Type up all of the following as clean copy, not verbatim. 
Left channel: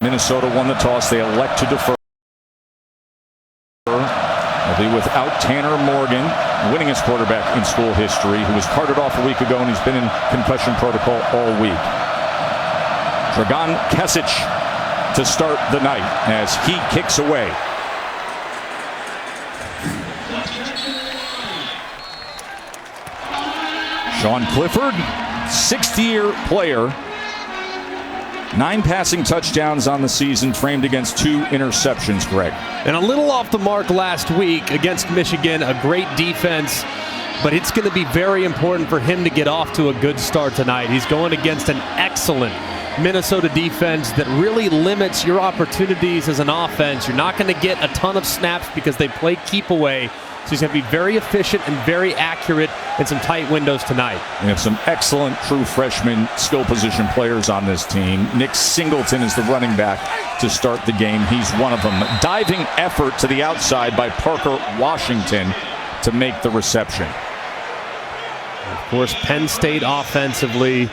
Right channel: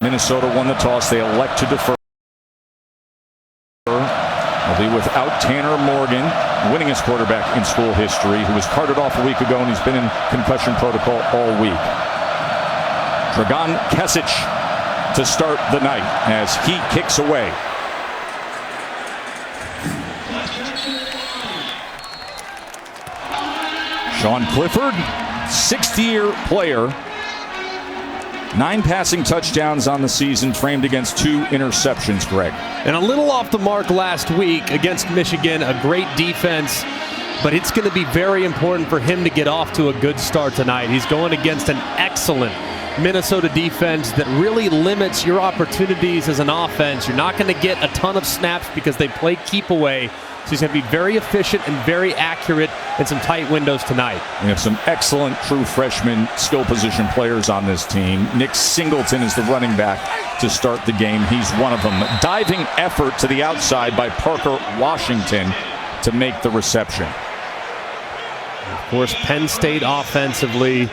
Minnesota won the toss. They elect to defer. They'll be without Tanner Morgan, winningest quarterback in school history, who was carted off a week ago, and he's been in concussion protocol all week. Dragan Kesic to start the night as he kicks away. Sean Clifford, 60-year player. 9 passing touchdowns on the season, framed against 2 interceptions, Greg. And a little off the mark last week against Michigan, a great defense, but it's going to be very important for him to get off to a good start tonight. He's going against an excellent Minnesota defense that really limits your opportunities as an offense. You're not going to get a ton of snaps because they play keep away. So he's going to be very efficient and very accurate in some tight windows tonight. We have some excellent true freshman skill position players on this team. Nick Singleton is the running back to start the game. He's one of them. Diving effort to the outside by Parker Washington to make the reception. Of course, Penn State offensively,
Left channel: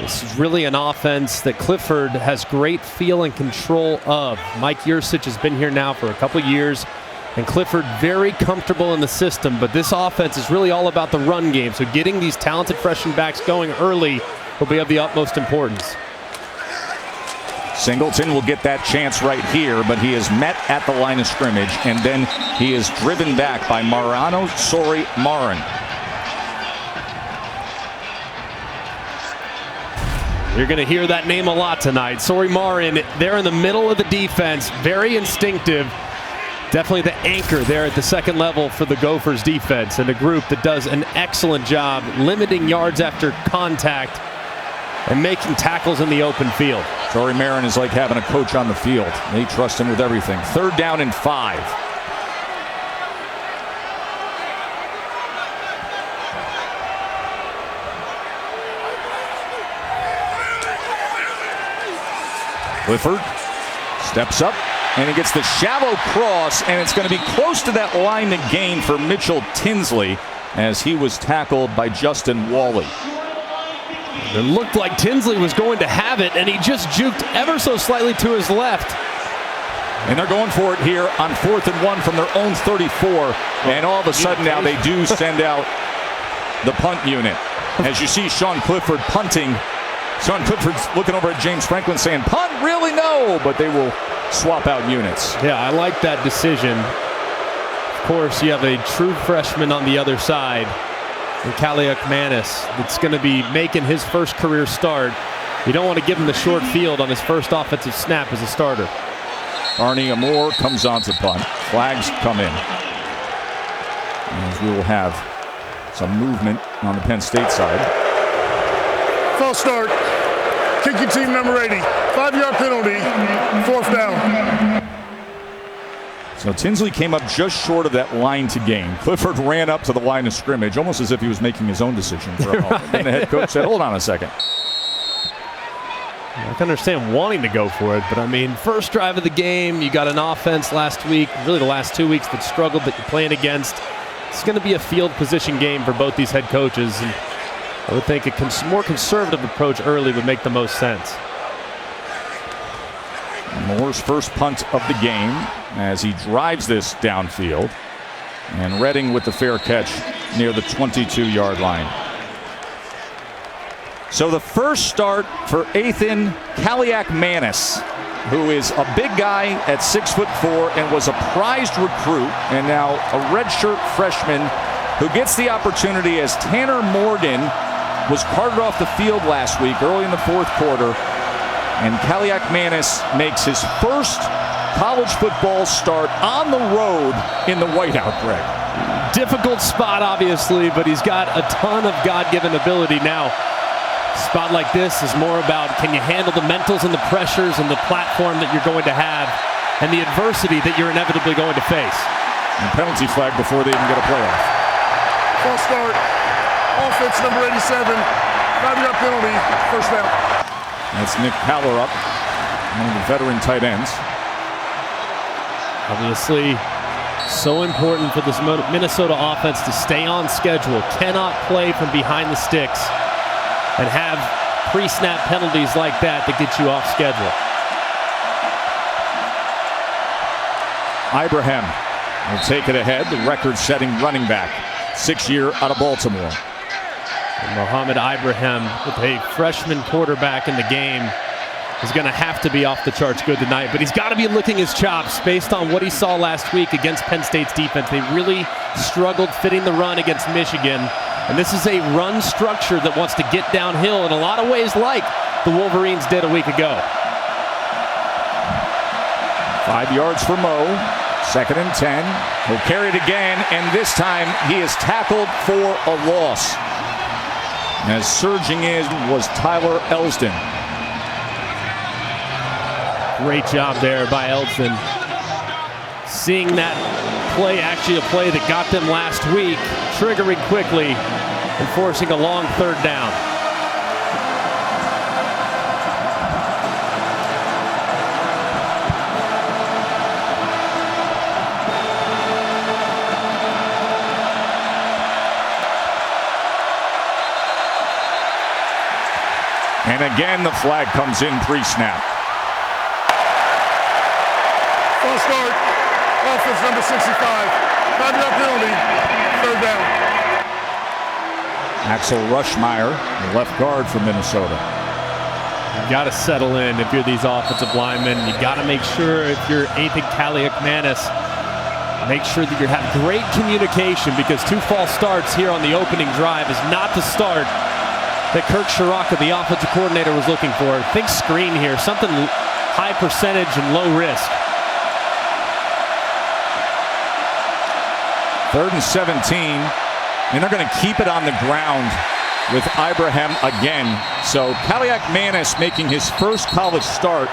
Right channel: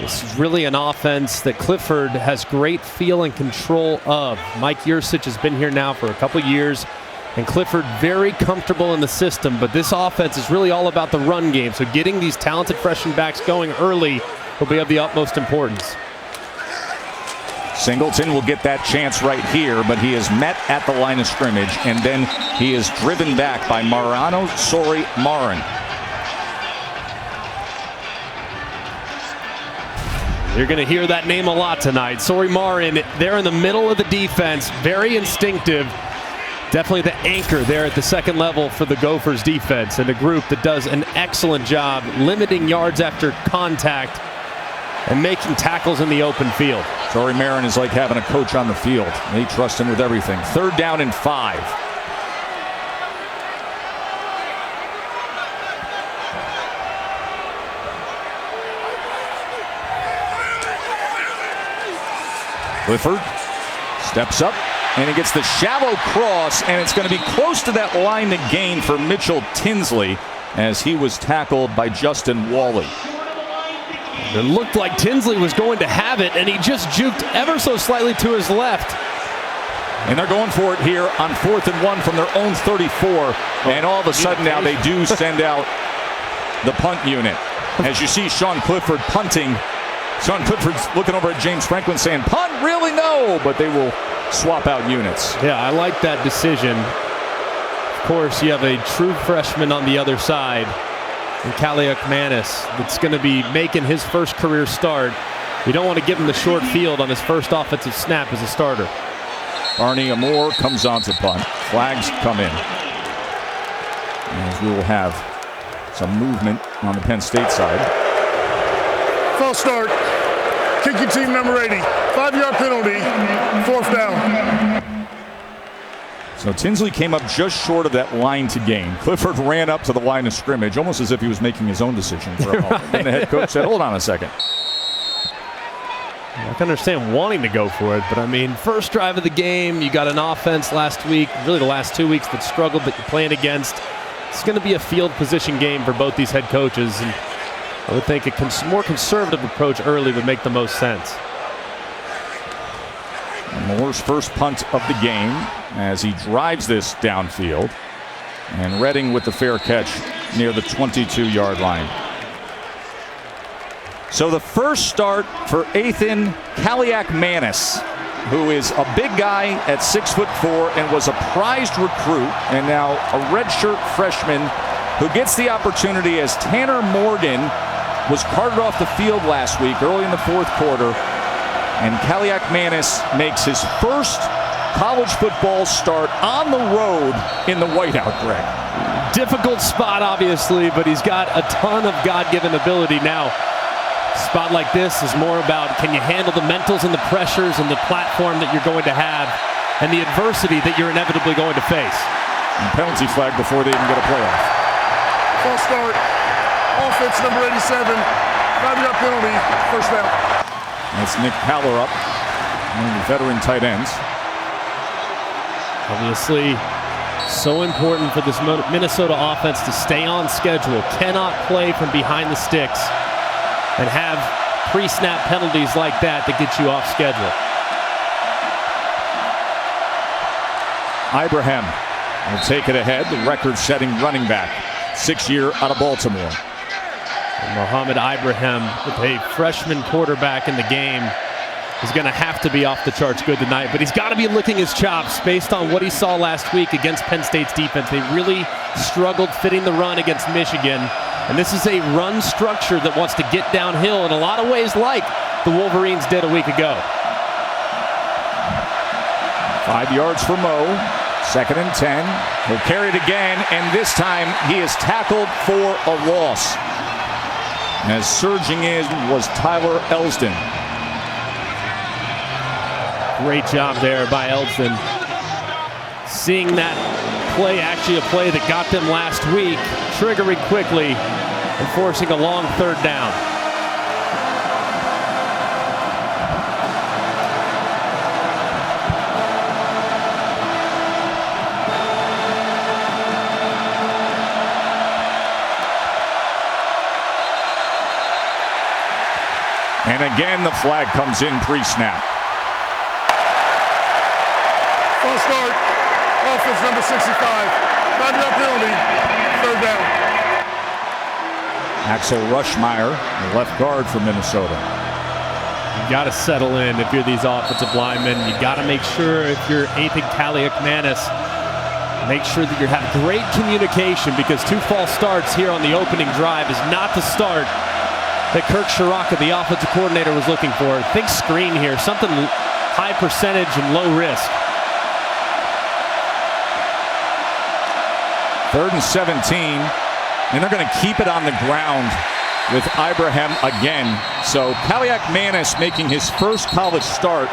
this is really an offense that Clifford has great feel and control of. Mike Yurcich has been here now for a couple years. And Clifford very comfortable in the system, but this offense is really all about the run game. So getting these talented freshman backs going early will be of the utmost importance. Singleton will get that chance right here, but he is met at the line of scrimmage, and then he is driven back by Mariano Sori-Marin. You're going to hear that name a lot tonight. Sori-Marin there in the middle of the defense, very instinctive. Definitely the anchor there at the second level for the Gophers defense, and a group that does an excellent job limiting yards after contact and making tackles in the open field. Sori-Marin is like having a coach on the field. They trust him with everything. 3rd down and 5. Clifford steps up. And he gets the shallow cross, and it's going to be close to that line to gain for Mitchell Tinsley as he was tackled by Justin Wally. It looked like Tinsley was going to have it, and he just juked ever so slightly to his left. And they're going for it here on 4th and 1 from their own 34. And all of a sudden now they do send out the punt unit. As you see Sean Clifford punting. Sean Clifford's looking over at James Franklin saying, "Punt? Really? No." But they will swap out units. Yeah, I like that decision. Of course, you have a true freshman on the other side, in Kaliak Manis, that's going to be making his first career start. You don't want to give him the short field on his first offensive snap as a starter. Barney Amore comes on to punt. Flags come in. As we will have some movement on the Penn State side. False start. Kicking team number 80. 5-yard penalty. 4th down. So Tinsley came up just short of that line to gain. Clifford ran up to the line of scrimmage, almost as if he was making his own decision for a moment. Then the head coach said, "Hold on a second." I can understand wanting to go for it, but I mean, first drive of the game, you got an offense last week, really the last 2 weeks that struggled that you're playing against. It's going to be a field position game for both these head coaches, and I would think a more conservative approach early would make the most sense. Moore's first punt of the game as he drives this downfield. And Redding with the fair catch near the 22-yard line. So the first start for Ethan Kaliak Manis, who is a big guy at 6'4" and was a prized recruit, and now a redshirt freshman who gets the opportunity as Tanner Morgan was carted off the field last week early in the 4th quarter. And Kaliak Manis makes his first college football start on the road in the whiteout, Greg. Difficult spot, obviously, but he's got a ton of God-given ability now. A spot like this is more about, can you handle the mentals and the pressures and the platform that you're going to have and the adversity that you're inevitably going to face. And penalty flag before they even get a playoff. False start. Offense number 87. 5-yard penalty. 1st down. That's Nick Haller up, one of the veteran tight ends. Obviously, so important for this Minnesota offense to stay on schedule. Cannot play from behind the sticks and have pre-snap penalties like that get you off schedule. Ibrahim will take it ahead, the record-setting running back, 6-year out of Baltimore. And Mohamed Ibrahim, with a freshman quarterback in the game, is going to have to be off the charts good tonight, but he's got to be licking his chops based on what he saw last week against Penn State's defense. They really struggled fitting the run against Michigan, and this is a run structure that wants to get downhill in a lot of ways like the Wolverines did a week ago. 5 yards for Mo, 2nd and 10. He'll carry it again, and this time he is tackled for a loss. As surging in was Tyler Elsdon. Great job there by Elsdon. Seeing that play, actually a play that got them last week, triggering quickly and forcing a long 3rd down. And again, the flag comes in pre-snap. False start. Offense number 65. 5-yard penalty. 3rd down. Axel Rushmeyer, the left guard for Minnesota. You got to settle in if you're these offensive linemen. You got to make sure if you're Athan Kaliakmanis, make sure that you have great communication, because 2 false starts here on the opening drive is not the start that Kirk Shiraka, the offensive coordinator, was looking for. Think screen here, something high percentage and low risk. 3rd and 17, and they're going to keep it on the ground with Ibrahim again. So Kaliakmanis making his first college start,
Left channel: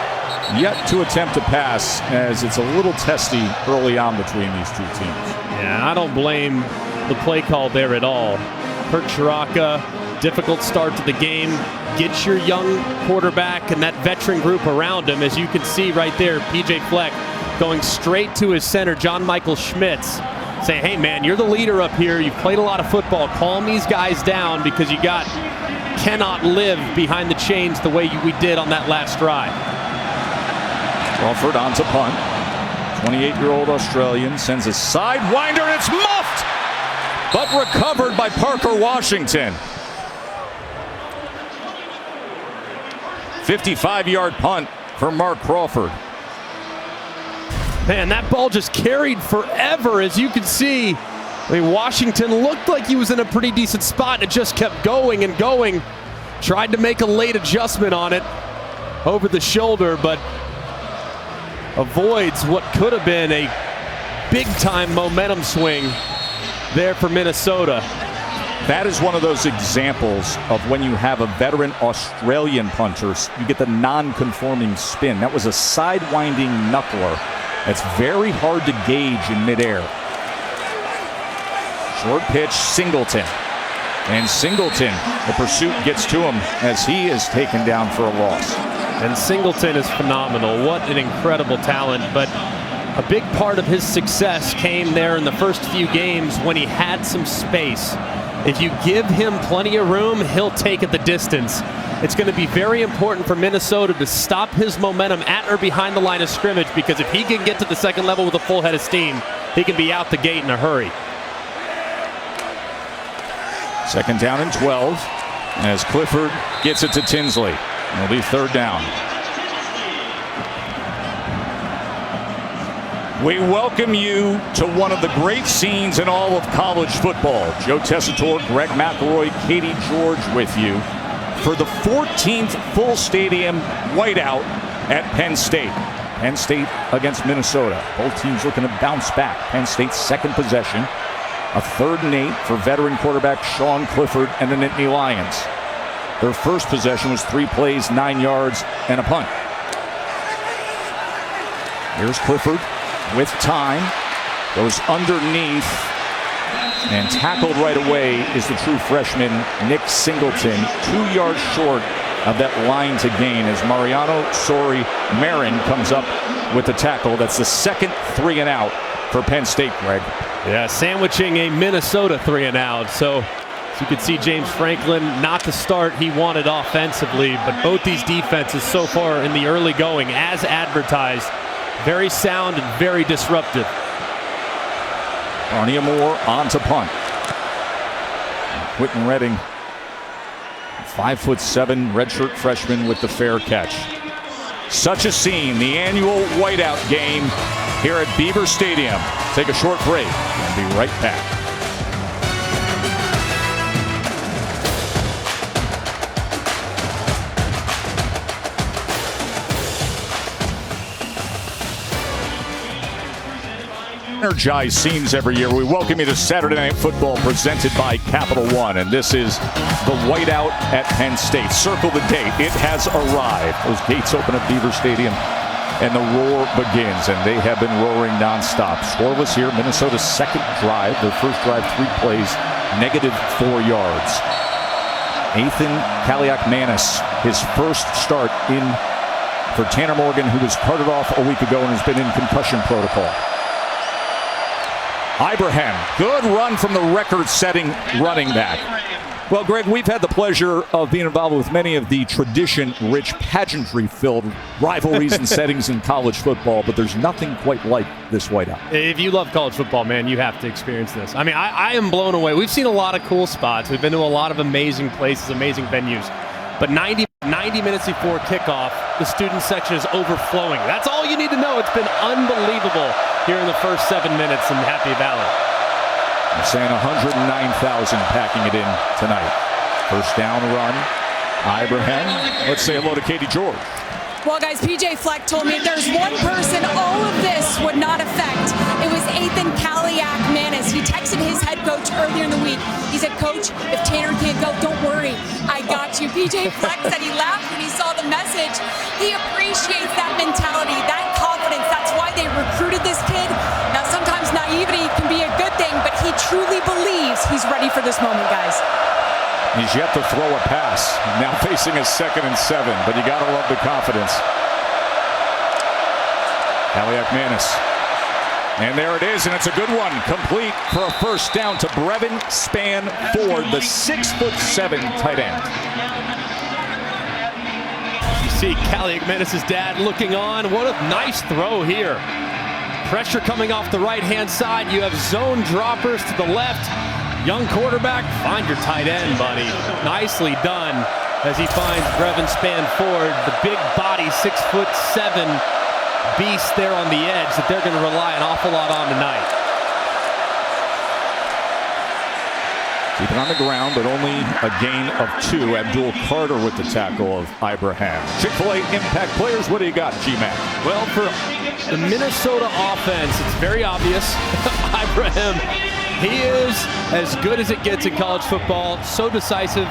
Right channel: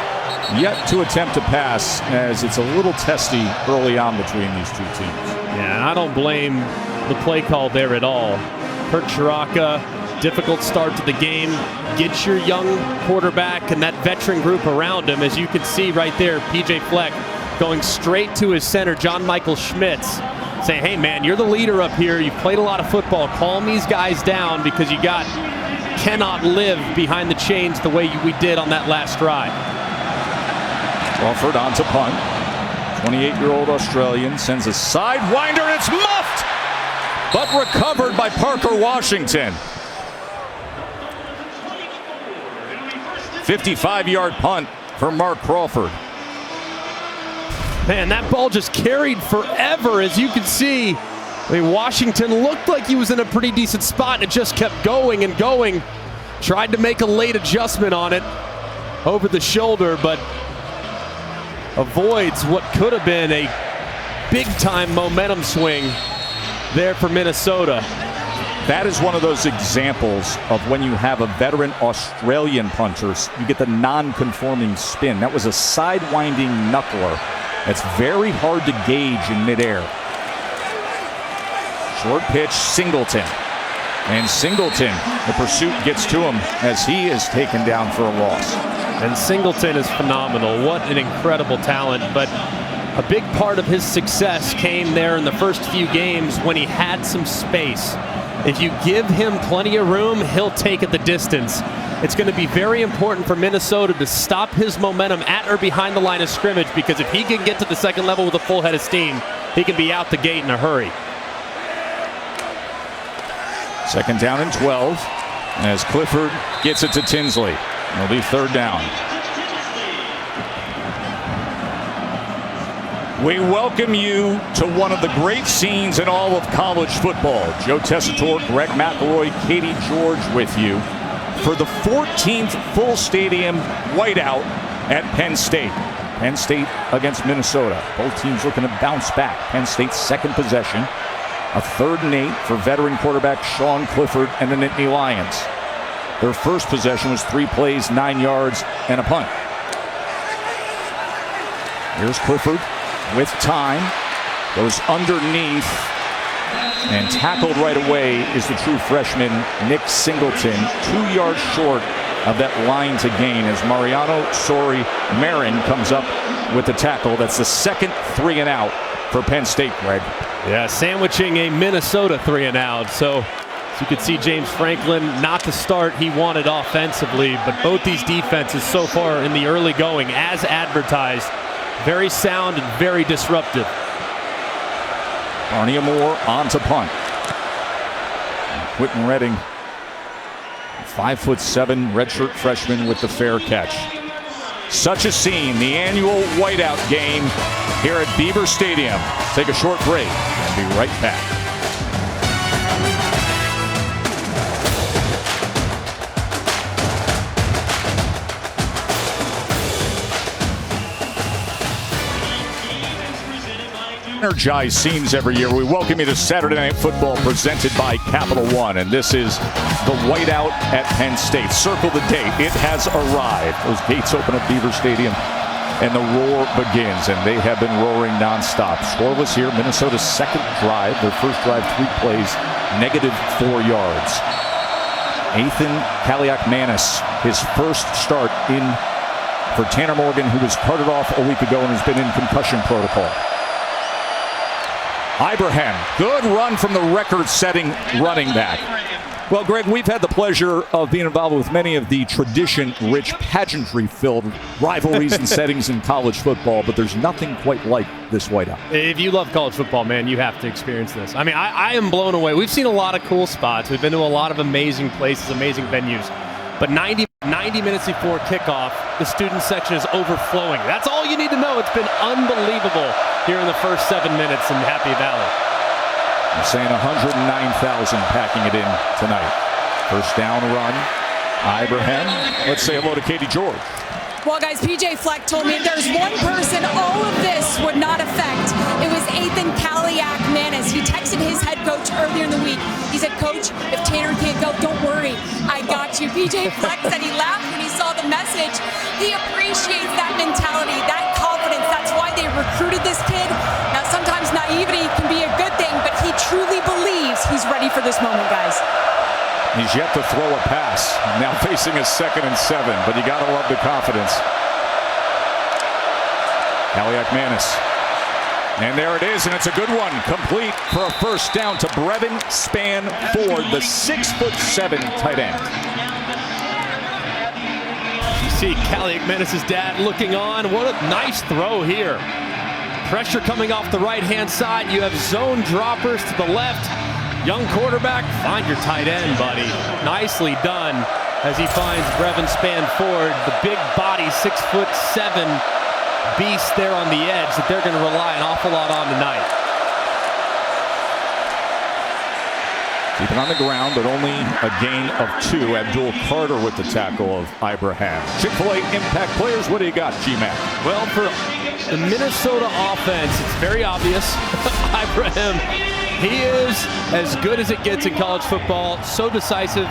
yet to attempt to pass, as it's a little testy early on between these two teams. Yeah, and I don't blame the play call there at all. Kirk Shiraka, difficult start to the game. Get your young quarterback and that veteran group around him. As you can see right there, PJ Fleck going straight to his center, John Michael Schmitz, saying, hey man, you're the leader up here. You've played a lot of football. Calm these guys down, because you cannot live behind the chains the way we did on that last drive. Crawford on to punt. 28-year-old Australian sends a sidewinder, and it's muffed, but recovered by Parker Washington. 55-yard punt for Mark Crawford. Man, that ball just carried forever, as you can see. I mean, Washington looked like he was in a pretty decent spot. It just kept going and going. Tried to make a late adjustment on it over the shoulder, but avoids what could have been a big-time momentum swing there for Minnesota. That is one of those examples of when you have a veteran Australian punter, you get the non-conforming spin. That was a sidewinding knuckler. It's very hard to gauge in midair. Short pitch, Singleton. And Singleton, the pursuit gets to him as he is taken down for a loss. And Singleton is phenomenal. What an incredible talent. But a big part of his success came there in the first few games when he had some space. If you give him plenty of room, he'll take it the distance. It's going to be very important for Minnesota to stop his momentum at or behind the line of scrimmage, because if he can get to the second level with a full head of steam, he can be out the gate in a hurry. 2nd down and 12 as Clifford gets it to Tinsley. It'll be 3rd down. We welcome you to one of the great scenes in all of college football. Joe Tessitore, Greg McElroy, Katie George with you for the 14th full stadium whiteout at Penn State. Penn State against Minnesota. Both teams looking to bounce back. Penn State's 2nd possession. A 3rd and 8 for veteran quarterback Sean Clifford and the Nittany Lions. Their first possession was 3 plays, 9 yards, and a punt. Here's Clifford with time. Goes underneath. And tackled right away is the true freshman, Nick Singleton, 2 yards short of that line to gain as Mariano Marin comes up with the tackle. That's the 2nd 3 and out for Penn State, Greg. Yeah, sandwiching a Minnesota 3 and out. So as you can see, James Franklin, not the start he wanted offensively, but both these defenses so far in the early going, as advertised, Very sound and very disruptive. Arnie Moore on to punt. Quentin Redding, 5'7" redshirt freshman with the fair catch. Such a scene, the annual whiteout game here at Beaver Stadium. Take a short break and be right back. Energized scenes every year. We welcome you to Saturday Night Football presented by Capital One. And this is the whiteout at Penn State. Circle the date. It has arrived. Those gates open at Beaver Stadium and the roar begins. And they have been roaring nonstop. Scoreless here. Minnesota's second drive. Their first drive, 3 plays, -4 yards. Ethan Kaliak-Manis, his first start in for Tanner Morgan, who was carted off a week ago and has been in concussion protocol. Ibrahim, good run from the record-setting running back. Well, Greg, we've had the pleasure of being involved with many of the tradition-rich, pageantry-filled rivalries and settings in college football, but there's nothing quite like this whiteout. If you love college football, man, you have to experience this. I mean, I am blown away. We've seen a lot of cool spots. We've been to a lot of amazing places, amazing venues. But 90 minutes before kickoff, the student section is overflowing. That's all you need to know. It's been unbelievable here in the first 7 minutes in Happy Valley. They're saying 109,000 packing it in tonight. First down run. Ibrahim. Let's say hello to Katie George. Well, guys, PJ Fleck told me if there's one person all of this would not affect, it was Ethan Kaliak-Manis. He texted his head coach earlier in the week. He said, "Coach, if Tanner can't go, don't worry. I got you." PJ Fleck said he laughed when he saw the message. He appreciates that mentality, that confidence. That's why they recruited this kid. Now, sometimes naivety can be a good thing, but he truly believes he's ready for this moment, guys. He's yet to throw a pass. Now facing a 2nd and 7, but you got to love the confidence. Kaliak-Manis. And there it is, and it's a good one. Complete for a first down to Brevin Spanford, the 6'7" tight end. You see Kaliak-Manis' dad looking on. What a nice throw here. Pressure coming off the right-hand side. You have zone droppers to the left. Young quarterback, find your tight end, buddy. Nicely done as he finds Brevin Spanford, the big body, 6'7" beast there on the edge that they're going to rely an awful lot on tonight. Keep it on the ground, but only a gain of 2. Abdul Carter with the tackle of Ibrahim. Chick-fil-A impact players, what do you got, G-Mac? Well, for the Minnesota offense, it's very obvious. Ibrahim, he is as good as it gets in college football. So decisive,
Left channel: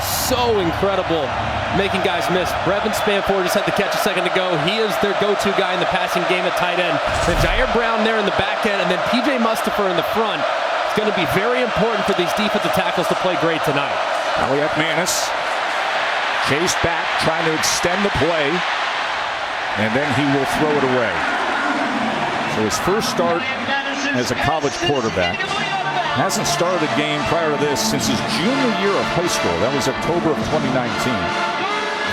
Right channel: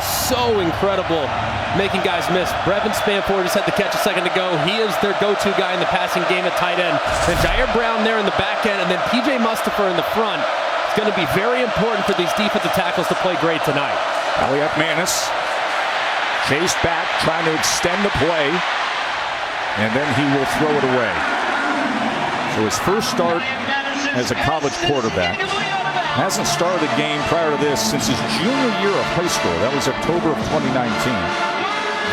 so incredible, making guys miss. Brevin Spanford just had the catch a second ago. He is their go-to guy in the passing game at tight end. Then Jair Brown there in the back end, and then PJ Mustipher in the front. It's going to be very important for these defensive tackles to play great tonight. Kaliak-Manis chased back, trying to extend the play, and then he will throw it away. So his first start as a college quarterback. Hasn't started a game prior to this since his junior year of high school. That was October of 2019.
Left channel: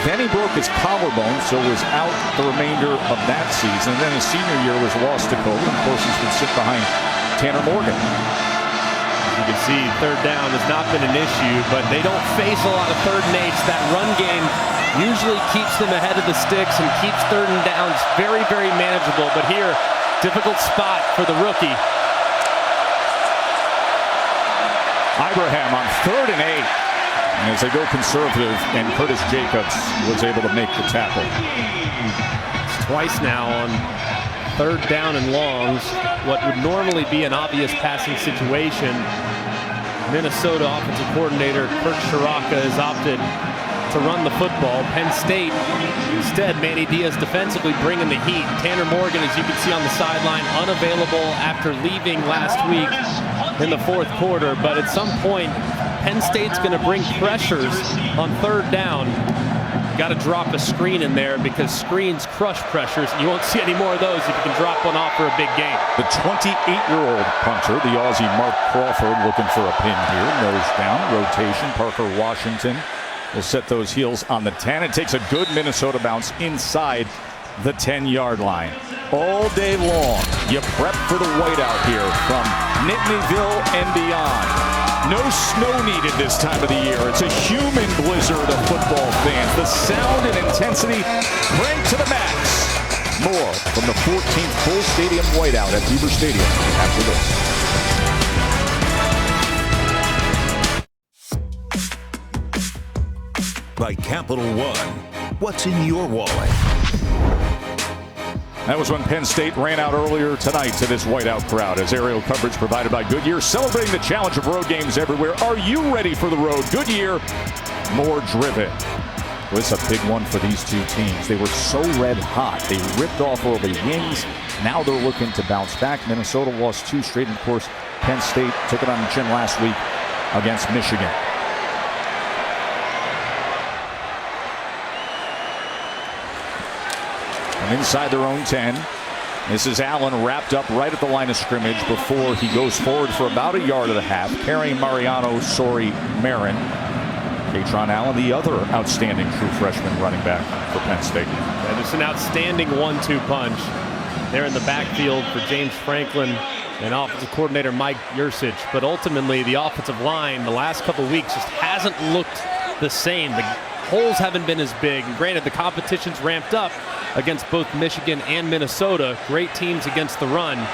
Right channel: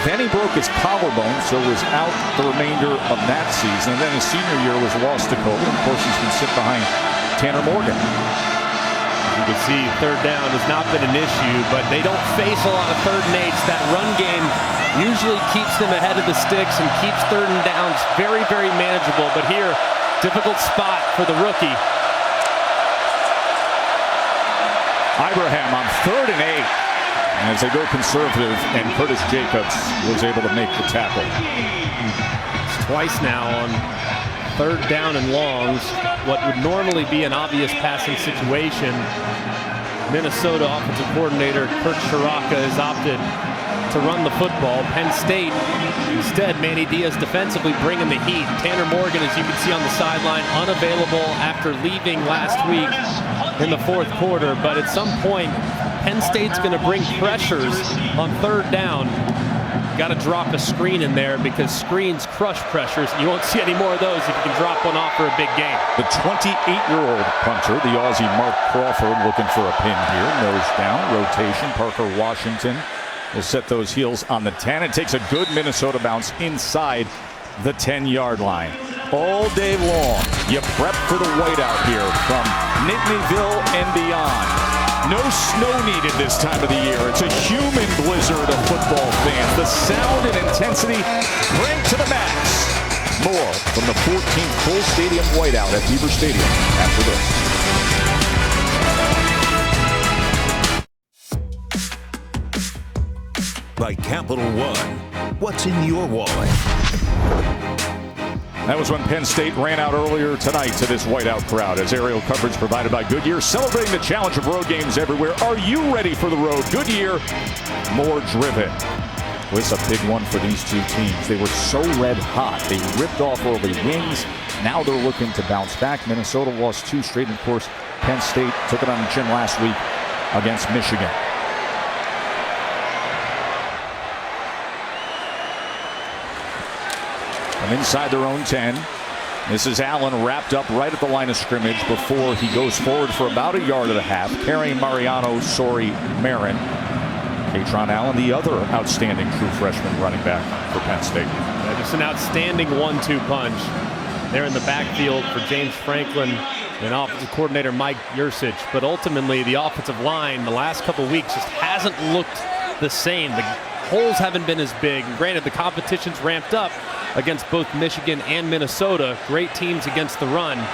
Then he broke his collarbone, so was out the remainder of that season. And then his senior year was lost to COVID. And of course, he's been sitting behind Tanner Morgan. As you can see, third down has not been an issue, but they don't face a lot of 3rd and 8s. That run game usually keeps them ahead of the sticks and keeps 3rd and downs very, very manageable. But here, difficult spot for the rookie. Ibrahim on 3rd and 8 as they go conservative, and Curtis Jacobs was able to make the tackle. It's twice now on 3rd down and longs. What would normally be an obvious passing situation. Minnesota offensive coordinator Kirk Shiraka has opted to run the football. Penn State instead, Manny Diaz defensively bringing the heat. Tanner Morgan, as you can see on the sideline, unavailable after leaving last week in the 4th quarter. But at some point, Penn State's going to bring pressures on 3rd down. Got to drop a screen in there because screens crush pressures. You won't see any more of those if you can drop one off for a big game. The 28-year-old punter, the Aussie Mark Crawford, looking for a pin here. Nose down, rotation. Parker Washington will set those heels on the 10. It takes a good Minnesota bounce inside the 10-yard line. all day long. You prep for the whiteout here from Nittanyville and beyond. No snow needed this time of the year. It's a human blizzard of football fans. The sound and intensity cranked to the max. More from the 14th full stadium whiteout at Beaver Stadium after this. By Capital One, what's in your wallet? That was when Penn State ran out earlier tonight to this whiteout crowd as aerial coverage provided by Goodyear, celebrating the challenge of road games everywhere. Are you ready for the road? Goodyear, more driven. Well, it's a big one for these two teams. They were so red hot. They ripped off early wins. Now they're looking to bounce back. Minnesota lost 2 straight. And of course, Penn State took it on the chin last week against Michigan. From inside their own 10, this is Allen wrapped up right at the line of scrimmage before he goes forward for about 1.5 yards, carrying Mariano Marin. Katron Allen, the other outstanding true freshman running back for Penn State. Yeah, just an outstanding 1-2 punch. There in the backfield for James Franklin and offensive coordinator Mike Yursich. But ultimately, the offensive line the last couple weeks just hasn't looked the same. The holes haven't been as big. And granted, the competition's ramped up against both Michigan and Minnesota. Great teams against the run.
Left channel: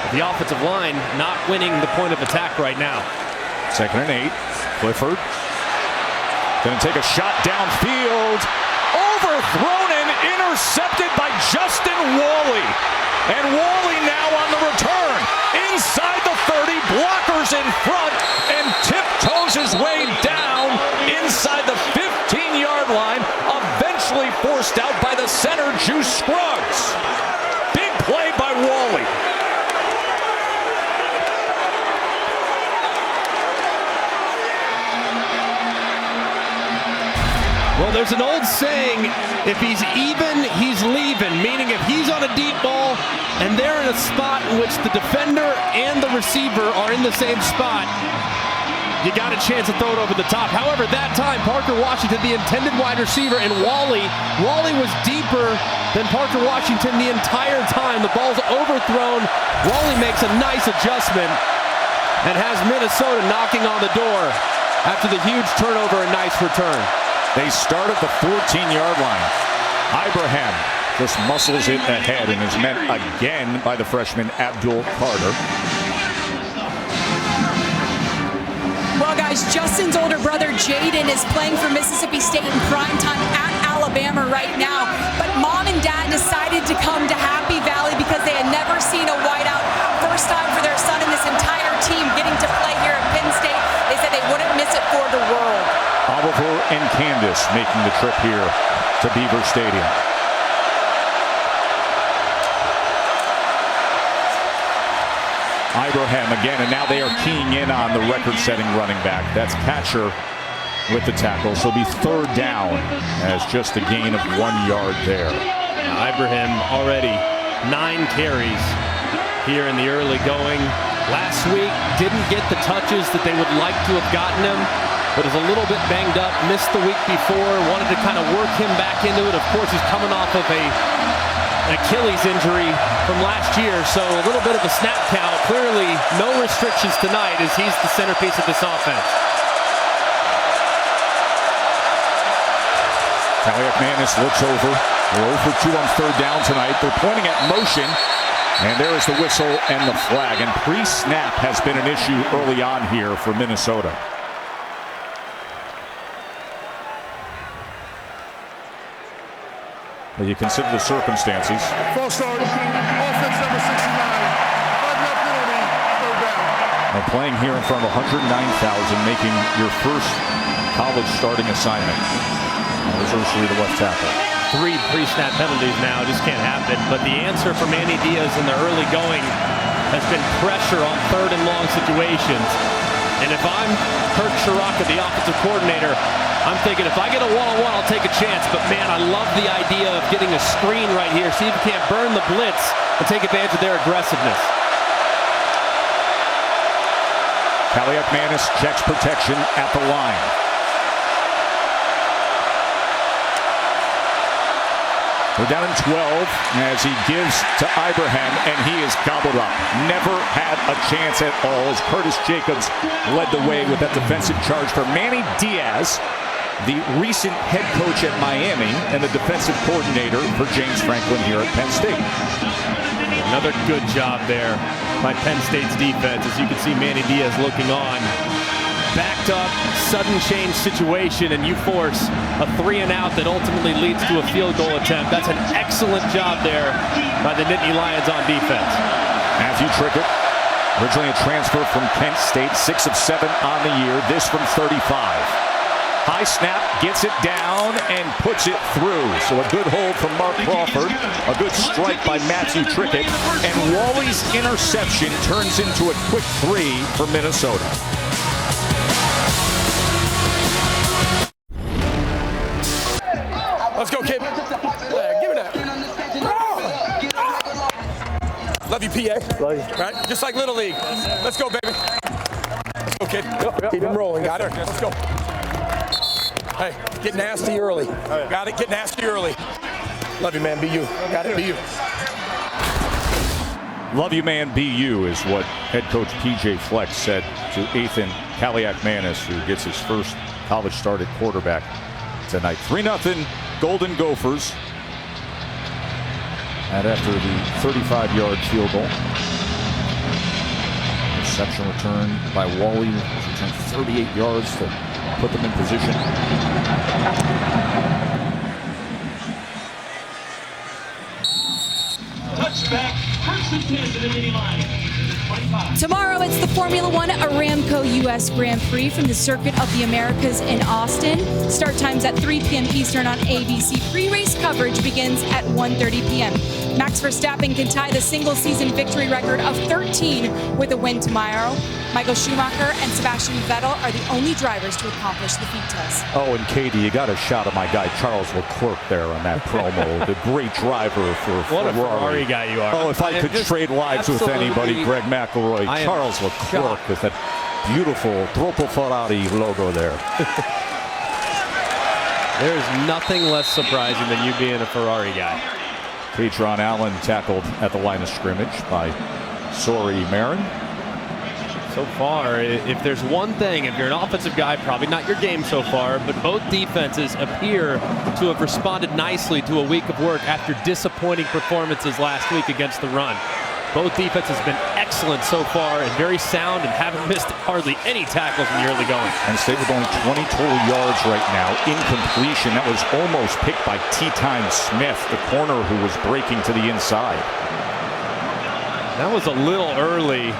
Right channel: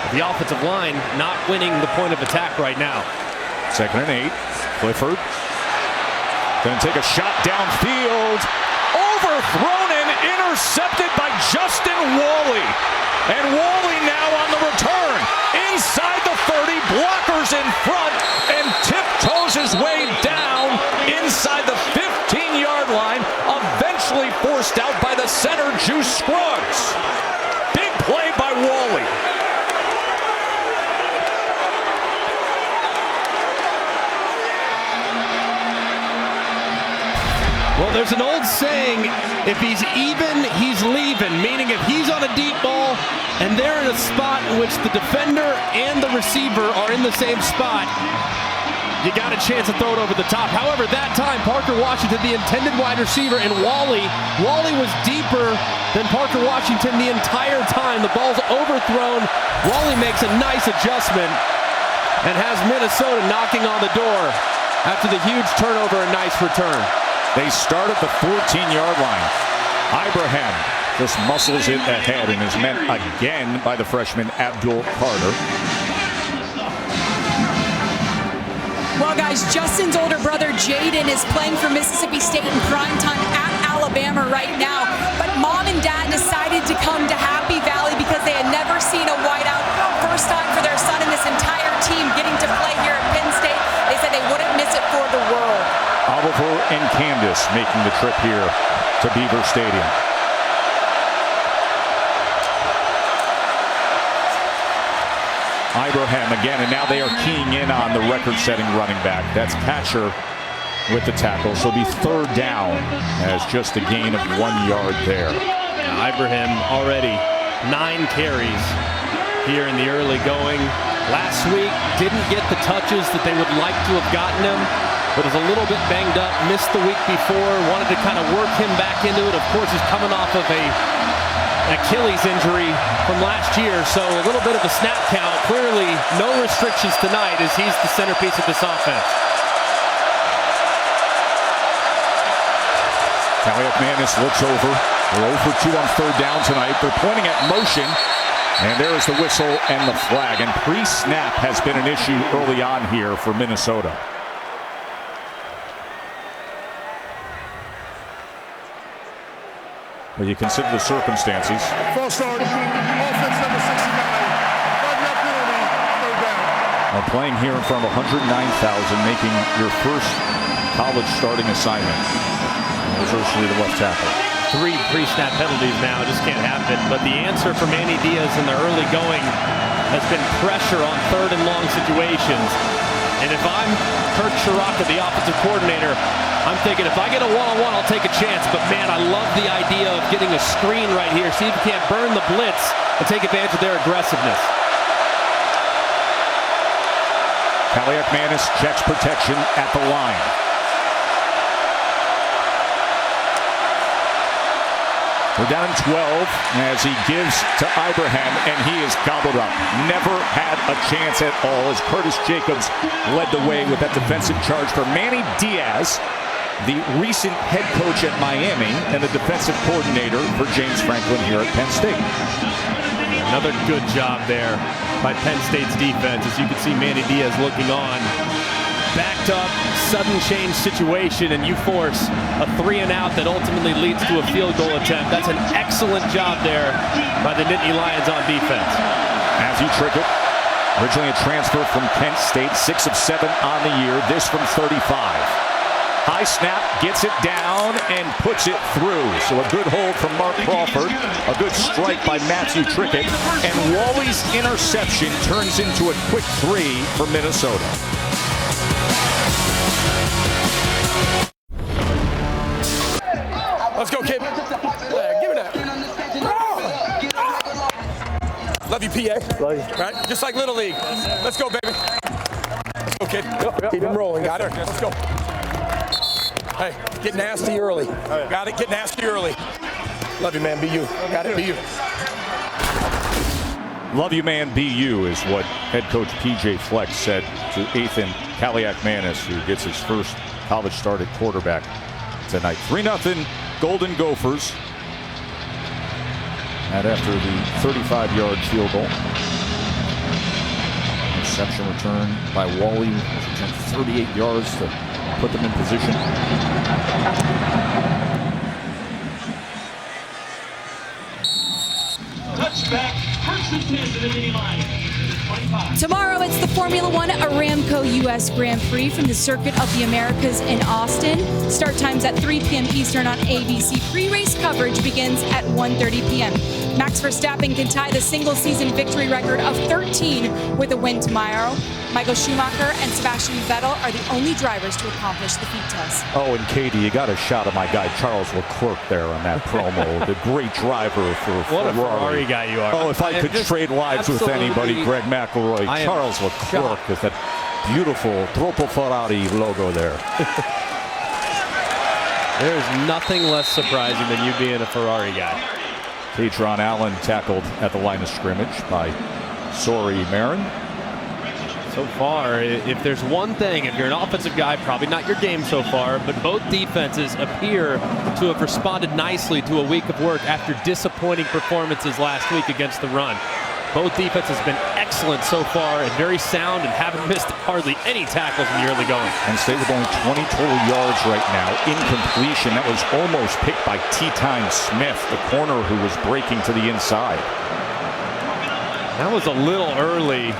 But the offensive line not winning the point of attack right now. 2nd and 8. Clifford going to take a shot downfield. Overthrown and intercepted by Justin Wally. And Wally now on the return. Inside the 30, blockers in front, and tiptoes his way down inside the 15-yard line, eventually forced out by the center, Juice Scruggs. Big play by Wally. Well, there's an old saying, if he's even, he's leaving, meaning if he's on a deep ball and they're in a spot in which the defender and the receiver are in the same spot, you got a chance to throw it over the top. However, that time, Parker Washington, the intended wide receiver, and Wally was deeper than Parker Washington the entire time. The ball's overthrown. Wally makes a nice adjustment and has Minnesota knocking on the door after the huge turnover and nice return. They start at the 14-yard line. Ibrahim just muscles it ahead and is met again by the freshman Abdul Carter. Well, guys, Justin's older brother Jaden is playing for Mississippi State in primetime at Alabama right now. But mom and dad decided to come to Happy Valley because they had never seen a whiteout. First time for their son and this entire team getting to play here at Penn State. They said they wouldn't miss it for the world. Oliver and Candace making the trip here to Beaver Stadium. Ibrahim again, and now they are keying in on the record-setting running back. That's Catcher with the tackle, so it'll be 3rd down as just a gain of 1 yard there. Now, Ibrahim already 9 carries here in the early going. Last week, didn't get the touches that they would like to have gotten him, but is a little bit banged up, missed the week before, wanted to kind of work him back into it. Of course, he's coming off of an Achilles injury from last year, so a little bit of a snap count. Clearly, no restrictions tonight as he's the centerpiece of this offense. Kaliakmanis looks over. They're 0 for 2 on 3rd down tonight. They're pointing at motion, and there is the whistle and the flag. And pre-snap has been an issue early on here for Minnesota. Well, you consider the circumstances. False start. Offense number 69. 5-yard penalty. 3rd down. Playing here in front of 109,000, making your first college starting assignment. That was Ursuley, the left tackle. 3 pre-snap penalties now, just can't happen. But the answer for Manny Diaz in the early going has been pressure on 3rd and long situations. And if I'm Kirk Shiraka, the offensive coordinator, I'm thinking if I get a one-on-one, I'll take a chance. But man, I love the idea of getting a screen right here. See if you can't burn the blitz and take advantage of their aggressiveness. Kaliakmanis checks protection at the line. They're down in 12 as he gives to Ibrahim, and he is gobbled up. Never had a chance at all as Curtis Jacobs led the way with that defensive charge for Manny Diaz, the recent head coach at Miami and the defensive coordinator for James Franklin here at Penn State. Another good job there by Penn State's defense. As you can see, Manny Diaz looking on. Backed up, sudden change situation, and you force a 3-and-out that ultimately leads to a field goal attempt. That's an excellent job there by the Nittany Lions on defense. Matthew Trickett, originally a transfer from Kent State, 6 of 7 on the year. This from 35. High snap, gets it down and puts it through. So a good hold from Mark Crawford, a good strike by Matthew Trickett, and Wally's interception turns into a quick 3 for Minnesota. Let's go, kid. Yeah, give it that. Love you, PA. Love you. Right? Just like Little League. Let's go, baby. Let's go, kid. Keep him rolling. Got it. Let's go. Hey, get nasty early. Got it. Get nasty early. Love you, man. Be you. Got it. Be you. Love you, man. Be you is what head coach PJ Fleck said to Ethan Kaliak-Manis, who gets his first college start at quarterback tonight. 3-0 Golden Gophers. And after the 35-yard field goal. Reception return by Wally was returned 38 yards to put them in position. Touchback, first and 10 to the Nittany Lions. Tomorrow, it's the Formula One Aramco U.S. Grand Prix from the Circuit of the Americas in Austin. Start times at 3 p.m. Eastern on ABC. Pre-race coverage begins at 1:30 p.m. Max Verstappen can tie the single-season victory record of 13 with a win tomorrow. Michael Schumacher and Sebastian Vettel are the only drivers to accomplish the feat test. Oh, and Katie, you got a shot of my guy Charles Leclerc there on that promo. The great driver for Ferrari. What a Ferrari guy you are. Oh, if I could trade lives with anybody, Greg McElroy, Charles Leclerc shocked with that beautiful Troppo Ferrari logo there. There is nothing less surprising than you being a Ferrari guy. Katron Allen tackled at the line of scrimmage by Sori Marin. So far, if there's one thing, if you're an offensive guy, probably not your game so far, but both defenses appear to have responded nicely to a week of work after disappointing performances last week against the run. Both defenses have been excellent so far and very sound and haven't missed hardly any tackles in the early going. Penn State with only 20 total yards right now. Incompletion. That was almost picked by T-Time Smith, the corner who was breaking to the inside. That was a little early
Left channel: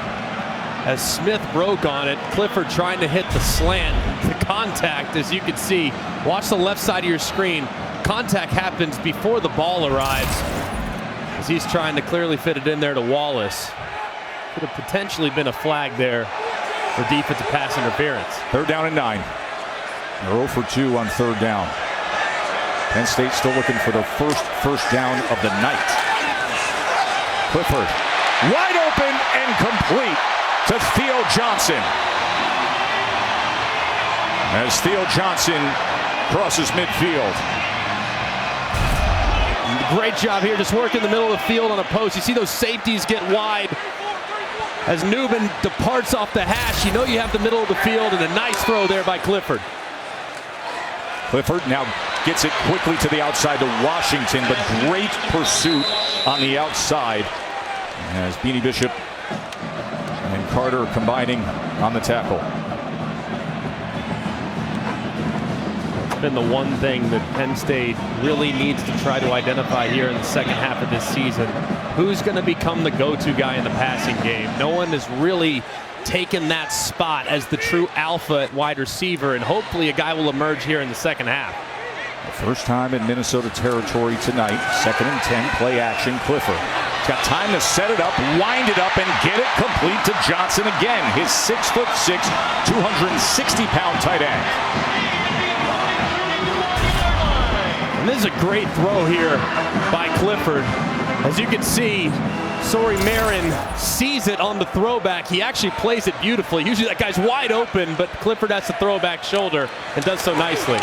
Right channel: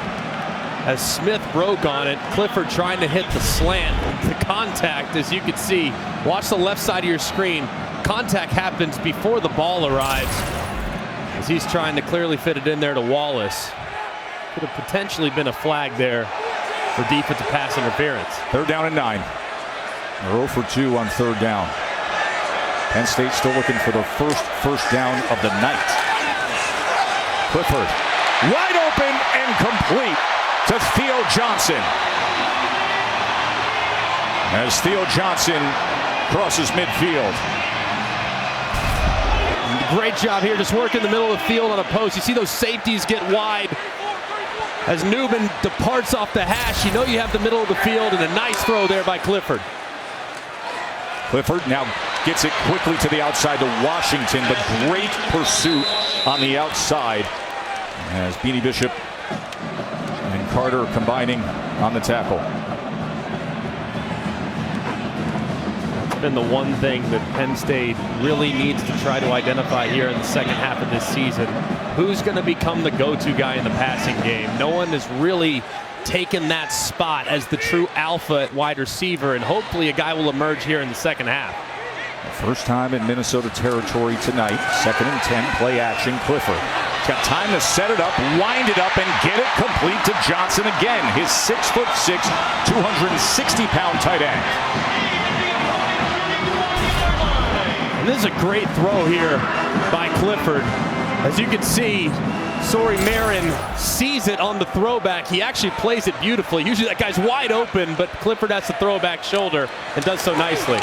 as Smith broke on it. Clifford trying to hit the slant. The contact, as you can see, watch the left side of your screen. Contact happens before the ball arrives, as he's trying to clearly fit it in there to Wallace. Could have potentially been a flag there for defensive pass interference. 3rd down and 9. They're 0 for 2 on 3rd down. Penn State still looking for their first down of the night. Clifford wide open and complete to Theo Johnson. As Theo Johnson crosses midfield. Great job here, just work in the middle of the field on a post. You see those safeties get wide. As Newman departs off the hash, you know you have the middle of the field, and a nice throw there by Clifford. Clifford now gets it quickly to the outside to Washington, but great pursuit on the outside as Beanie Bishop and Carter combining on the tackle. That's been the one thing that Penn State really needs to try to identify here in the second half of this season. Who's going to become the go-to guy in the passing game? No one has really taken that spot as the true alpha at wide receiver, and hopefully a guy will emerge here in the second half. The first time in Minnesota territory tonight. 2nd and 10, play action. Clifford. He's got time to set it up, wind it up, and get it complete to Johnson again. His 6'6", 260-pound tight end. And this is a great throw here by Clifford. As you can see, Sori Marin sees it on the throwback. He actually plays it beautifully. Usually that guy's wide open, but Clifford has the throwback shoulder and does so nicely.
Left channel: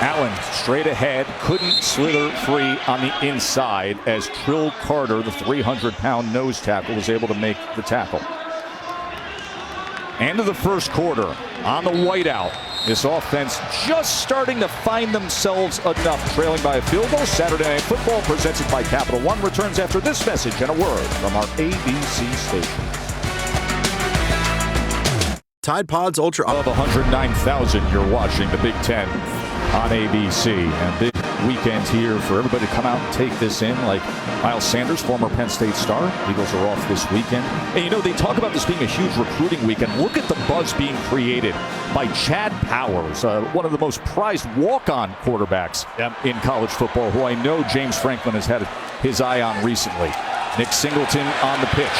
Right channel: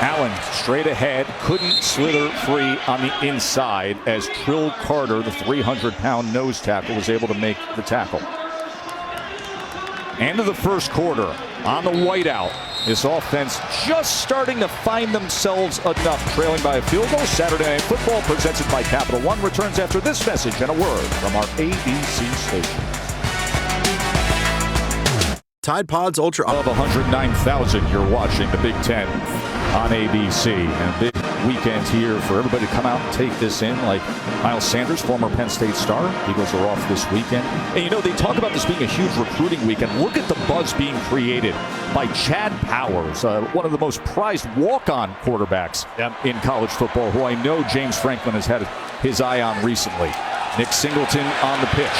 Allen straight ahead, couldn't slither free on the inside as Trill Carter, the 300-pound nose tackle, was able to make the tackle. End of the first quarter on the whiteout. This offense just starting to find themselves enough, trailing by a field goal. Saturday Night Football, presented by Capital One, returns after this message and a word from our ABC stations. Tide Pods Ultra Of 109,000, you're watching the Big Ten on ABC. And a big weekend here for everybody to come out and take this in, like Miles Sanders, former Penn State star. Eagles are off this weekend. And you know, they talk about this being a huge recruiting weekend. Look at the buzz being created by Chad Powers, one of the most prized walk-on quarterbacks in college football, who I know James Franklin has had his eye on recently. Nick Singleton on the pitch,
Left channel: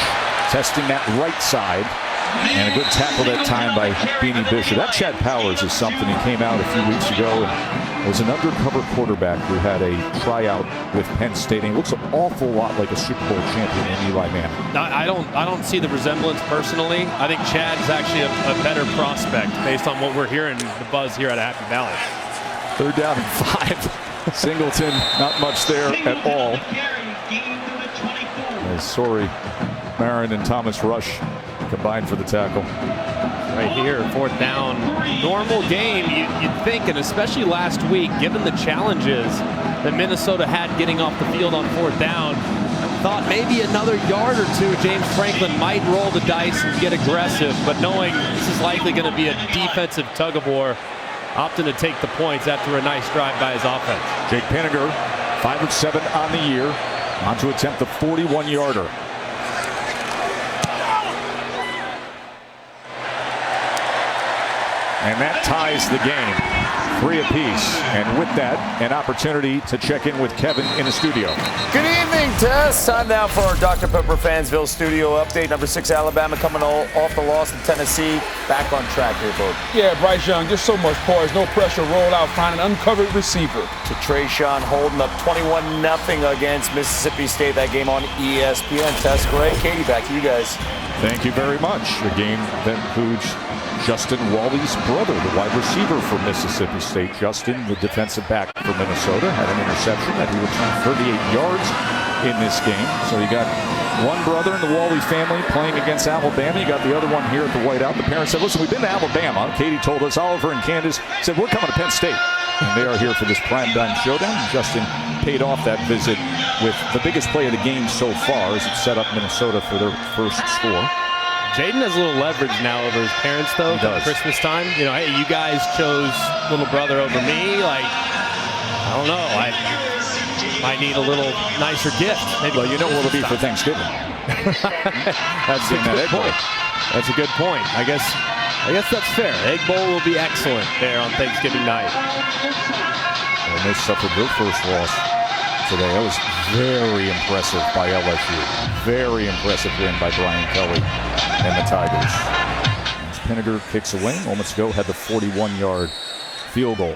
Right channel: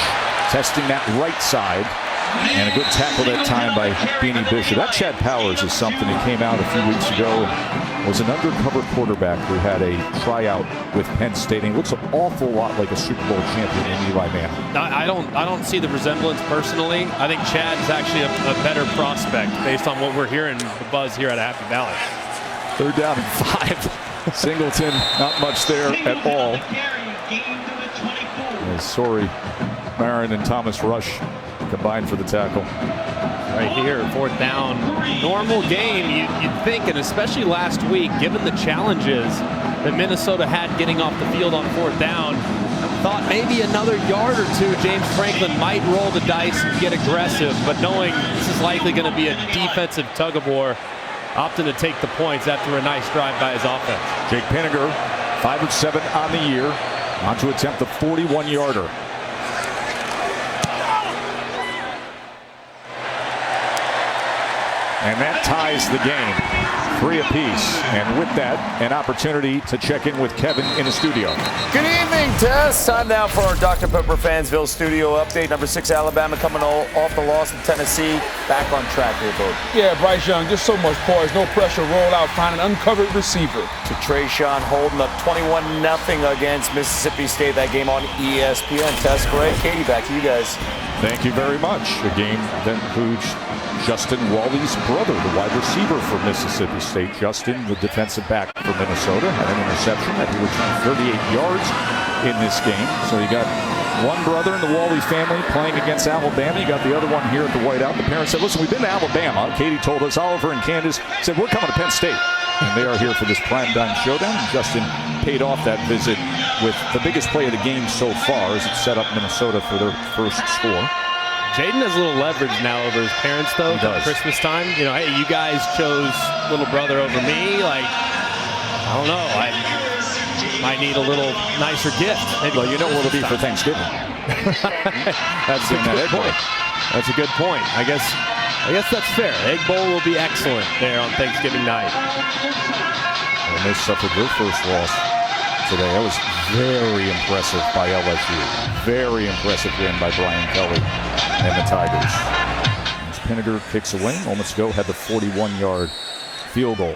testing that right side. And a good tackle that time by Beanie Bishop. That Chad Powers is something. He came out a few weeks ago and was an undercover quarterback who had a tryout with Penn State. And he looks an awful lot like a Super Bowl champion in Eli Manning. I don't see the resemblance personally. I think Chad's actually a better prospect based on what we're hearing, the buzz here at Happy Valley. 3rd down and 5. Singleton, not much there at all. As Sorry, Marin, and Thomas Rush combined for the tackle. Right here, 4th down. Normal game, you'd think, and especially last week, given the challenges that Minnesota had getting off the field on 4th down, thought maybe another yard or two, James Franklin might roll the dice and get aggressive, but knowing this is likely going to be a defensive tug-of-war, opting to take the points after a nice drive by his offense. Jake Pinniger, 5 of 7 on the year, on to attempt the 41-yarder. And that ties the game, 3 apiece. And with that, an opportunity to check in with Kevin in the studio. Good evening, Tess. Time now for our Dr. Pepper Fansville studio update. Number 6, Alabama coming off the loss in Tennessee. Back on track here, Bo. Yeah, Bryce Young, just so much poise. No pressure, roll out, find an uncovered receiver. To Trayshawn holding up 21-0 against Mississippi State. That game on ESPN. Tess, Greg, Katie, back to you guys. Thank you very much. A game that includes Justin Wally's brother, the wide receiver for Mississippi State. Justin, the defensive back for Minnesota, had an interception that he returned 38 yards in this game. So you got one brother in the Wally family playing against Alabama. You got the other one here at the whiteout. The parents said, listen, we've been to Alabama. Katie told us, Oliver and Candace said, we're coming to Penn State. And they are here for this primetime showdown. And Justin paid off that visit with the biggest play of the game so far as it set up Minnesota for their first score. Jaden has a little leverage now over his parents, though. He does. Christmas time, you know, hey, you guys chose little brother over me. Like, I don't know. I might need a little nicer gift. Maybe well, you know what it'll be for Thanksgiving. That's a good point. That's a good point. I guess that's fair. Egg Bowl will be excellent there on Thanksgiving night. Ole Miss suffered their first loss today. That was very impressive by LSU. Very impressive win by Brian Kelly and the Tigers. As Pinniger kicks away, moments ago had the 41-yard field goal.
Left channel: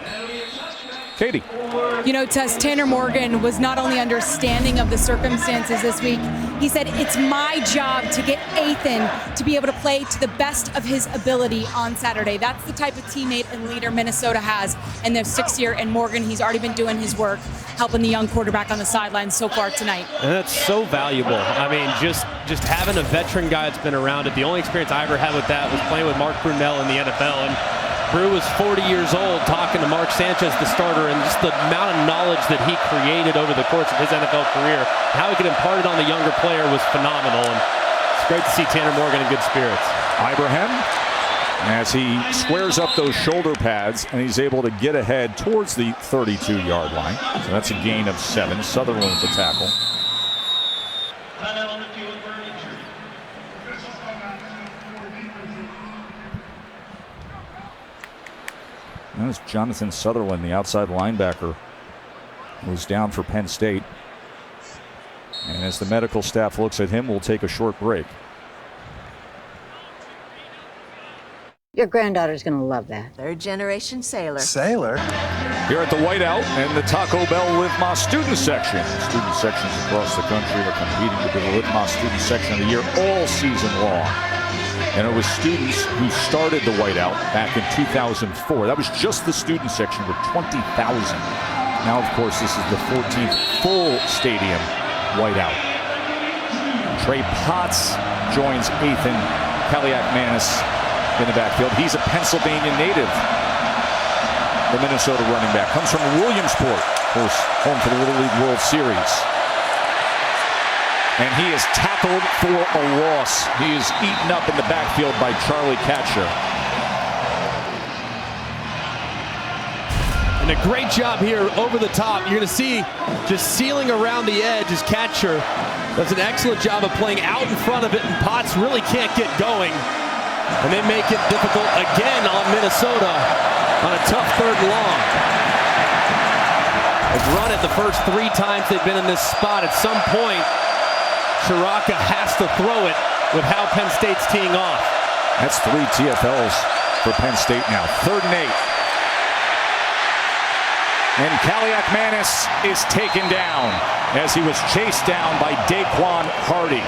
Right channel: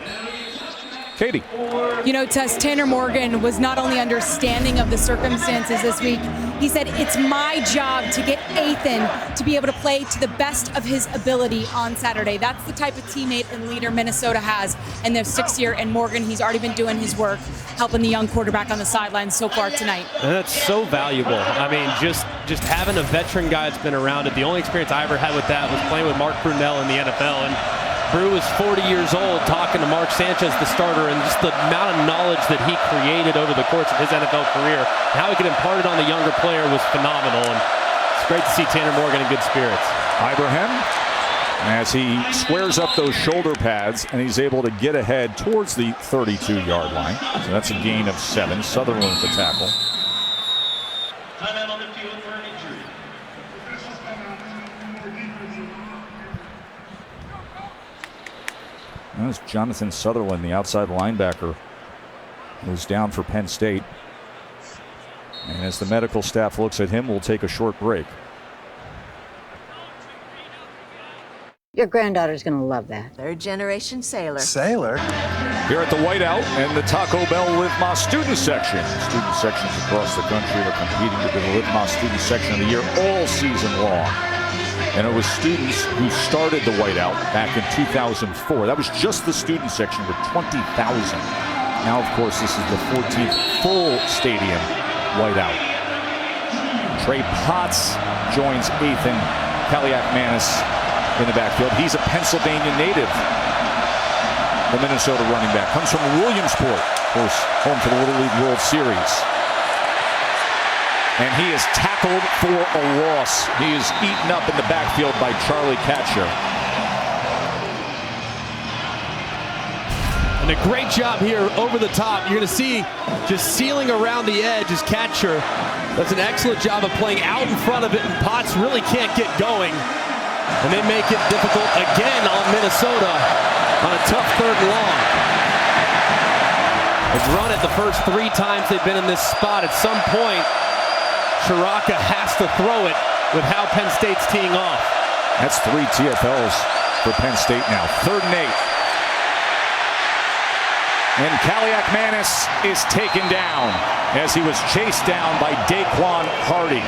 Katie. You know, Tess, Tanner Morgan was not only understanding of the circumstances this week, he said, it's my job to get Ethan to be able to play to the best of his ability on Saturday. That's the type of teammate and leader Minnesota has in their 6th year. And Morgan, he's already been doing his work, helping the young quarterback on the sidelines so far tonight. And that's so valuable. I mean, just having a veteran guy that's been around it. The only experience I ever had with that was playing with Mark Brunell in the NFL. And Brew was 40 years old talking to Mark Sanchez, the starter, and just the amount of knowledge that he created over the course of his NFL career, how he could impart it on the younger player was phenomenal. And it's great to see Tanner Morgan in good spirits. Ibrahim, as he squares up those shoulder pads and he's able to get ahead towards the 32-yard line. So that's a gain of 7. Sutherland with the tackle. That was Jonathan Sutherland, the outside linebacker, who was down for Penn State. And as the medical staff looks at him, we'll take a short break. Your granddaughter's going to love that. 3rd-generation sailor. Sailor? Here at the whiteout and the Taco Bell Live Más student section. Student sections across the country are competing to be the Live Más student section of the year all season long. And it was students who started the whiteout back in 2004. That was just the student section with 20,000. Now, of course, this is the 14th full stadium whiteout. Trey Potts joins Ethan Kaliak-Manis in the backfield. He's a Pennsylvania native. The Minnesota running back comes from Williamsport, of course, home to the Little League World Series. And he is tackled for a loss. He is eaten up in the backfield by Charlie Katcher. And a great job here over the top. You're going to see just sealing around the edge as Katcher does an excellent job of playing out in front of it, and Potts really can't get going. And they make it difficult again on Minnesota on a tough 3rd and long. They've run it the first 3 times they've been in this spot. At some point, Shiraka has to throw it with how Penn State's teeing off. That's 3 TFLs for Penn State now. 3rd and 8. And Kaliak-Manis is taken down as he was chased down by Daquan Hardy.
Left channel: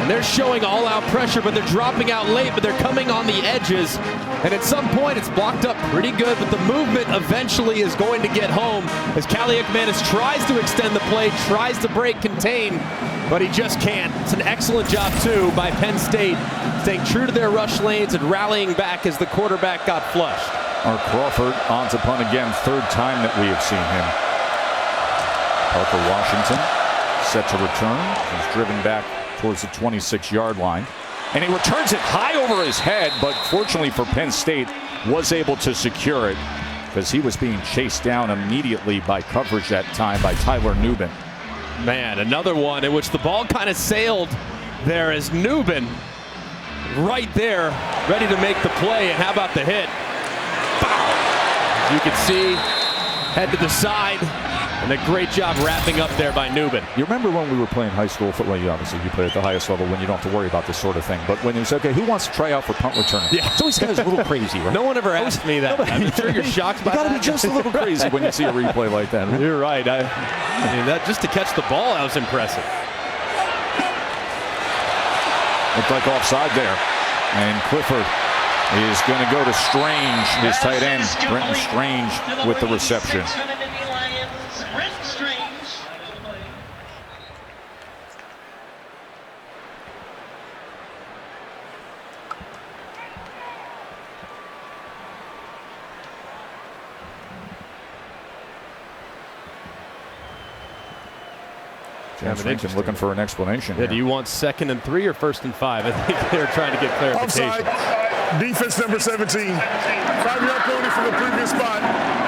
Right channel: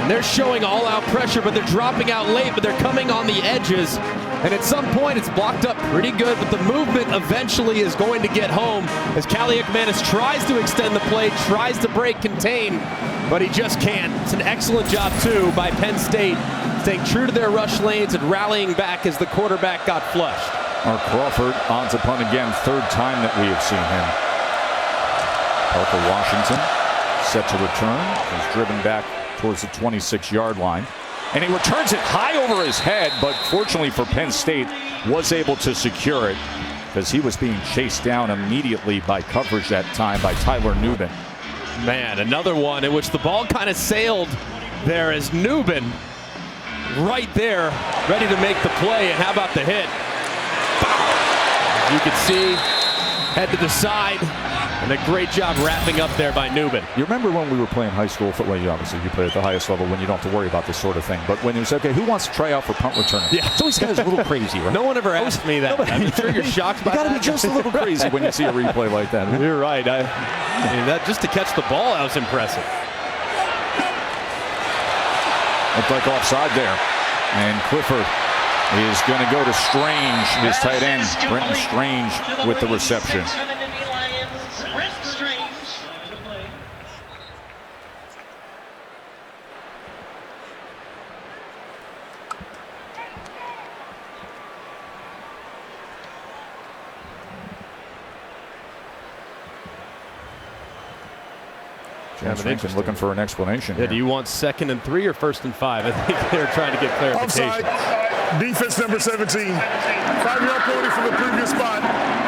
And they're showing all-out pressure, but they're dropping out late, but they're coming on the edges. And at some point, it's blocked up pretty good, but the movement eventually is going to get home as Kaliak-Manis tries to extend the play, tries to break contain, but he just can't. It's an excellent job, too, by Penn State, staying true to their rush lanes and rallying back as the quarterback got flushed. Mark Crawford on to punt again, 3rd time that we have seen him. Parker Washington set to return. He's driven back towards the 26-yard line. And he returns it high over his head, but fortunately for Penn State, was able to secure it because he was being chased down immediately by coverage that time by Tyler Nubin. Man, another one in which the ball kind of sailed there as Nubin right there, ready to make the play. And how about the hit? As you can see, head to the side. And a great job wrapping up there by Nubin. You remember when we were playing high school football? Obviously, you play at the highest level when you don't have to worry about this sort of thing. But when it was, okay, who wants to try out for punt returner? Yeah. It's always kind of a little crazy, right? No one ever asked me that. I'm sure you're shocked by that. You got to be just a little crazy when you see a replay like that. Right? You're right. I mean, that just to catch the ball, that was impressive. Looked like offside there. And Clifford is going to go to Strange, his tight end. Brenton Strange with the reception. James Rankin looking for an explanation. Yeah, do you want 2nd and 3 or 1st and 5? I think they're trying to get clarification. Offside. Defense number 17. 5-yard penalty from the previous spot.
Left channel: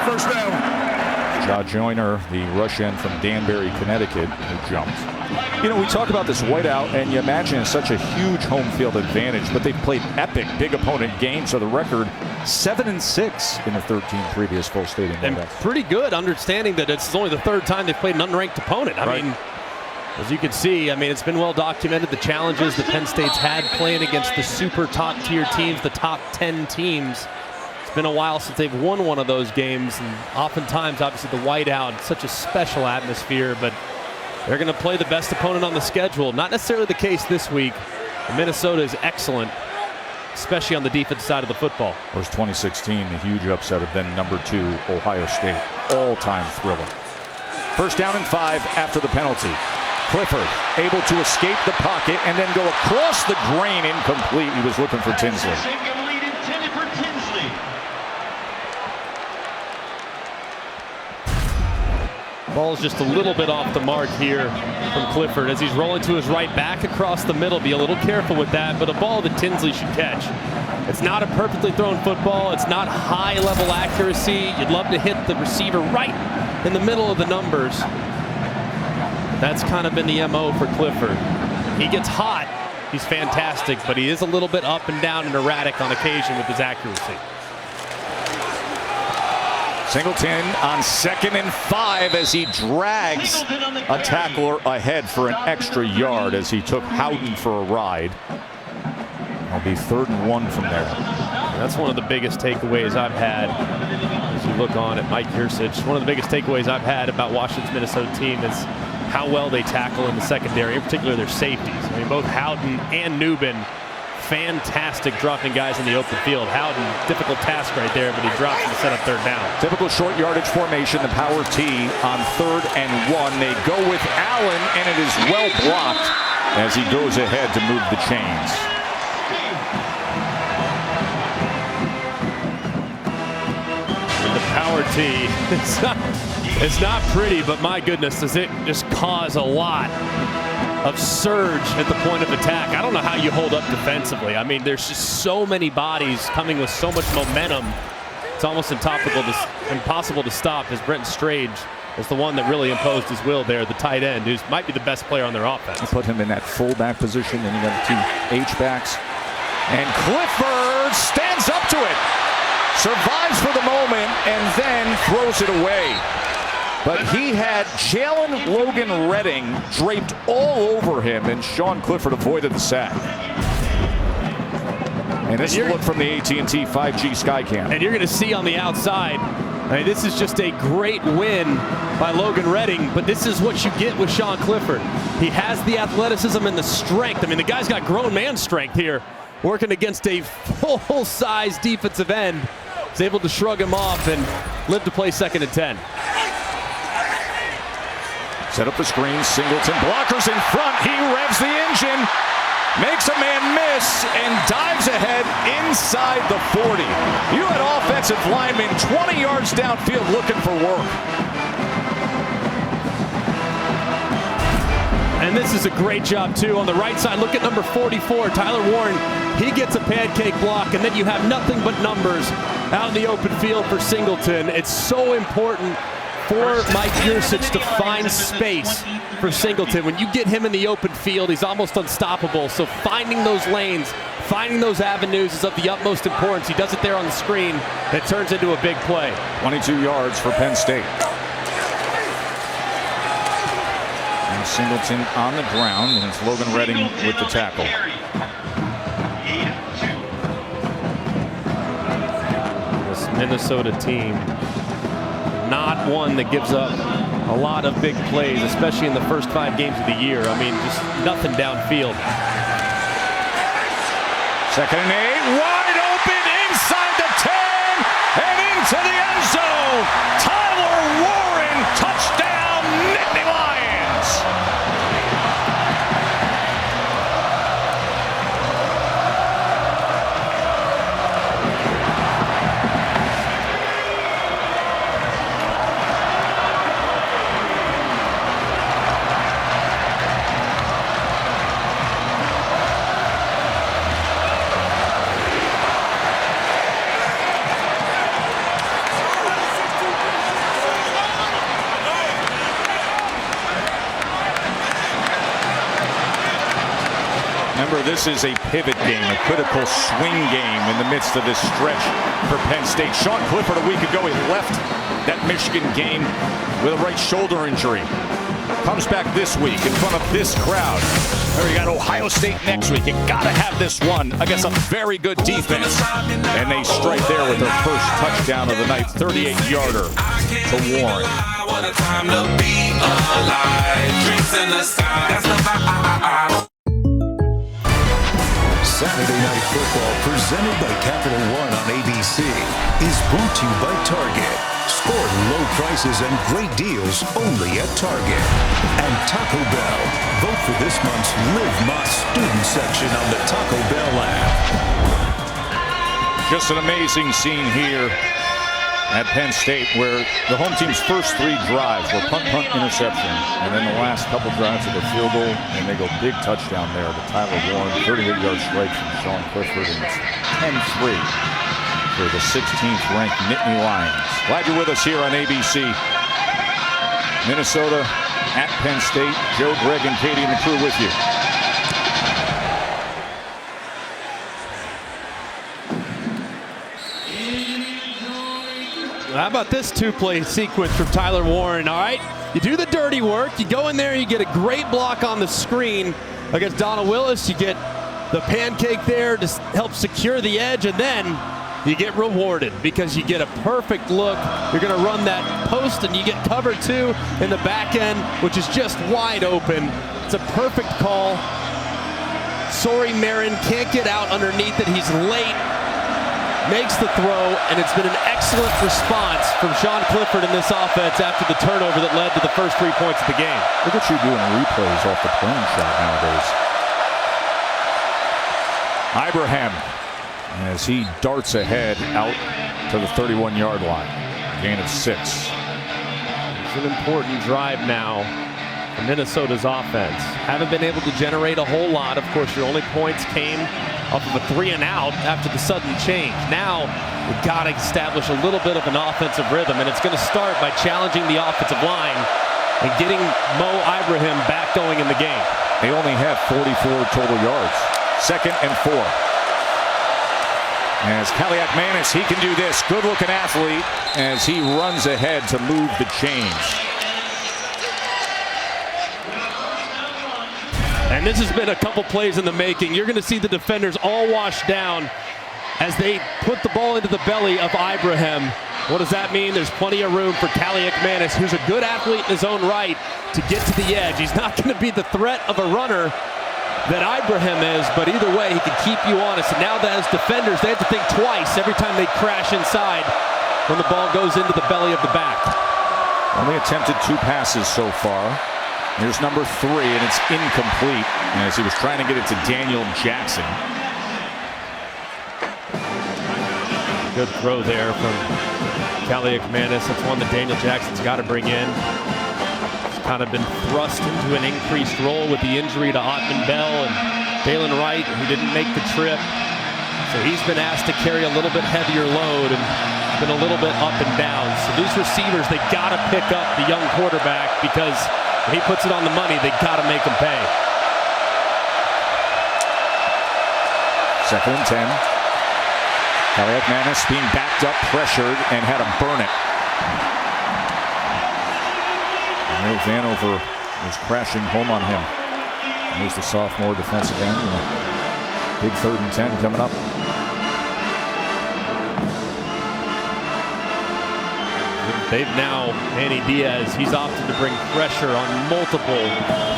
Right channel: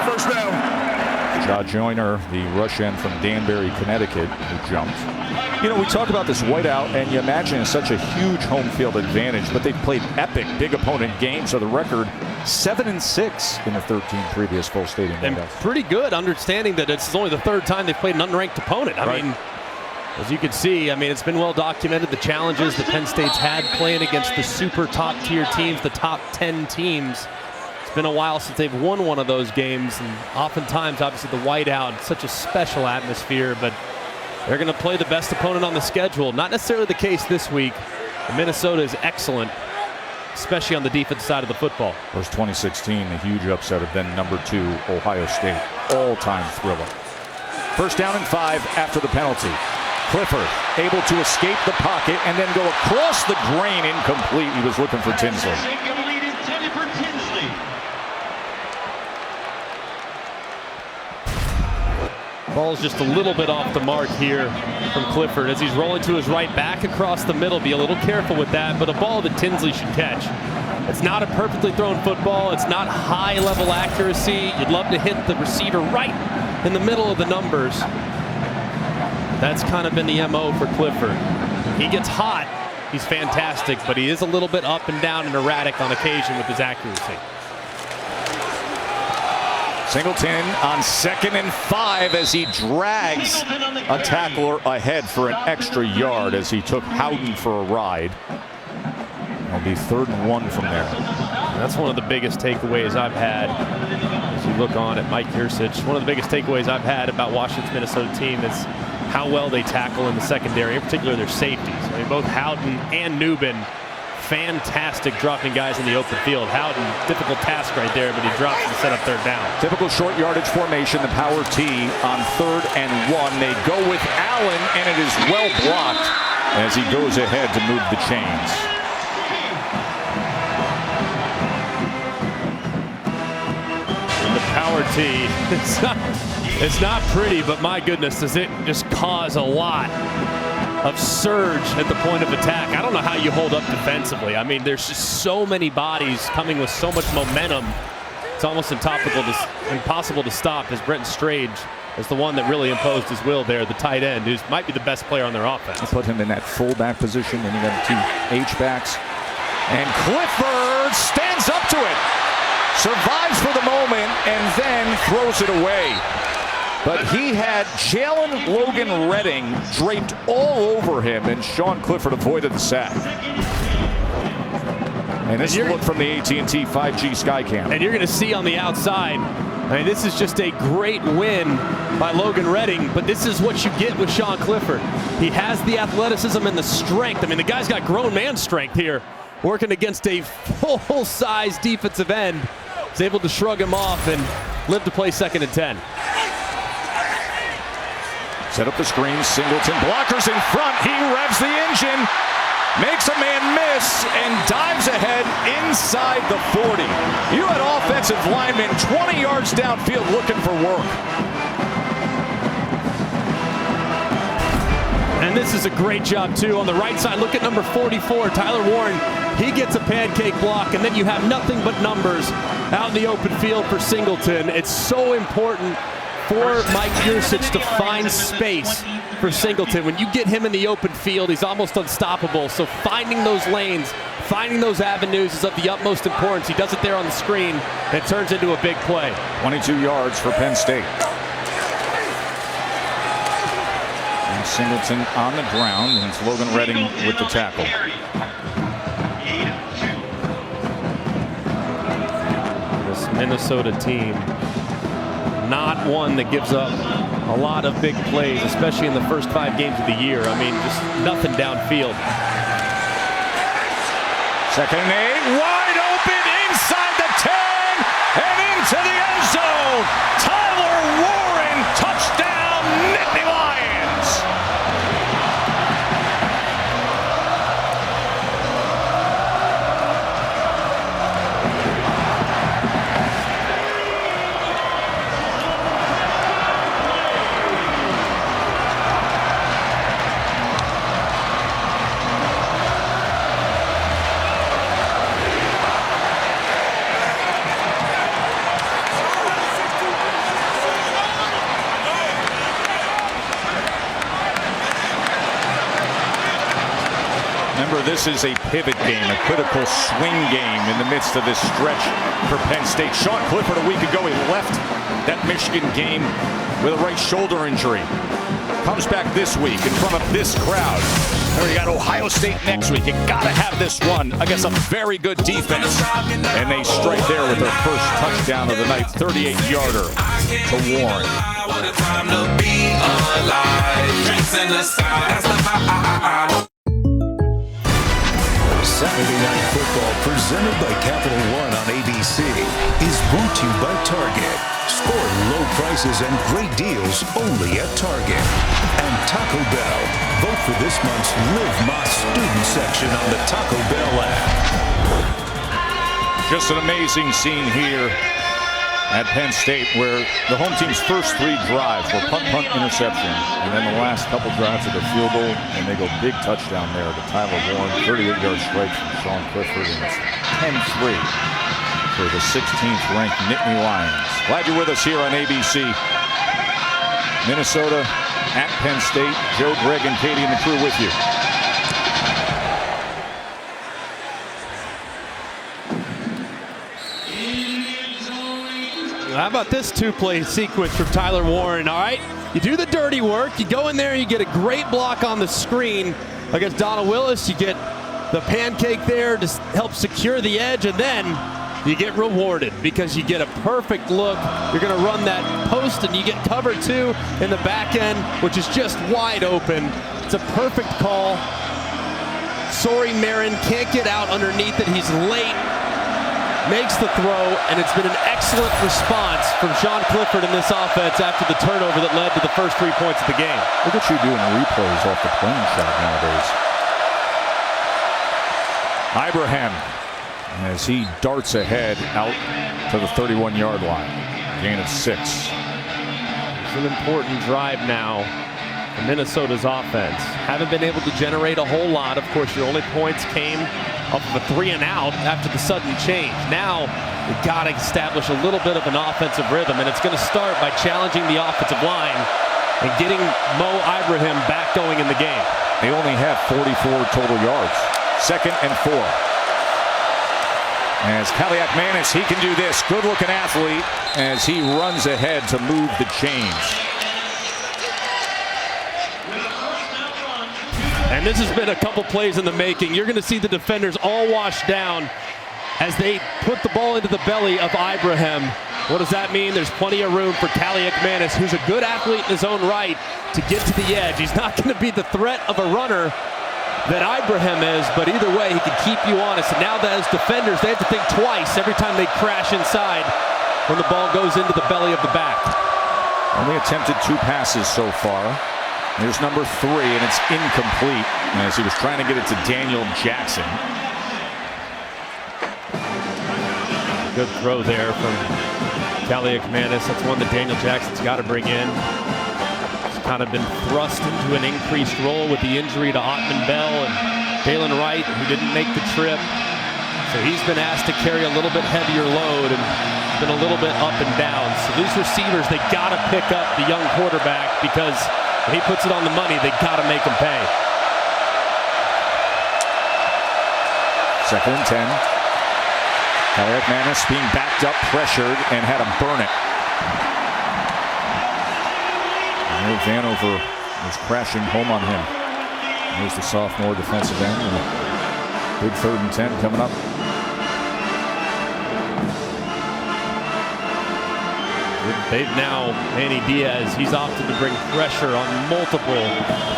1st down. Ja Joyner, the rush end from Danbury, Connecticut, who jumped. You know, we talk about this whiteout, and you imagine it's such a huge home field advantage, but they've played epic big opponent games. So the record 7-6 in the 13 previous full stadium whiteouts. And pretty good, understanding that it's only the 3rd time they've played an unranked opponent. I mean, as you can see, I mean, it's been well documented, the challenges that Penn State's had playing against the super top tier teams, the top 10 teams. It's been a while since they've won one of those games, and oftentimes, obviously, the whiteout, such a special atmosphere, but they're going to play the best opponent on the schedule. Not necessarily the case this week. Minnesota is excellent, especially on the defense side of the football. Of course, 2016, the huge upset of then number 2 Ohio State. All-time thriller. 1st down and 5 after the penalty. Clifford able to escape the pocket and then go across the grain, incomplete. He was looking for Tinsley. Ball's just a little bit off the mark here from Clifford as he's rolling to his right, back across the middle. Be a little careful with that, but a ball that Tinsley should catch. It's not a perfectly thrown football. It's not high-level accuracy. You'd love to hit the receiver right in the middle of the numbers. That's kind of been the MO for Clifford. When he gets hot, he's fantastic, but he is a little bit up and down and erratic on occasion with his accuracy. Singleton on 2nd and 5 as he drags a tackler ahead for an extra yard as he took Howden for a ride. It'll be 3rd and 1 from there. And that's one of the biggest takeaways I've had as you look on at Mike Yurcich. One of the biggest takeaways I've had about Washington's Minnesota team is how well they tackle in the secondary, in particular their safeties. I mean, both Houghton and Newbin, fantastic dropping guys in the open field. Houghton, difficult task right there, but he drops to set up third down. Typical short yardage formation, the power T on 3rd and 1. They go with Allen, and it is well blocked as he goes ahead to move the chains. And the power T, it's not pretty, but my goodness, does it just cause a lot of surge at the point of attack. I don't know how you hold up defensively. I mean, there's just so many bodies coming with so much momentum. It's almost impossible to stop, as Brenton Strage is the one that really imposed his will there, the tight end, who might be the best player on their offense. They put him in that fullback position, and you got 2 H-backs. And Clifford stands up to it, survives for the moment, and then throws it away. But he had Jalen Logan Redding draped all over him, and Sean Clifford avoided the sack. And this is a look from the AT&T 5G Skycam. And you're going to see on the outside, I mean, this is just a great win by Logan Redding, but this is what you get with Sean Clifford. He has the athleticism and the strength. I mean, the guy's got grown man strength here, working against a full-size defensive end. He's able to shrug him off and live to play 2nd and 10. Set up the screen, Singleton, blockers in front, he revs the engine, makes a man miss, and dives ahead inside the 40. You had offensive linemen 20 yards downfield looking for work. And this is a great job, too. On the right side, look at number 44, Tyler Warren. He gets a pancake block, and then you have nothing but numbers out in the open field for Singleton. It's so important for Mike Yurcich to find space for Singleton. When you get him in the open field, he's almost unstoppable. So finding those lanes, finding those avenues is of the utmost importance. He does it there on the screen, and it turns into a big play. 22 yards for Penn State. Now Singleton on the ground, and it's Logan Redding with the tackle. This Minnesota team, not one that gives up a lot of big plays, especially in the first 5 games of the year. I mean, just nothing downfield. 2nd and 8, wide open inside the 10 and into the end zone. Tyler Warren, touchdown, Nittany Lions. Remember, this is a pivot game, a critical swing game in the midst of this stretch for Penn State. Sean Clifford a week ago, he left that Michigan game with a right shoulder injury. Comes back this week in front of this crowd. There you got Ohio State next week. You gotta have this one against a very good defense. And they strike there with their first touchdown of the night, 38-yarder to Warren. What a time to be alive. Drinks in the sky. That's the Saturday Night Football, presented by Capital One on ABC, is brought to you by Target. Score low prices and great deals only at Target. And Taco Bell. Vote for this month's Live Más student section on the Taco Bell app. Just an amazing scene here at Penn State, where the home team's first 3 drives were punt, interception, and then the last couple drives of the field goal, and they go big touchdown there to Tyler Warren, 38-yard strike from Sean Clifford, and it's 10-3 for the 16th ranked Nittany Lions. Glad you're with us here on ABC. Minnesota at Penn State. Joe, Greg, and Katie and the crew with you. How about this 2-play sequence from Tyler Warren? All right, you do the dirty work. You go in there, you get a great block on the screen against Donald Willis. You get the pancake there to help secure the edge, and then you get rewarded because you get a perfect look. You're going to run that post and you get cover 2 in the back end, which is just wide open. It's a perfect call. Sorry, Marin can't get out underneath it. He's late, makes the throw, and it's been an excellent response from Sean Clifford in this offense after the turnover that led to the first 3 points of the game. Look at you doing replays off the plane shot nowadays. Ibrahim, as he darts ahead out to the 31-yard line. Gain of 6. It's an important drive now for Minnesota's offense. Haven't been able to generate a whole lot. Of course, your only points came off of a 3-and-out after the sudden change. Now, we got to establish a little bit of an offensive rhythm, and it's going to start by challenging the offensive line and getting Mo Ibrahim back going in the game. They only have 44 total yards. 2nd and 4. As Kaliak Manis, he can do this. Good-looking athlete as he runs ahead to move the chains. And this has been a couple plays in the making. You're going to see the defenders all washed down as they put the ball into the belly of Ibrahim. What does that mean? There's plenty of room for Kaliak Manis, who's a good athlete in his own right, to get to the edge. He's not going to be the threat of a runner that Ibrahim is, but either way, he can keep you honest. And now that as defenders, they have to think twice every time they crash inside when the ball goes into the belly of the back. Only attempted 2 passes so far. Here's number 3, and it's incomplete as he was trying to get it to Daniel Jackson. Good throw there from Kaliak Manis. That's one that Daniel Jackson's got to bring in. He's kind of been thrust into an increased role with the injury to Ottman Bell and Dalen Wright, who didn't make the trip. So he's been asked to carry a little bit heavier load and been a little bit up and down. So these receivers, they got to pick up the young quarterback, because when he puts it on the money, they got to make him pay. 2nd and 10. Kaliak Manis being backed up, pressured, and had to burn it. And here Vanover was crashing home on him. And there's the sophomore defensive end. Big 3rd and 10 coming up. They've now, Manny Diaz, he's opted to bring pressure on multiple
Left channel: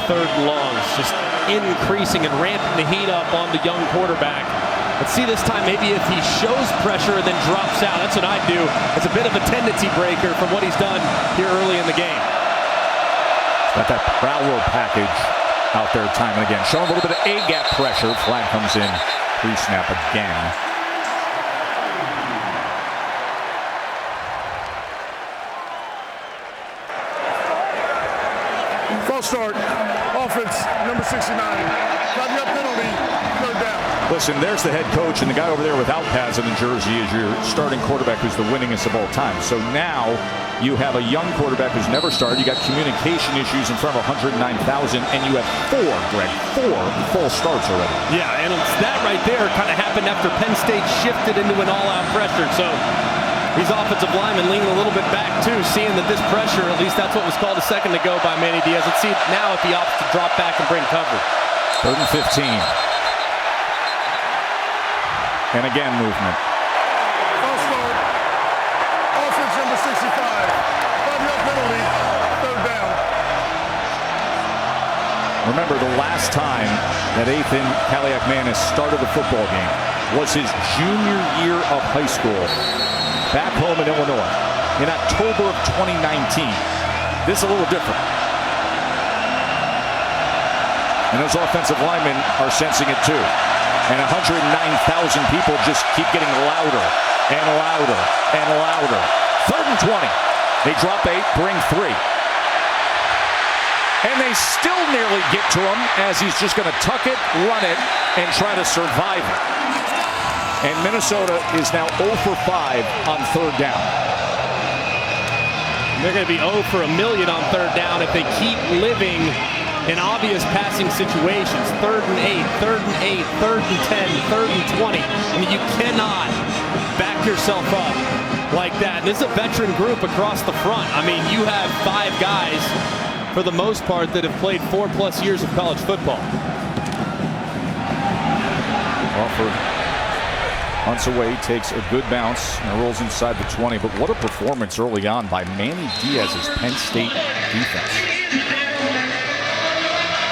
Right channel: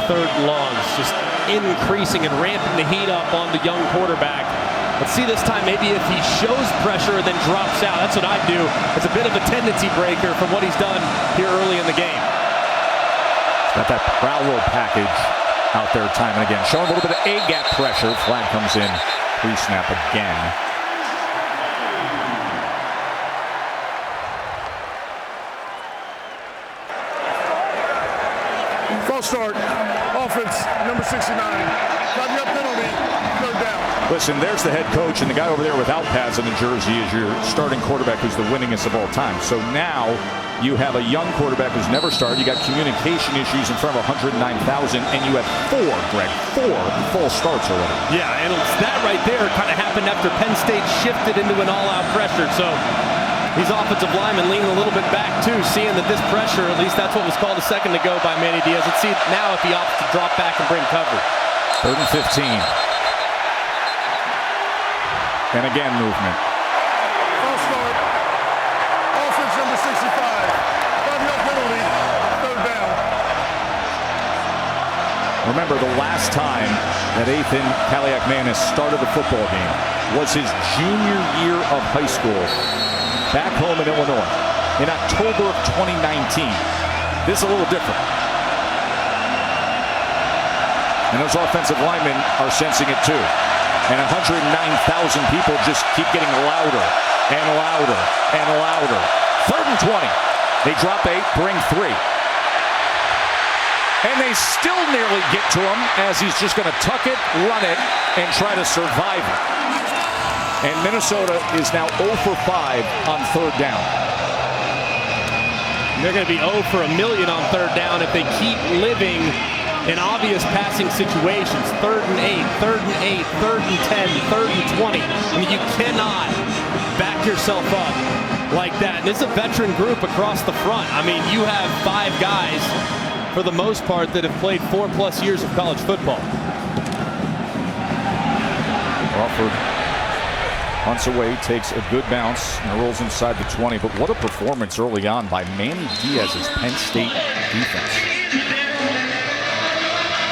3rd and longs, just increasing and ramping the heat up on the young quarterback. Let's see this time, maybe if he shows pressure and then drops out. That's what I'd do. It's a bit of a tendency breaker from what he's done here early in the game. He's got that prowler package out there time and again. Showing a little bit of A-gap pressure. Flag comes in pre-snap again. False start. Offense, number 69. 5-yard penalty, 3rd down. Listen, there's the head coach, and the guy over there without pads on the jersey is your starting quarterback, who's the winningest of all time. So now you have a young quarterback who's never started. You got communication issues in front of 109,000, and you have 4 false starts already. Yeah, and it's that right there kind of happened after Penn State shifted into an all-out pressure. So these offensive linemen leaning a little bit back too, seeing that this pressure, at least that's what was called a second ago by Manny Diaz. Let's see now if he opts to drop back and bring cover. 3rd and 15. And again, movement. False start. Offense, number 65. 5-yard penalty, 3rd down. Remember, the last time that Ethan Kaliak Manis started a football game was his junior year of high school, back home in Illinois, in October of 2019. This is a little different. And those offensive linemen are sensing it too. And 109,000 people just keep getting louder and louder and louder. 3rd and 20. They drop 8, bring 3. And they still nearly get to him as he's just going to tuck it, run it, and try to survive it. And Minnesota is now 0 for 5 on 3rd down. And they're going to be 0 for a million on 3rd down if they keep living in obvious passing situations. 3rd and 8, 3rd and 8, 3rd and 10, 3rd and 20. I mean, you cannot back yourself up like that. And this is a veteran group across the front. I mean, you have 5 guys, for the most part, that have played 4+ years of college football. Crawford Hunts away, takes a good bounce, and rolls inside the 20. But what a performance early on by Manny Diaz's Penn State defense.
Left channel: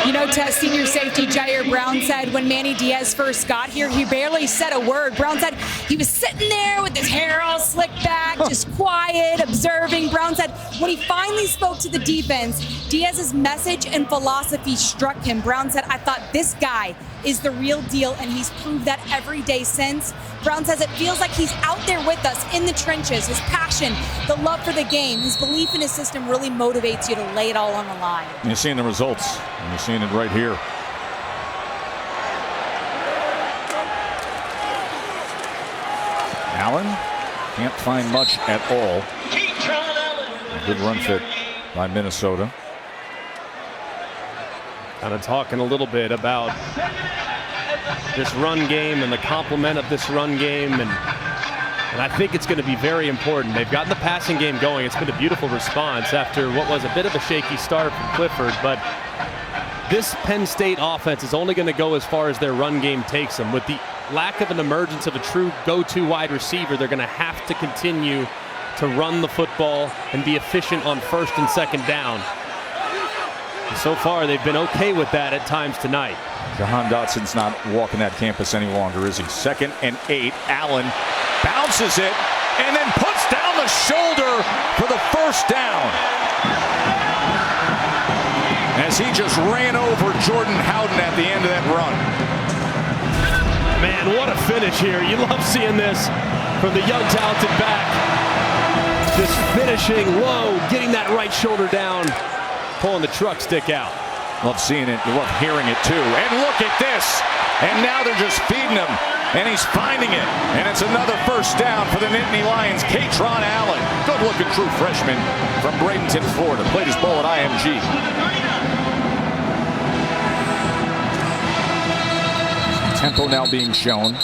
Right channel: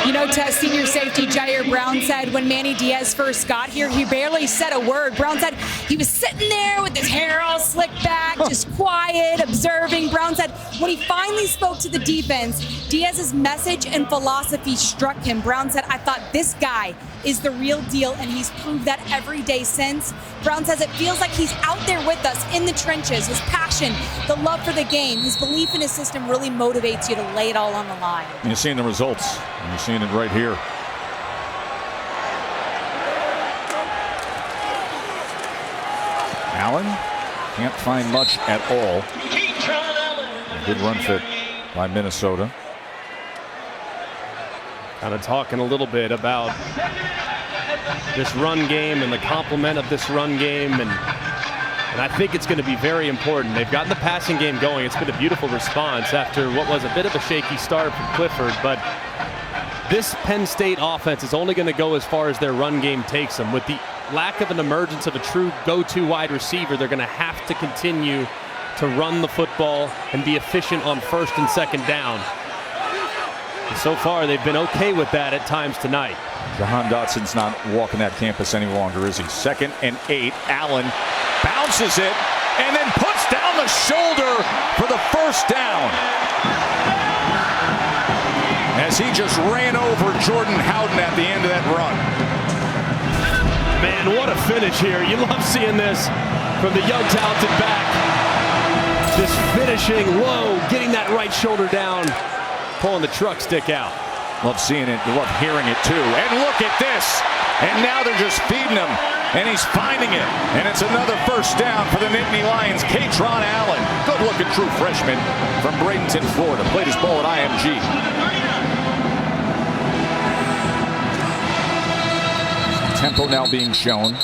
You know, Tess, senior safety Jair Brown said when Manny Diaz first got here, he barely said a word. Brown said he was sitting there with his hair all slicked back, just quiet, observing. Brown said when he finally spoke to the defense, Diaz's message and philosophy struck him. Brown said, I thought this guy is the real deal, and he's proved that every day since. Brown says it feels like he's out there with us in the trenches. His passion, the love for the game, his belief in his system really motivates you to lay it all on the line. You're seeing the results. You're seeing it right here. Allen can't find much at all. A good run fit by Minnesota. Kind of talking a little bit about this run game and the complement of this run game, and I think it's going to be very important. They've gotten the passing game going. It's been a beautiful response after what was a bit of a shaky start from Clifford, but this Penn State offense is only going to go as far as their run game takes them. With the lack of an emergence of a true go-to wide receiver, they're going to have to continue to run the football and be efficient on first and second down. And so far, they've been okay with that at times tonight. Jahan Dotson's not walking that campus any longer, is he? 2nd and 8. Allen bounces it and then puts down the shoulder for the first down. As he just ran over Jordan Howden at the end of that run. Man, what a finish here. You love seeing this from the young, talented back. Just finishing low, getting that right shoulder down, pulling the truck stick out. Love seeing it. You love hearing it, too. And look at this. And now they're just feeding him. And he's finding it. And it's another first down for the Nittany Lions. Katron Allen, good-looking true freshman from Bradenton, Florida. Played his ball at IMG. Some tempo now being shown.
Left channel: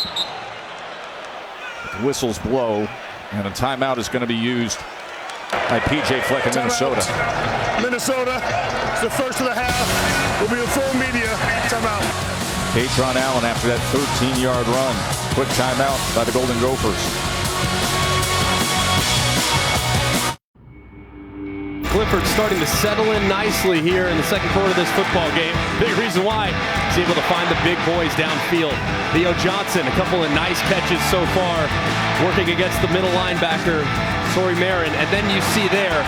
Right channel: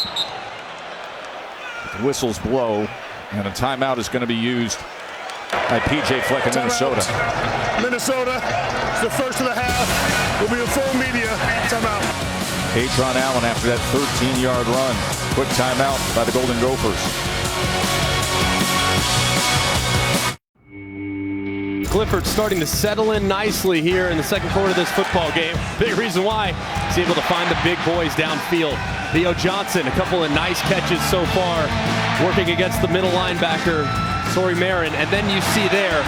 But the whistles blow. And a timeout is going to be used by P.J. Fleck in Minnesota. Minnesota, it's the first of the half. Will be a full media timeout. Katron Allen after that 13-yard run. Quick timeout by the Golden Gophers. Clifford starting to settle in nicely here in the second quarter of this football game. Big reason why he's able to find the big boys downfield. Theo Johnson, a couple of nice catches so far, working against the middle linebacker, Sori Marin. And then you see there,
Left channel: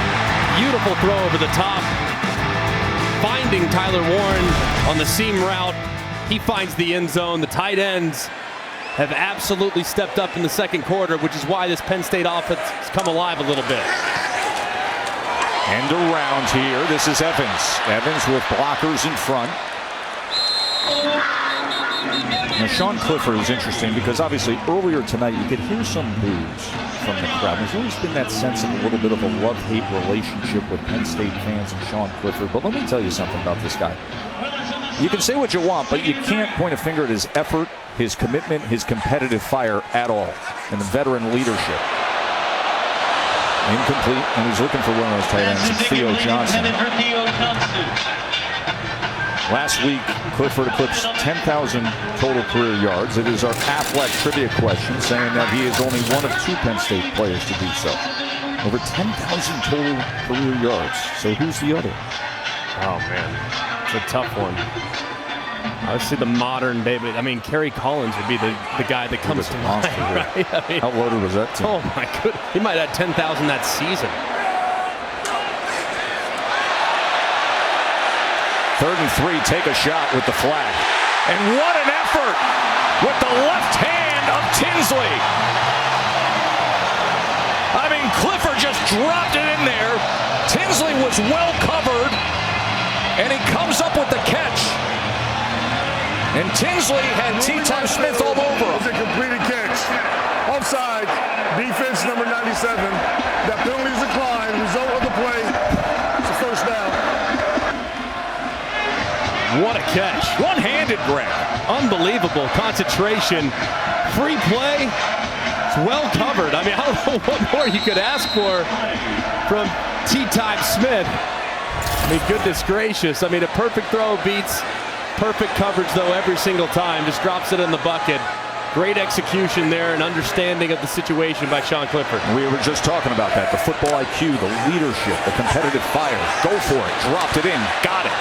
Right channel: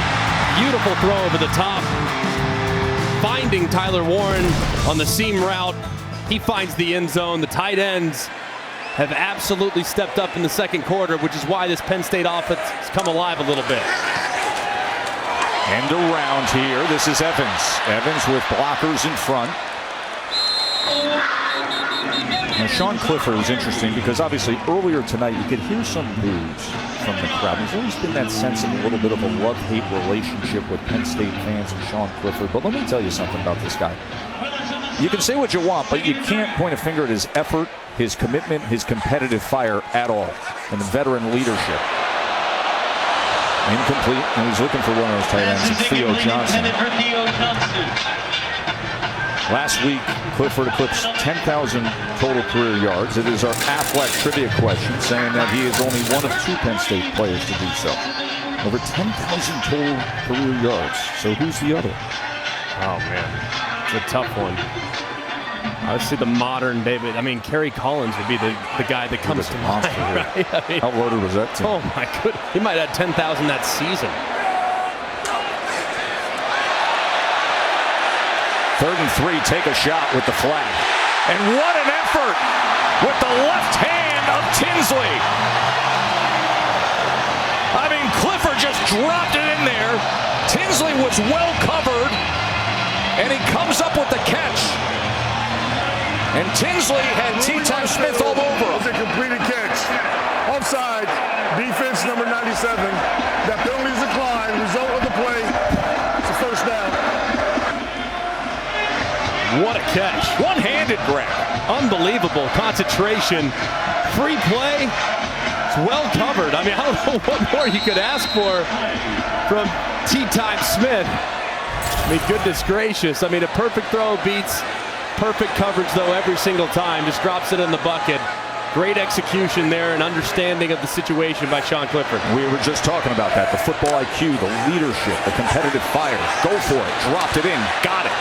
beautiful throw over the top, finding Tyler Warren on the seam route. He finds the end zone. The tight ends have absolutely stepped up in the second quarter, which is why this Penn State offense has come alive a little bit. End around here. This is Evans. Evans with blockers in front. Now, Sean Clifford is interesting because obviously earlier tonight you could hear some boos from the crowd. There's always been that sense of a little bit of a love-hate relationship with Penn State fans and Sean Clifford. But let me tell you something about this guy. You can say what you want, but you can't point a finger at his effort, his commitment, his competitive fire at all, and the veteran leadership. Incomplete, and he's looking for one of those tight ends, it's Theo Johnson. Last week, Clifford eclipsed 10,000 total career yards. It is our Affleck trivia question, saying that he is only one of 2 Penn State players to do so. Over 10,000 total career yards. So who's the other? Oh, man. It's a tough one. Obviously the modern day, but I mean, Kerry Collins would be the guy that comes to mind, right? I mean, how loaded was that team? Oh my goodness, he might have had 10,000 that season. 3rd and 3, take a shot with the flag. And what an effort with the left hand of Tinsley. I mean, Clifford just dropped it in there. Tinsley was well covered, and he comes up with the catch. And Tinsley had T-Time Smith all over him. It's a completed catch. Offside, defense number 97. That penalty is declined. Result of the play, it's a first down. What a catch. One-handed, Greg. Unbelievable concentration. Free play. It's well covered. I mean, I don't know what more you could ask for from T-Time Smith. I mean, goodness gracious. I mean, a perfect throw beats perfect coverage, though, every single time. Just drops it in the bucket. Great execution there and understanding of the situation by Sean Clifford. We were just talking about that. The football IQ, the leadership, the competitive fire. Go for it. Dropped it in. Got it.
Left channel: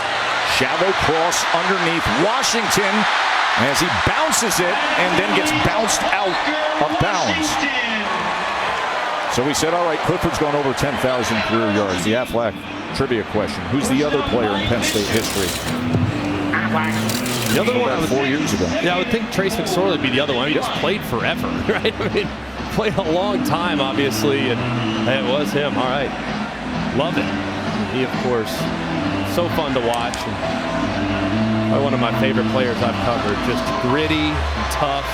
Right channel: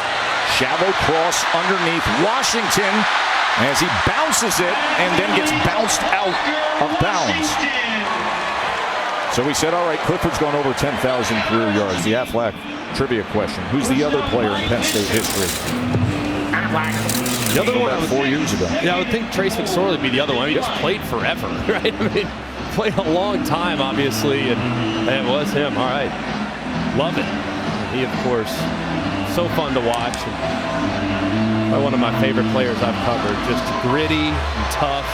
Shallow cross underneath Washington as he bounces it and then gets bounced out of bounds. So we said, all right, Clifford's gone over 10,000 career yards. The Aflac trivia question. Who's the other player in Penn State history? The other one, 4 years ago. Yeah, I would think Trace McSorley would be the other one. He just played forever, right? I mean, played a long time, obviously, and it was him. All right. Love it. And he, of course, so fun to watch. And probably one of my favorite players I've covered. Just gritty and tough.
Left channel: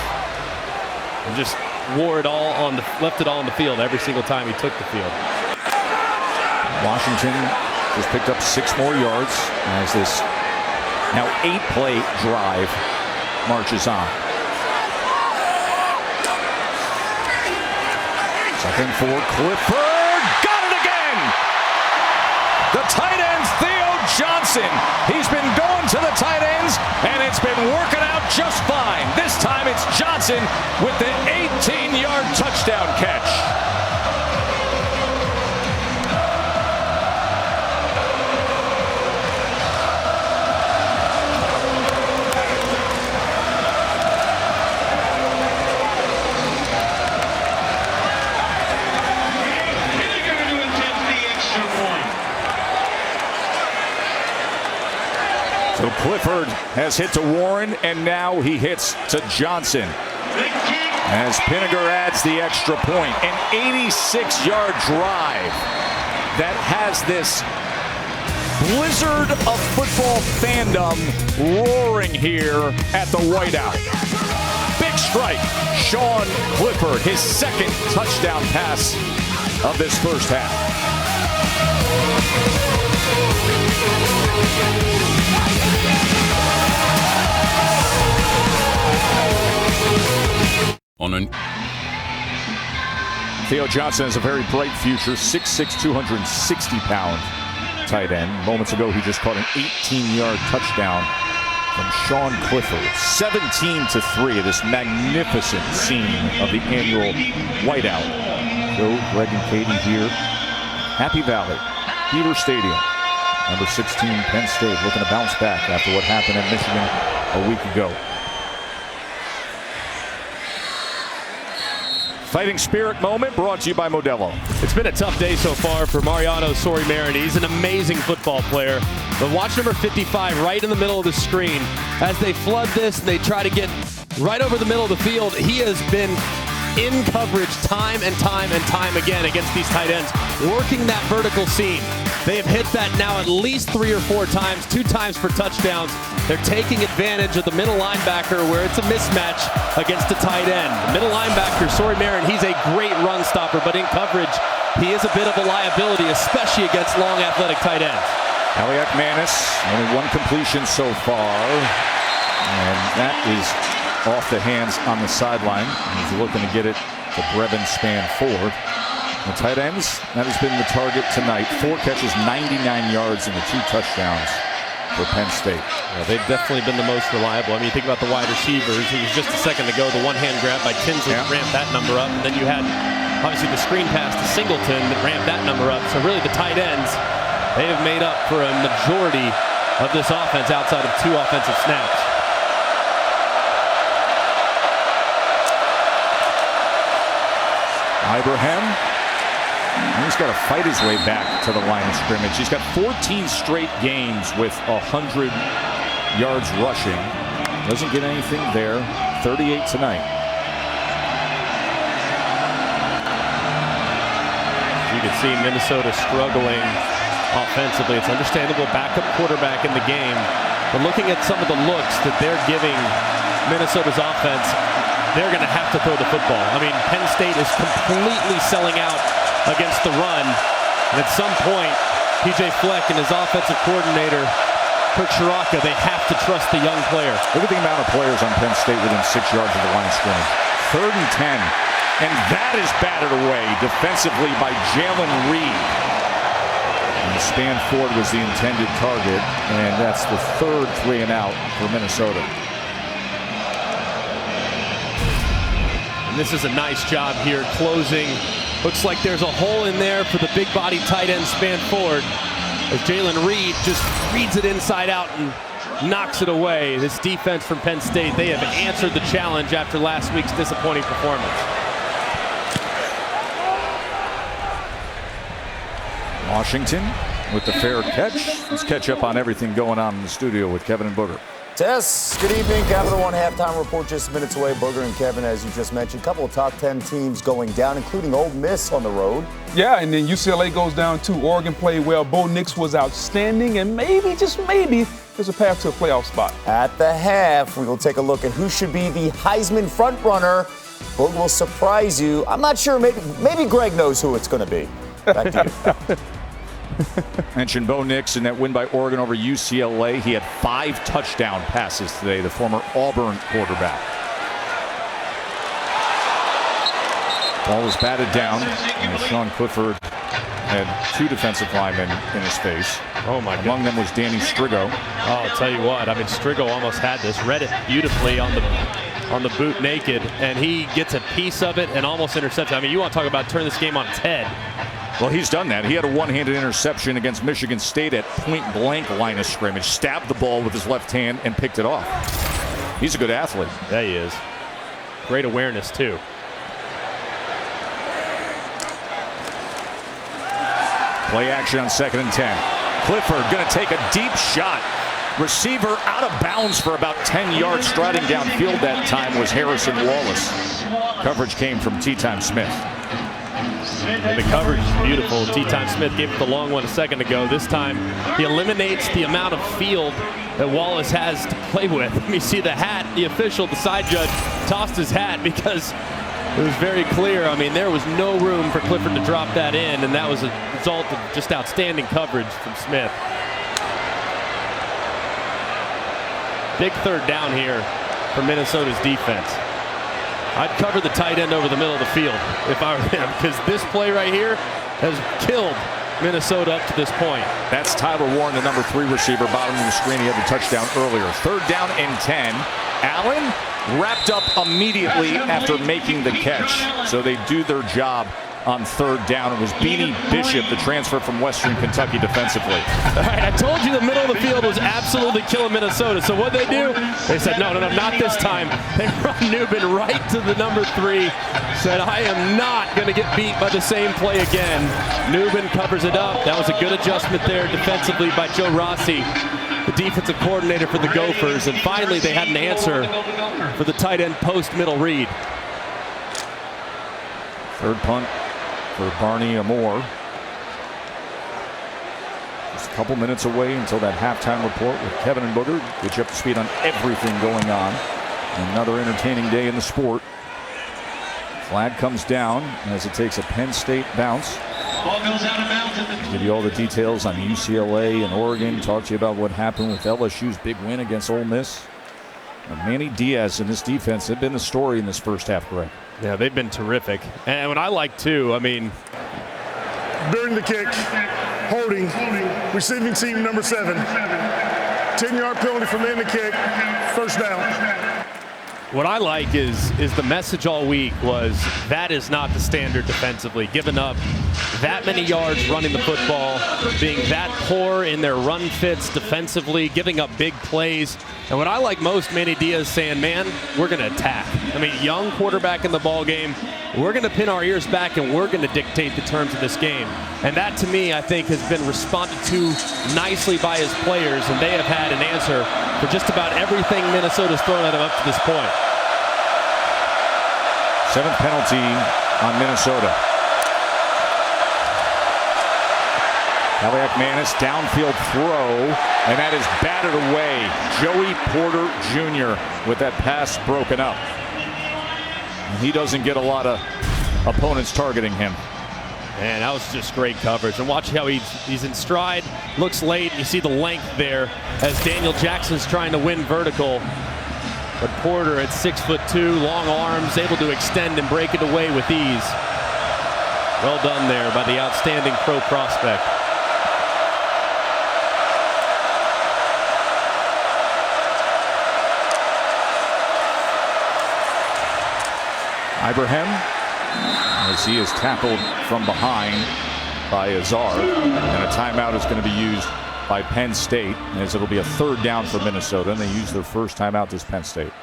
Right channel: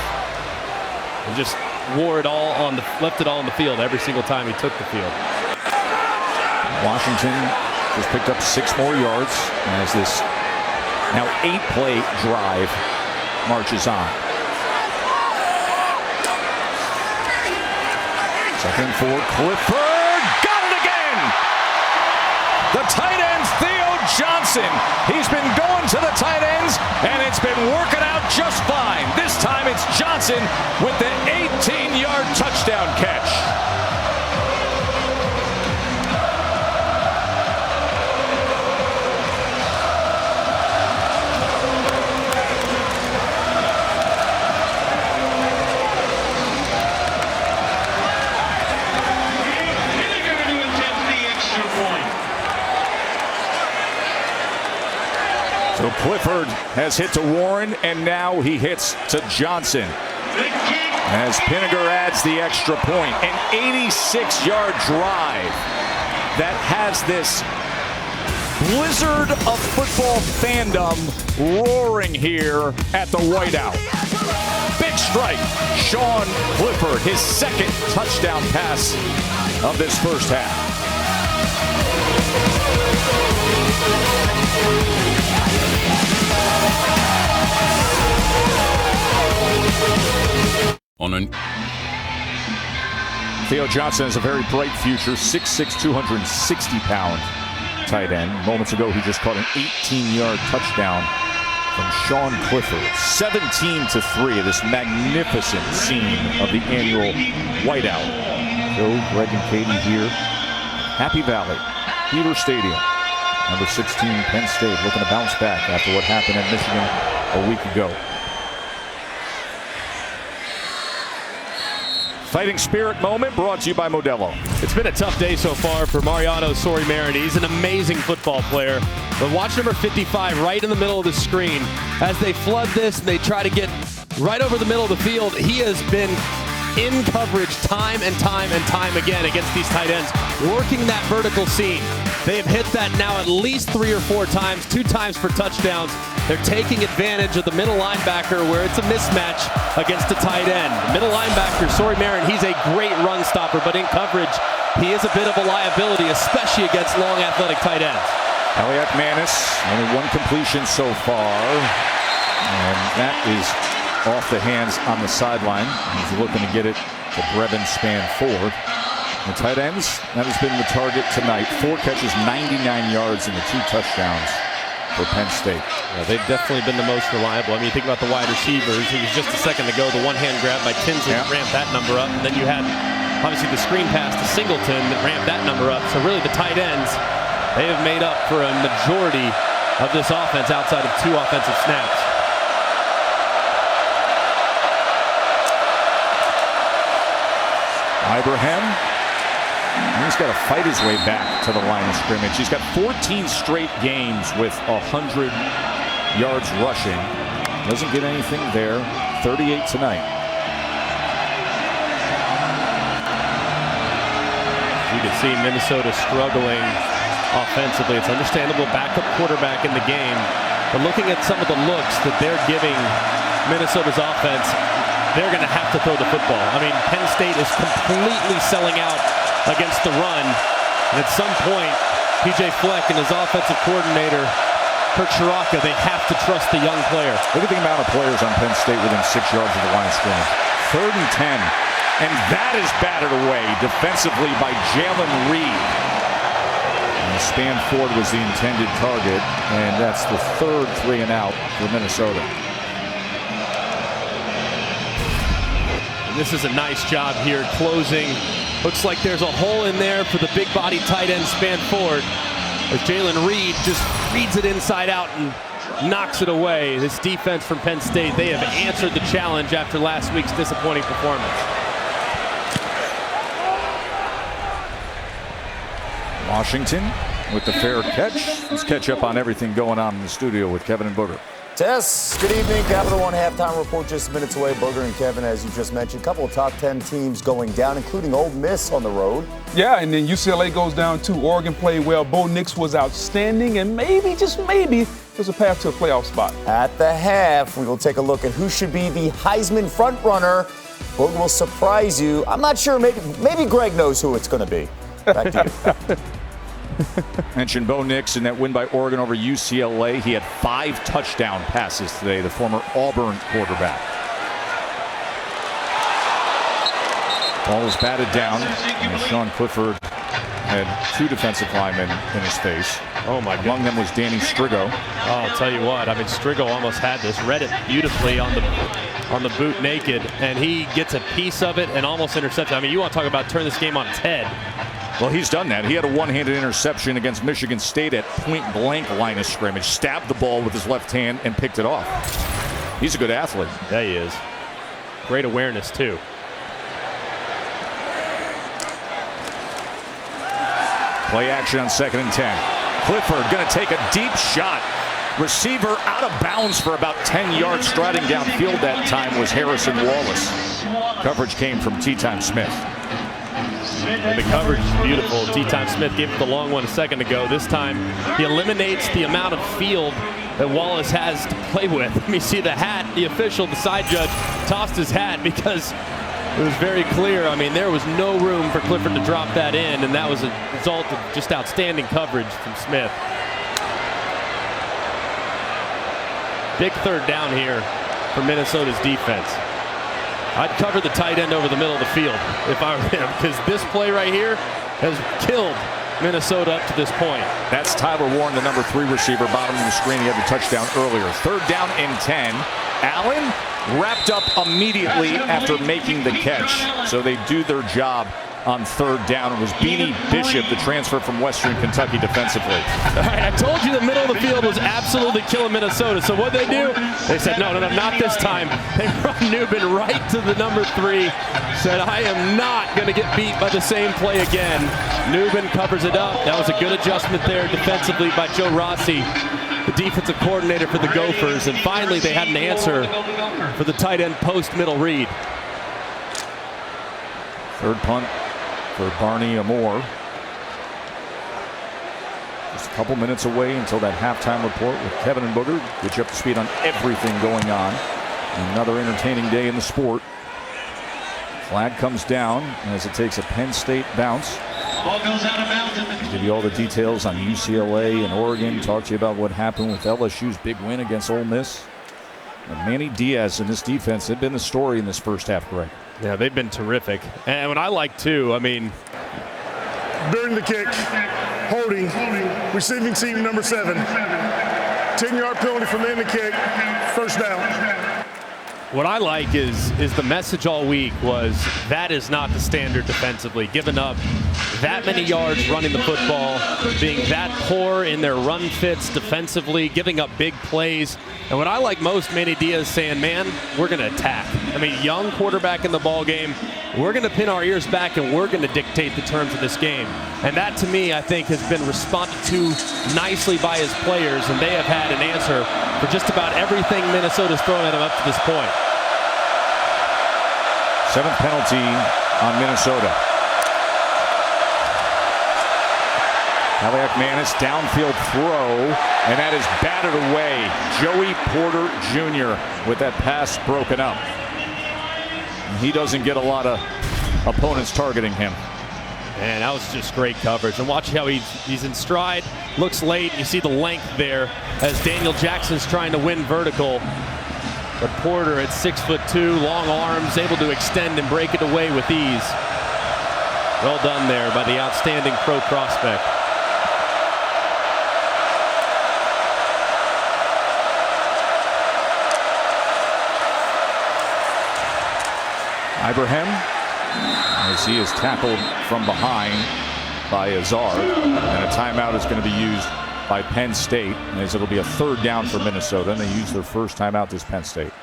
And just left it all on the field every single time he took the field. Washington just picked up 6 more yards as this now 8-play drive marches on. 2nd and 4, Clifford got it again. The tight end, Theo Johnson. He's been going to the tight ends, and it's been working out just fine. This time it's Johnson with the 18-yard touchdown catch. So Clifford has hit to Warren, and now he hits to Johnson. As Pinniger adds the extra point, an 86-yard drive that has this blizzard of football fandom roaring here at the Whiteout. Big strike, Sean Clifford, his 2nd touchdown pass of this first half. Theo Johnson has a very bright future, 6'6", 260-pound tight end. Moments ago, he just caught an 18-yard touchdown from Sean Clifford. 17-3, this magnificent scene of the annual Whiteout. Joe, Greg, and Katie here. Happy Valley, Beaver Stadium. Number 16, Penn State, looking to bounce back after what happened at Michigan a week ago. Fighting spirit moment brought to you by Modelo. It's been a tough day so far for Mariano Sori-Marin. He's an amazing football player. But watch number 55 right in the middle of the screen. As they flood this and they try to get right over the middle of the field, he has been in coverage time and time again against these tight ends, working that vertical seam. They have hit that now at least 3 or 4 times, 2 times for touchdowns. They're taking advantage of the middle linebacker where it's a mismatch against the tight end. The middle linebacker, Sori-Marin, he's a great run stopper, but in coverage, he is a bit of a liability, especially against long athletic tight ends. Kaliak Manis, only 1 completion so far, and that is off the hands on the sideline. He's looking to get it to Brevin Spanford. The tight ends, that has been the target tonight. 4 catches, 99 yards, and the 2 touchdowns for Penn State. Yeah, they've definitely been the most reliable. I mean, you think about the wide receivers. It was just a second ago, the one-hand grab by Tinsley ramped that number up. And then you had, obviously, the screen pass to Singleton that ramped that number up. So really, the tight ends, they have made up for a majority of this offense outside of 2 offensive snaps. Ibrahim, he's got to fight his way back to the line of scrimmage. He's got 14 straight games with 100 yards rushing. Doesn't get anything there. 38 tonight. You can see Minnesota struggling offensively. It's understandable, backup quarterback in the game. But looking at some of the looks that they're giving Minnesota's offense, they're going to have to throw the football. I mean, Penn State is completely selling out against the run. And at some point, P.J. Fleck and his offensive coordinator, Kurt Shiraka, they have to trust the young player. Look at the amount of players on Penn State within 6 yards of the line of scrimmage. 3rd and 10. And that is battered away defensively by Jalen Reed. And Spanford was the intended target, and that's the 3rd 3 and out for Minnesota. And this is a nice job here closing. Looks like there's a hole in there for the big body tight end Spanford, as Jalen Reed just reads it inside out and knocks it away. This defense from Penn State, they have answered the challenge after last week's disappointing performance. Washington with the fair catch. Let's catch up on everything going on in the studio with Kevin and Booger. Tess, good evening. Capital One halftime report just minutes away. Booger and Kevin, as you just mentioned, a couple of top 10 teams going down, including Ole Miss on the road. Yeah, and then UCLA goes down too. Oregon played well. Bo Nix was outstanding, and maybe, just maybe, there's a path to a playoff spot. At the half, we will take a look at who should be the Heisman frontrunner. Booger will surprise you. I'm not sure. Maybe Greg knows who it's going to be. Back to you. Mentioned Bo Nix in that win by Oregon over UCLA. He had 5 touchdown passes today, the former Auburn quarterback. Ball was batted down, and Sean Clifford had 2 defensive linemen in his face. Oh, my God. Among them was Danny Strigo. Oh, I'll tell you what. I mean, Strigo almost had this. Read it beautifully on the boot naked, and he gets a piece of it and almost intercepts. I mean, you want to talk about turn this game on its head. Well, he's done that. He had a one-handed interception against Michigan State at point-blank line of scrimmage, stabbed the ball with his left hand and picked it off. He's a good athlete. Yeah, he is. Great awareness, too. Play action on 2nd and 10. Clifford going to take a deep shot. Receiver out of bounds for about 10 yards, striding downfield that time was Harrison Wallace. Coverage came from T-Time Smith. And the coverage is beautiful. T-Time Smith gave it the long one a second ago. This time he eliminates the amount of field that Wallace has to play with. Let me see the hat. The official, the side judge, tossed his hat because it was very clear. I mean, there was no room for Clifford to drop that in, and that was a result of just outstanding coverage from Smith. Big 3rd down here for Minnesota's defense. I'd cover the tight end over the middle of the field if I were them, because this play right here has killed Minnesota up to this point. That's Tyler Warren, the number 3 receiver, bottom of the screen. He had the touchdown earlier. 3rd down and 10. Allen wrapped up immediately after making the catch. So they do their job on 3rd down. It was Beanie Bishop, the transfer from Western Kentucky defensively. All right, I told you the middle of the field was absolutely killing Minnesota. So what they do? They said, no, not this time. They run Nubin right to the number 3. Said, I am not going to get beat by the same play again. Nubin covers it up. That was a good adjustment there defensively by Joe Rossi, the defensive coordinator for the Gophers. And finally, they had an answer for the tight end post-middle read. 3rd punt for Barney Amore. Just a couple minutes away until that halftime report with Kevin and Booger. Get you up to speed on everything going on. Another entertaining day in the sport. Flag comes down as it takes a Penn State bounce. I'll give you all the details on UCLA and Oregon. Talk to you about what happened with LSU's big win against Ole Miss. And Manny Diaz and this defense have been the story in this first half, Greg. Yeah, they've been terrific. And what I like, too, I mean, During the kick, holding, receiving team number 7. 10-yard penalty from the end of the kick, 1st down. What I like is the message all week was that is not the standard defensively. Giving up that many yards running the football, being that poor in their run fits defensively, giving up big plays. And what I like most, Manny Diaz saying, man, we're going to attack. I mean, young quarterback in the ball game. We're going to pin our ears back and we're going to dictate the terms of this game. And that, to me, I think has been responded to nicely by his players, and they have had an answer for just about everything Minnesota's thrown at them up to this point. 7th penalty on Minnesota. Kaliak-Manis downfield throw, and that is batted away. Joey Porter Jr. with that pass broken up. And he doesn't get a lot of opponents targeting him. Man, that was just great coverage. And watch how he's in stride, looks late, and you see the length there as Daniel Jackson's trying to win vertical. But Porter at 6'2", long arms, able to extend and break it away with ease. Well done there by the outstanding pro prospect. Ibrahim, as he is tackled from behind by Azar. And a timeout is going to be used by Penn State, as it'll be a 3rd down for Minnesota, and they use their first timeout this Penn State.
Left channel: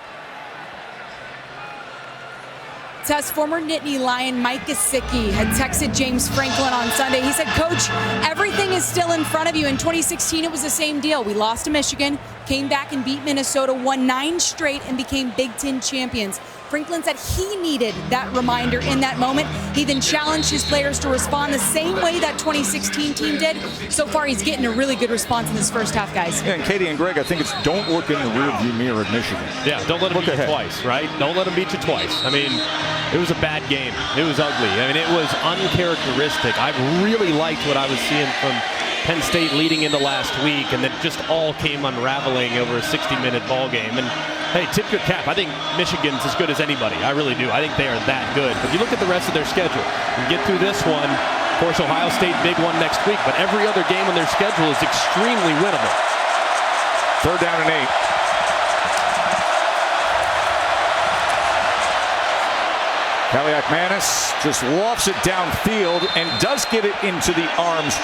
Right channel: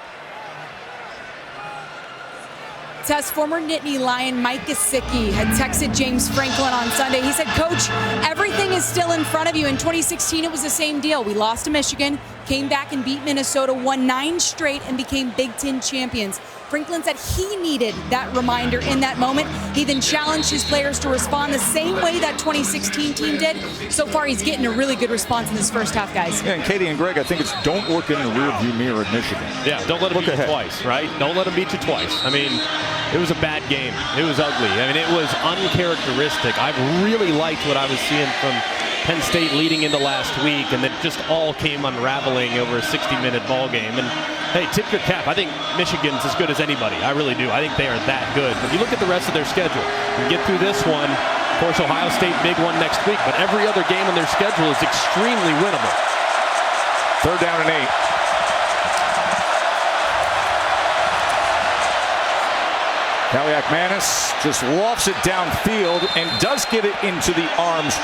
Tess, former Nittany Lion Mike Gesicki had texted James Franklin on Sunday. He said, Coach, everything is still in front of you. In 2016, it was the same deal. We lost to Michigan, came back and beat Minnesota, won 9 straight, and became Big Ten champions. Franklin said he needed that reminder in that moment. He then challenged his players to respond the same way that 2016 team did. So far, he's getting a really good response in this first half, guys. Yeah, and Katie and Greg, I think it's don't look in the rearview mirror at Michigan. Yeah, don't let them beat you twice, right? Don't let them beat you twice. I mean, it was a bad game. It was ugly. I mean, it was uncharacteristic. I really liked what I was seeing from Penn State leading into last week, and then just all came unraveling over a 60-minute ball game. And hey, tip your cap. I think Michigan's as good as anybody. I really do. I think they are that good. But you look at the rest of their schedule. You get through this one. Of course, Ohio State, big one next week. But every other game on their schedule is extremely winnable. 3rd down and 8. Kaliak-Manis just lofts it downfield and does get it into the arms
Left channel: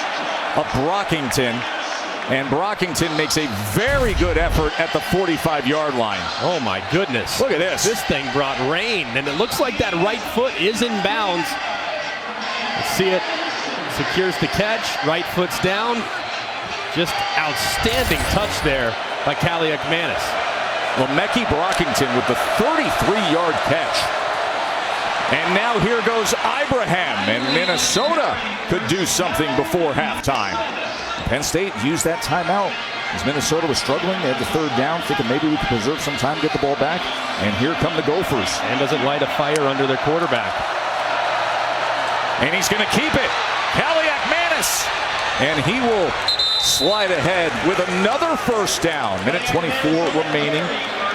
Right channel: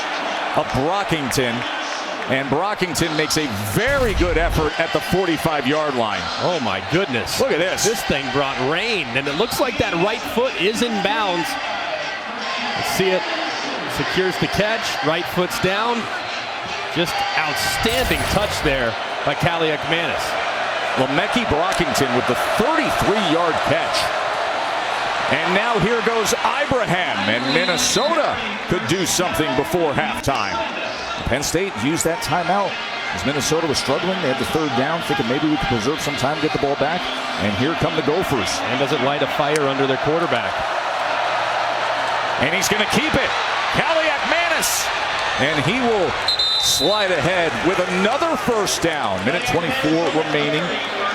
of Brockington. And Brockington makes a very good effort at the 45-yard line. Oh, my goodness. Look at this. This thing brought rain, and it looks like that right foot is in bounds. Let's see it. Secures the catch. Right foot's down. Just outstanding touch there by Kaliak-Manis. Lemeki Brockington with the 33-yard catch. And now here goes Ibrahim, and Minnesota could do something before halftime. Penn State used that timeout as Minnesota was struggling. They had the 3rd down, thinking maybe we could preserve some time, get the ball back. And here come the Gophers. And does it light a fire under their quarterback? And he's going to keep it. Kaliak-Manis. And he will slide ahead with another 1st down. Minute 24 remaining.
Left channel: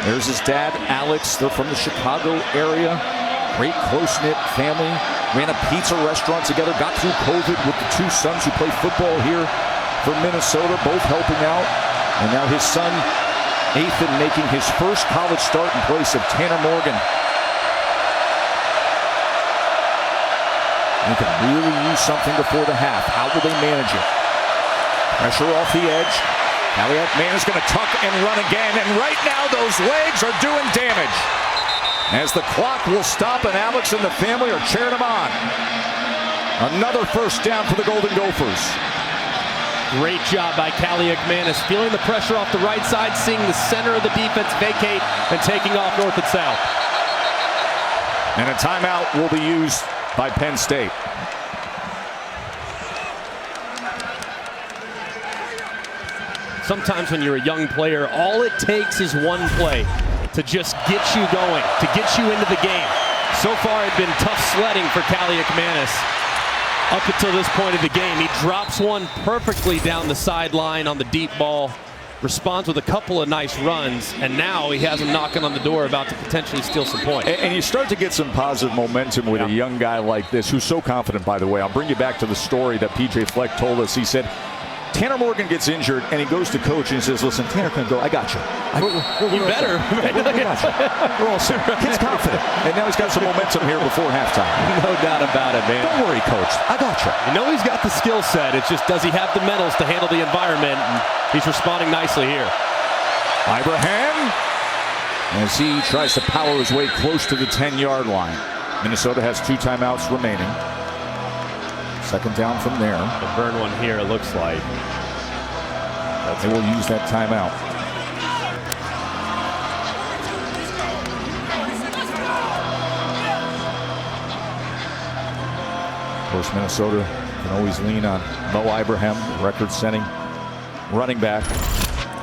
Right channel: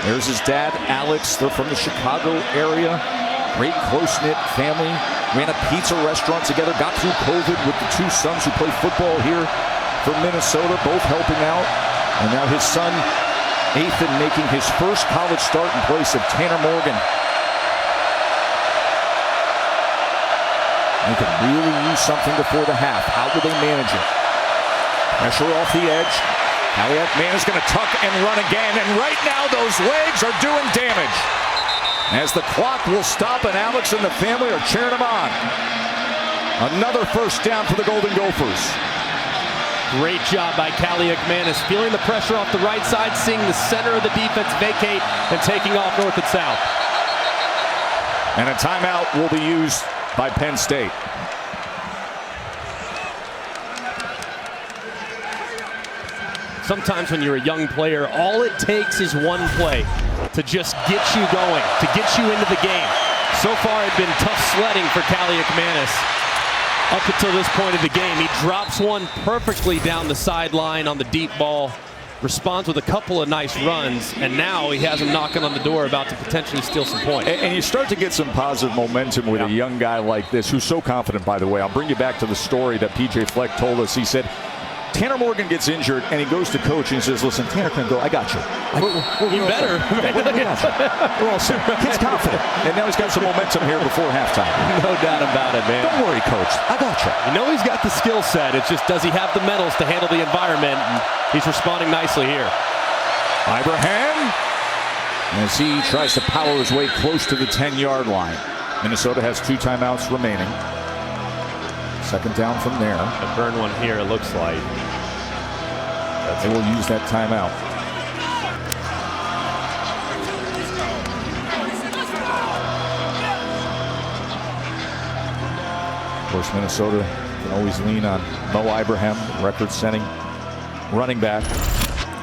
There's his dad, Alex. They're from the Chicago area. Great close-knit family. Ran a pizza restaurant together. Got through COVID with the 2 sons who play football here for Minnesota, both helping out. And now his son, Ethan, making his first college start in place of Tanner Morgan. They could really use something before the half. How will they manage it? Pressure off the edge. Kaliak-Manis is going to tuck and run again. And right now, those legs are doing damage. As the clock will stop, and Alex and the family are cheering him on. Another 1st down for the Golden Gophers. Great job by Kaliak-Manis, feeling the pressure off the right side, seeing the center of the defense vacate, and taking off north and south. And a timeout will be used by Penn State. Sometimes when you're a young player, all it takes is one play to just get you going, to get you into the game. So far, it's been tough sledding for Kaliak-Manis up until this point of the game. He drops one perfectly down the sideline on the deep ball, responds with a couple of nice runs, and now he has him knocking on the door about to potentially steal some points. And you start to get some positive momentum with a young guy like this, who's so confident, by the way. I'll bring you back to the story that P.J. Fleck told us. He said, Tanner Morgan gets injured, and he goes to coach and he says, listen, Tanner can go. I got you. You better. We got you. We're all set. Kid's confident. And now he's got some momentum here before halftime. No doubt about it, man. Don't worry, coach. I got you. You know he's got the skill set. It's just, does he have the mentals to handle the environment? And he's responding nicely here. Ibrahim, as he tries to power his way close to the 10-yard line. Minnesota has 2 timeouts remaining. 2nd down from there. A burn one here, it looks like. They will use that timeout. Of course, Minnesota can always lean on Mo Ibrahim, record-setting running back.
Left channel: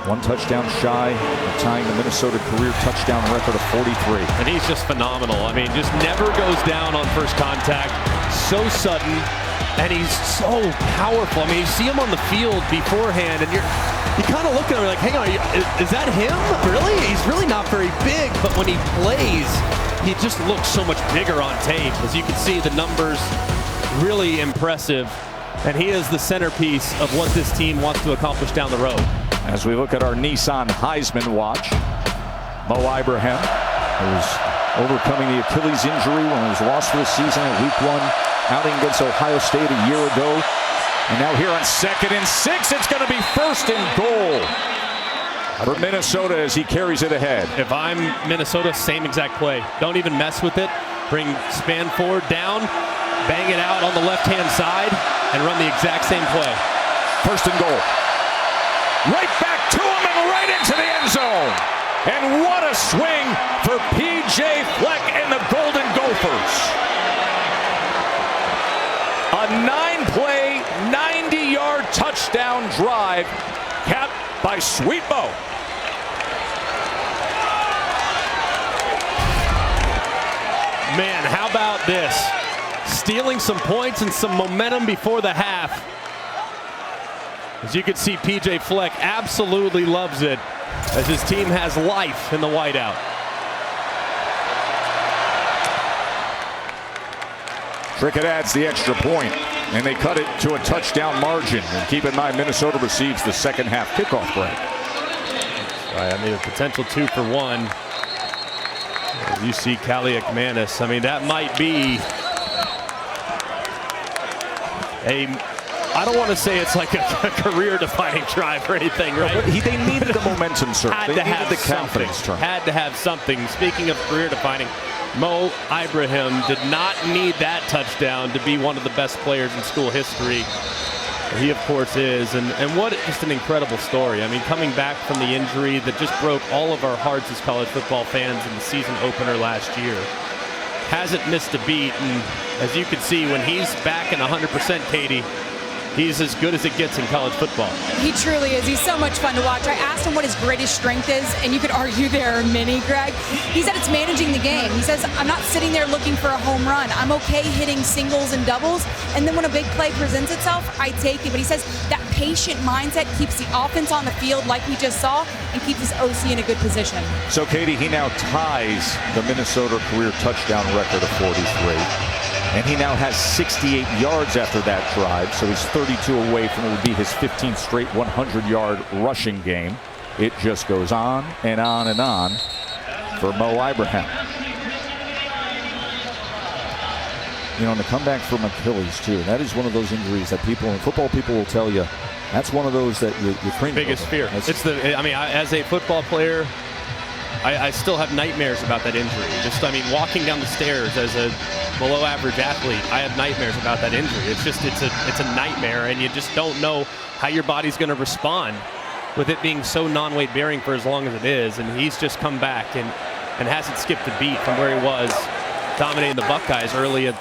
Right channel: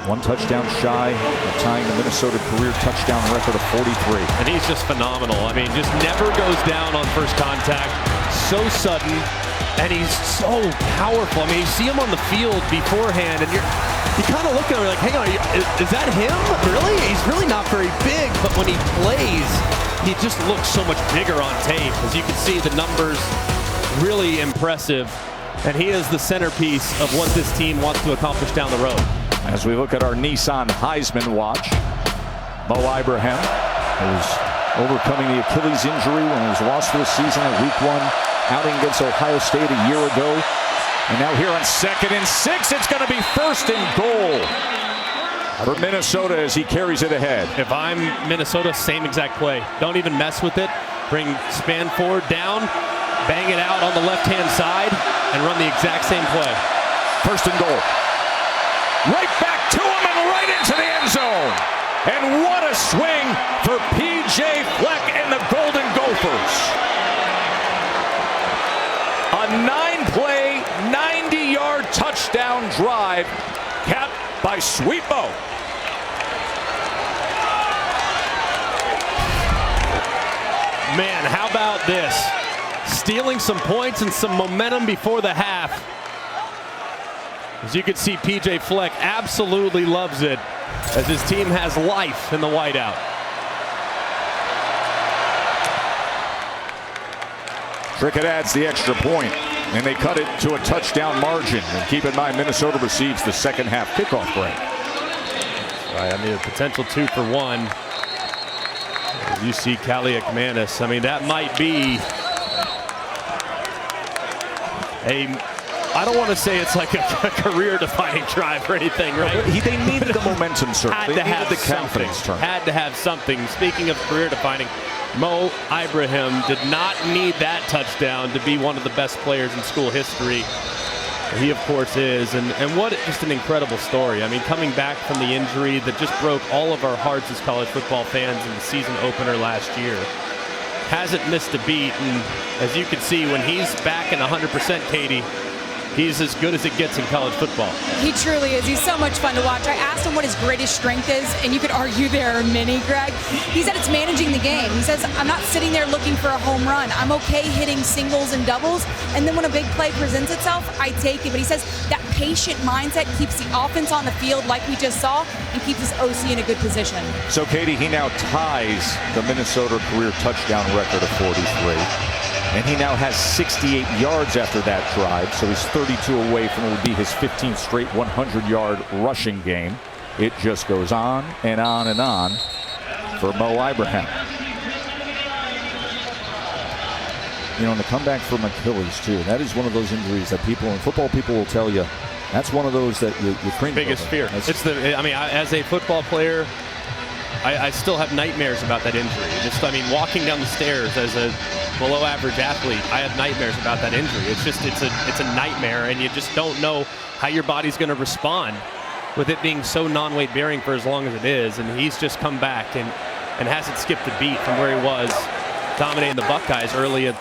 1 touchdown shy of tying the Minnesota career touchdown record of 43. And he's just phenomenal. I mean, just never goes down on first contact. So sudden, and he's so powerful. I mean, you see him on the field beforehand, and you kind of look at him like, hang on, is that him? Really? He's really not very big, but when he plays, he just looks so much bigger on tape. As you can see, the numbers really impressive, and he is the centerpiece of what this team wants to accomplish down the road. As we look at our Nissan Heisman watch, Mo Ibrahim, who's overcoming the Achilles injury when he was lost for the season at week 1 outing against Ohio State a year ago. And now here on 2nd and 6, it's going to be 1st and goal for Minnesota as he carries it ahead. If I'm Minnesota, same exact play. Don't even mess with it. Bring span forward down, bang it out on the left-hand side, and run the exact same play. 1st and goal. Right back to him and right into the end zone. And what a swing for P.J. Fleck and the Golden Gophers. A 9-play, 90-yard touchdown drive capped by Sweet Mo. Man, how about this? Stealing some points and some momentum before the half. As you can see, P.J. Fleck absolutely loves it as his team has life in the whiteout. Trickett adds the extra point, and they cut it to a touchdown margin. And keep in mind, Minnesota receives the second half kickoff break. All right, I mean, a potential 2 for 1. As you see Kaliak Manis, I mean, that might be I don't want to say it's like a career-defining drive or anything, right? No, they needed the momentum, sir. They needed the confidence turn. Had to have something. Speaking of career-defining, Mo Ibrahim did not need that touchdown to be one of the best players in school history. He, of course, is. And what just an incredible story. I mean, coming back from the injury that just broke all of our hearts as college football fans in the season opener last year. Hasn't missed a beat. And as you can see, when he's back in 100%, Katie, he's as good as it gets in college football. He truly is. He's so much fun to watch. I asked him what his greatest strength is, and you could argue there are many, Greg. He said it's managing the game. He says, I'm not sitting there looking for a home run. I'm okay hitting singles and doubles, and then when a big play presents itself, I take it. But he says that patient mindset keeps the offense on the field like we just saw and keeps his OC in a good position. So, Katie, he now ties the Minnesota career touchdown record of 43. And he now has 68 yards after that drive, so he's 32 away from what would be his 15th straight 100-yard rushing game. It just goes on and on and on for Mo Ibrahim. You know, and the comeback from Achilles, too, that is one of those injuries that football people will tell you, that's one of those that you cringe biggest over. Fear. As a football player, I still have nightmares about that injury. Walking down the stairs as a below average athlete, I have nightmares about that injury. It's a nightmare, and you just don't know how your body's going to respond with it being so non-weight bearing for as long as it is. And he's just come back and hasn't skipped a beat from where he was dominating the Buckeyes early in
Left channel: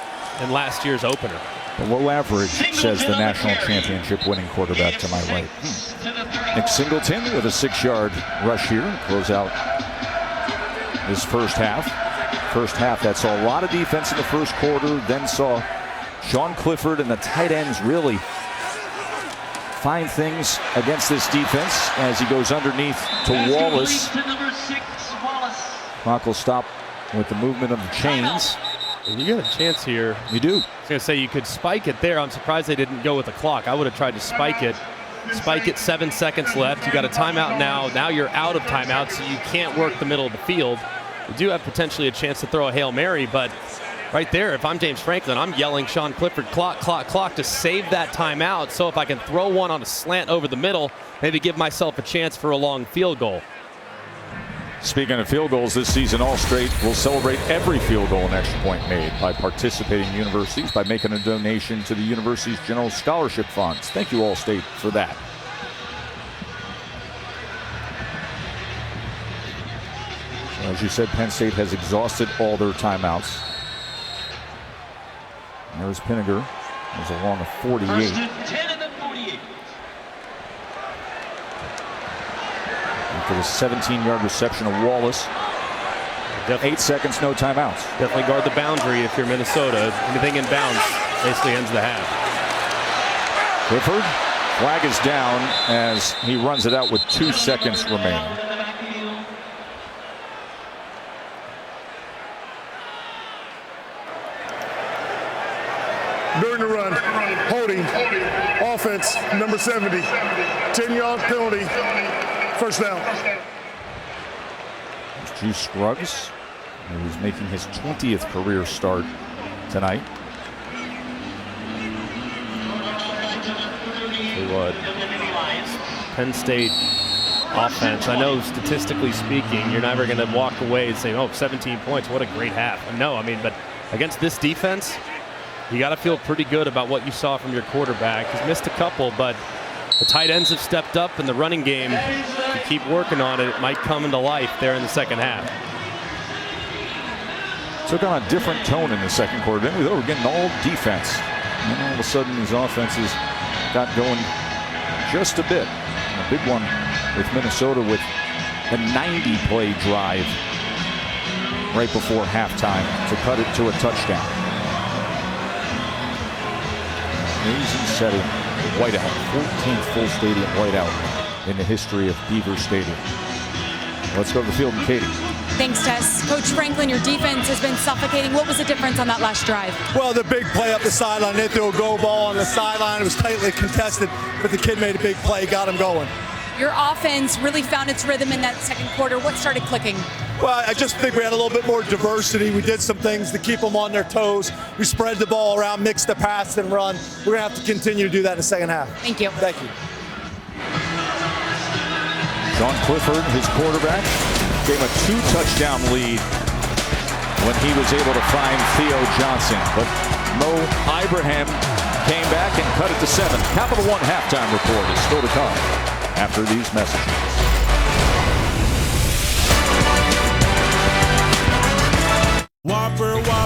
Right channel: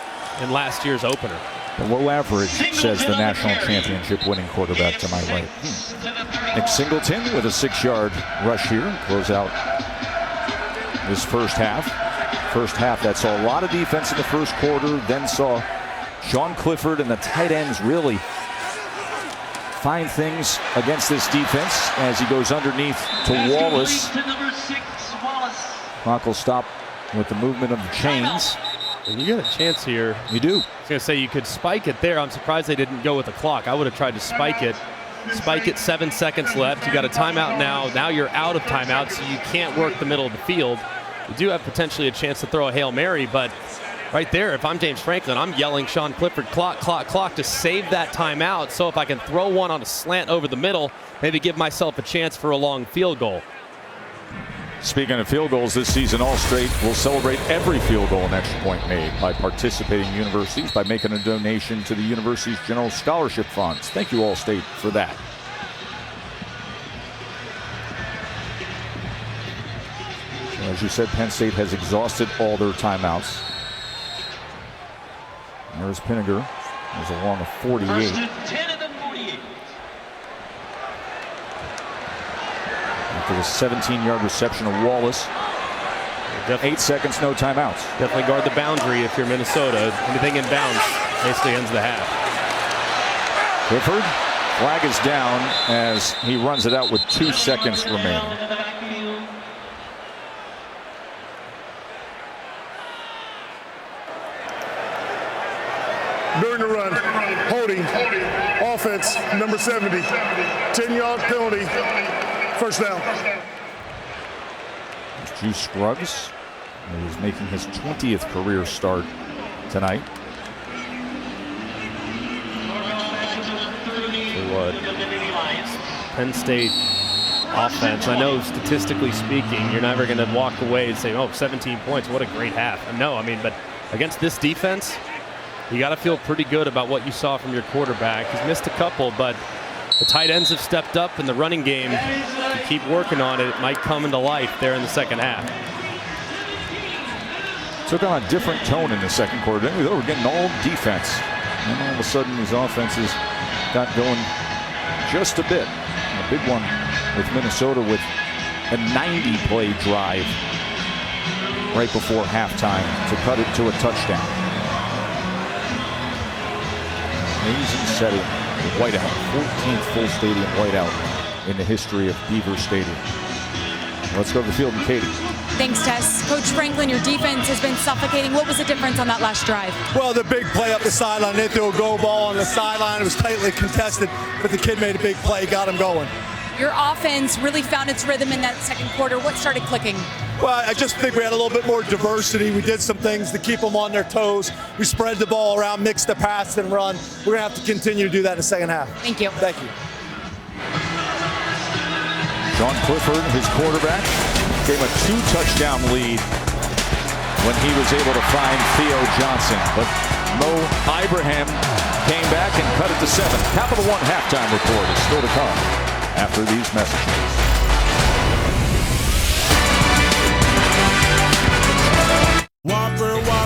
last year's opener. Below average, says the national championship winning quarterback to my right. Nick Singleton with a 6-yard rush here to close out this first half. First half that saw a lot of defense in the first quarter, then saw Sean Clifford and the tight ends really find things against this defense as he goes underneath to Wallace. Clock will stop with the movement of the chains. And you got a chance here. You do. I was going to say you could spike it there. I'm surprised they didn't go with the clock. I would have tried to spike it. Spike it, 7 seconds left. You got a timeout now. Now you're out of timeout, so you can't work the middle of the field. You do have potentially a chance to throw a Hail Mary, but right there, if I'm James Franklin, I'm yelling Sean Clifford, clock, clock, clock, to save that timeout. So if I can throw one on a slant over the middle, maybe give myself a chance for a long field goal. Speaking of field goals this season, All-State will celebrate every field goal and extra point made by participating universities by making a donation to the university's general scholarship funds. Thank you, All-State, for that. So as you said, Penn State has exhausted all their timeouts. There's Pinniger. There's along a 48. After the 17-yard reception of Wallace. 8 seconds, no timeouts. Definitely guard the boundary if you're Minnesota. Anything in bounds basically ends the half. Clifford, flag is down as he runs it out with 2 seconds remaining. During the run, holding, offense, number 70, 10-yard penalty, first down. Juice Scruggs He was making his 20th career start tonight. Tell you what, Penn State offense, I know statistically speaking, you're never going to walk away and say, oh, 17 points, what a great half. No, I mean, but against this defense, you got to feel pretty good about what you saw from your quarterback. He's missed a couple, but the tight ends have stepped up in the running game. If you keep working on it, it might come into life there in the second half. Took on a different tone in the second quarter. Then we were getting all defense. And then all of a sudden, these offenses got going just a bit. And a big one with Minnesota with a 90-play drive right before halftime to cut it to a touchdown. Amazing setting. The whiteout, 14th full stadium whiteout in the history of Beaver Stadium. Let's go to the field and Katie. Thanks, Tess. Coach Franklin, your defense has been suffocating. What was the difference on that last drive? Well, the big play up the sideline. They threw a go ball on the sideline. It was tightly contested, but the kid made a big play, got him going. Your offense really found its rhythm in that second quarter. What started clicking? Well, I just think we had a little bit more diversity. We did some things to keep them on their toes. We spread the ball around, mixed the pass and run. We're going to have to continue to do that in the second half. Thank you. Thank you. Sean Clifford, his quarterback, gave a 2-touchdown lead when he was able to find Theo Johnson. But Mo Ibrahim came back and cut it to 7. Capital One halftime report is still to come after these messages.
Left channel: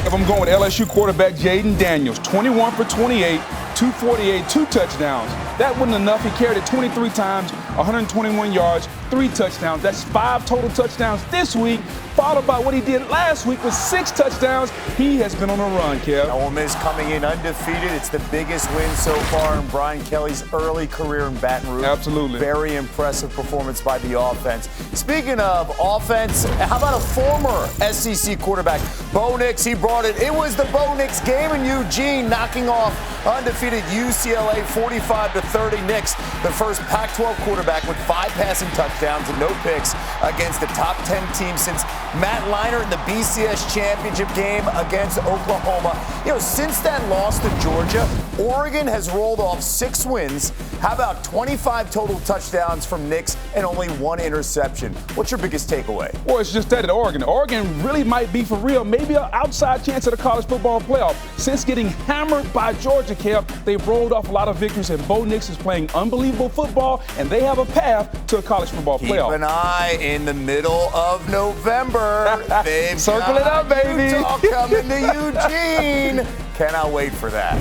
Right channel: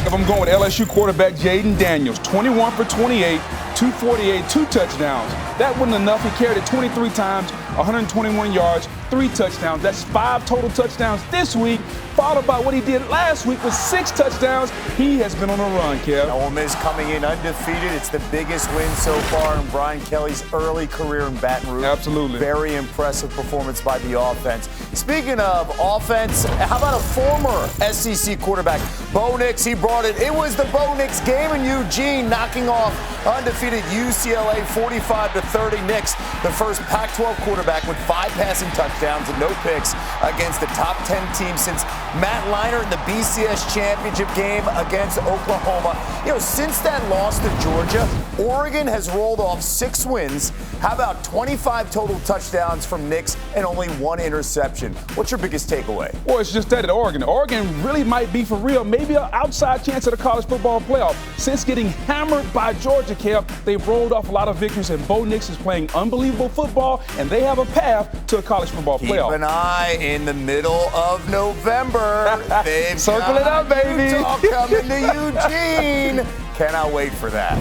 If I'm going with LSU quarterback Jaden Daniels, 21 for 28, 248, 2 touchdowns. That wasn't enough. He carried it 23 times, 121 yards, 3 touchdowns. That's 5 total touchdowns this week, followed by what he did last week with 6 touchdowns. He has been on a run, Kev. Ole Miss coming in undefeated. It's the biggest win so far in Brian Kelly's early career in Baton Rouge. Absolutely. Very impressive performance by the offense. Speaking of offense, how about a former SEC quarterback, Bo Nix? He brought it. It was the Bo Nix game in Eugene, knocking off undefeated UCLA 45-30. Nix, the first Pac-12 quarterback with 5 passing touchdowns and no picks against the top 10 team since Matt Leinart in the BCS championship game against Oklahoma. You know, since that loss to Georgia, Oregon has rolled off 6 wins. How about 25 total touchdowns from Nix and only 1 interception? What's your biggest takeaway? Well, it's just that at Oregon. Oregon really might be for real, maybe an outside chance at a college football playoff. Since getting hammered by Georgia, Kev, they've rolled off a lot of victories, and Bo Nix is playing unbelievable football, and they have a path to a college football playoff. Keep an eye in the middle of November. They've Circle it up, baby. Utah coming to Eugene. Cannot wait for that.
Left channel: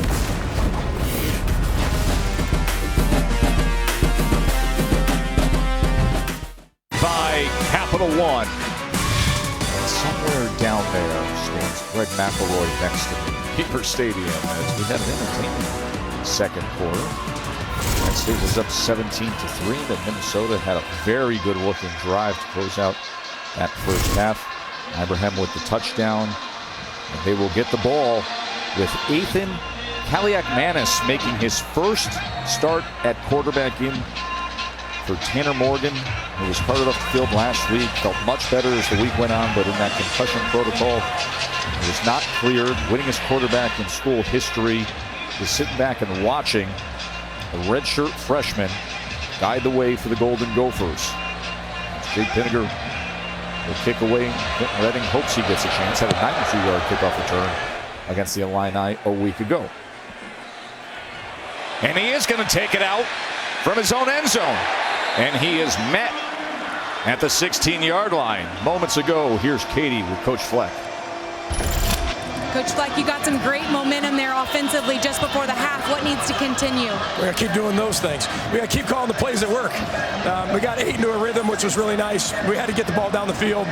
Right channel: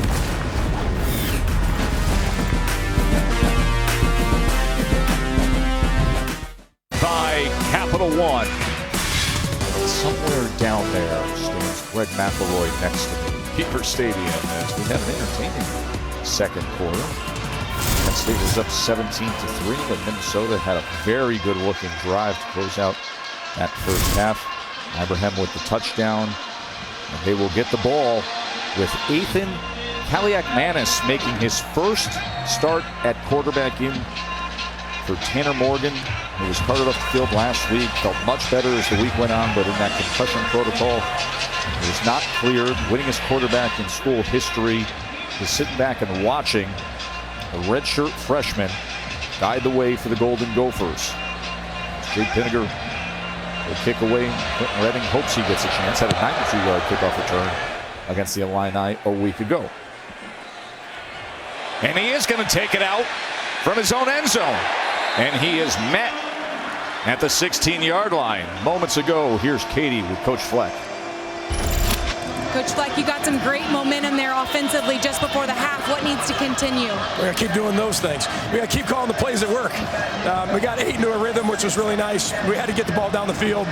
By Capital One. And somewhere down there stands Greg McElroy next to me. Beaver Stadium, as we had an entertaining second quarter. Penn State was up 17-3. Then Minnesota had a very good-looking drive to close out that first half. Ibrahim with the touchdown, and they will get the ball with Ethan Kaliak-Manis making his first start at quarterback in for Tanner Morgan, who was carted off the field last week. Felt much better as the week went on, but in that concussion protocol, he was not cleared. Winningest quarterback in school history is sitting back and watching the redshirt freshman guide the way for the Golden Gophers. Jake Pinniger will kick away. Quentin Redding hopes he gets a chance. Had a 92-yard kickoff return against the Illini a week ago. And he is going to take it out from his own end zone. And he is met at the 16-yard line. Moments ago, here's Katie with Coach Fleck. Coach Fleck, you got some great momentum there offensively just before the half. What needs to continue? We got to keep doing those things. We got to keep calling the plays that work. We got 8 into a rhythm, which was really nice. We had to get the ball down the field.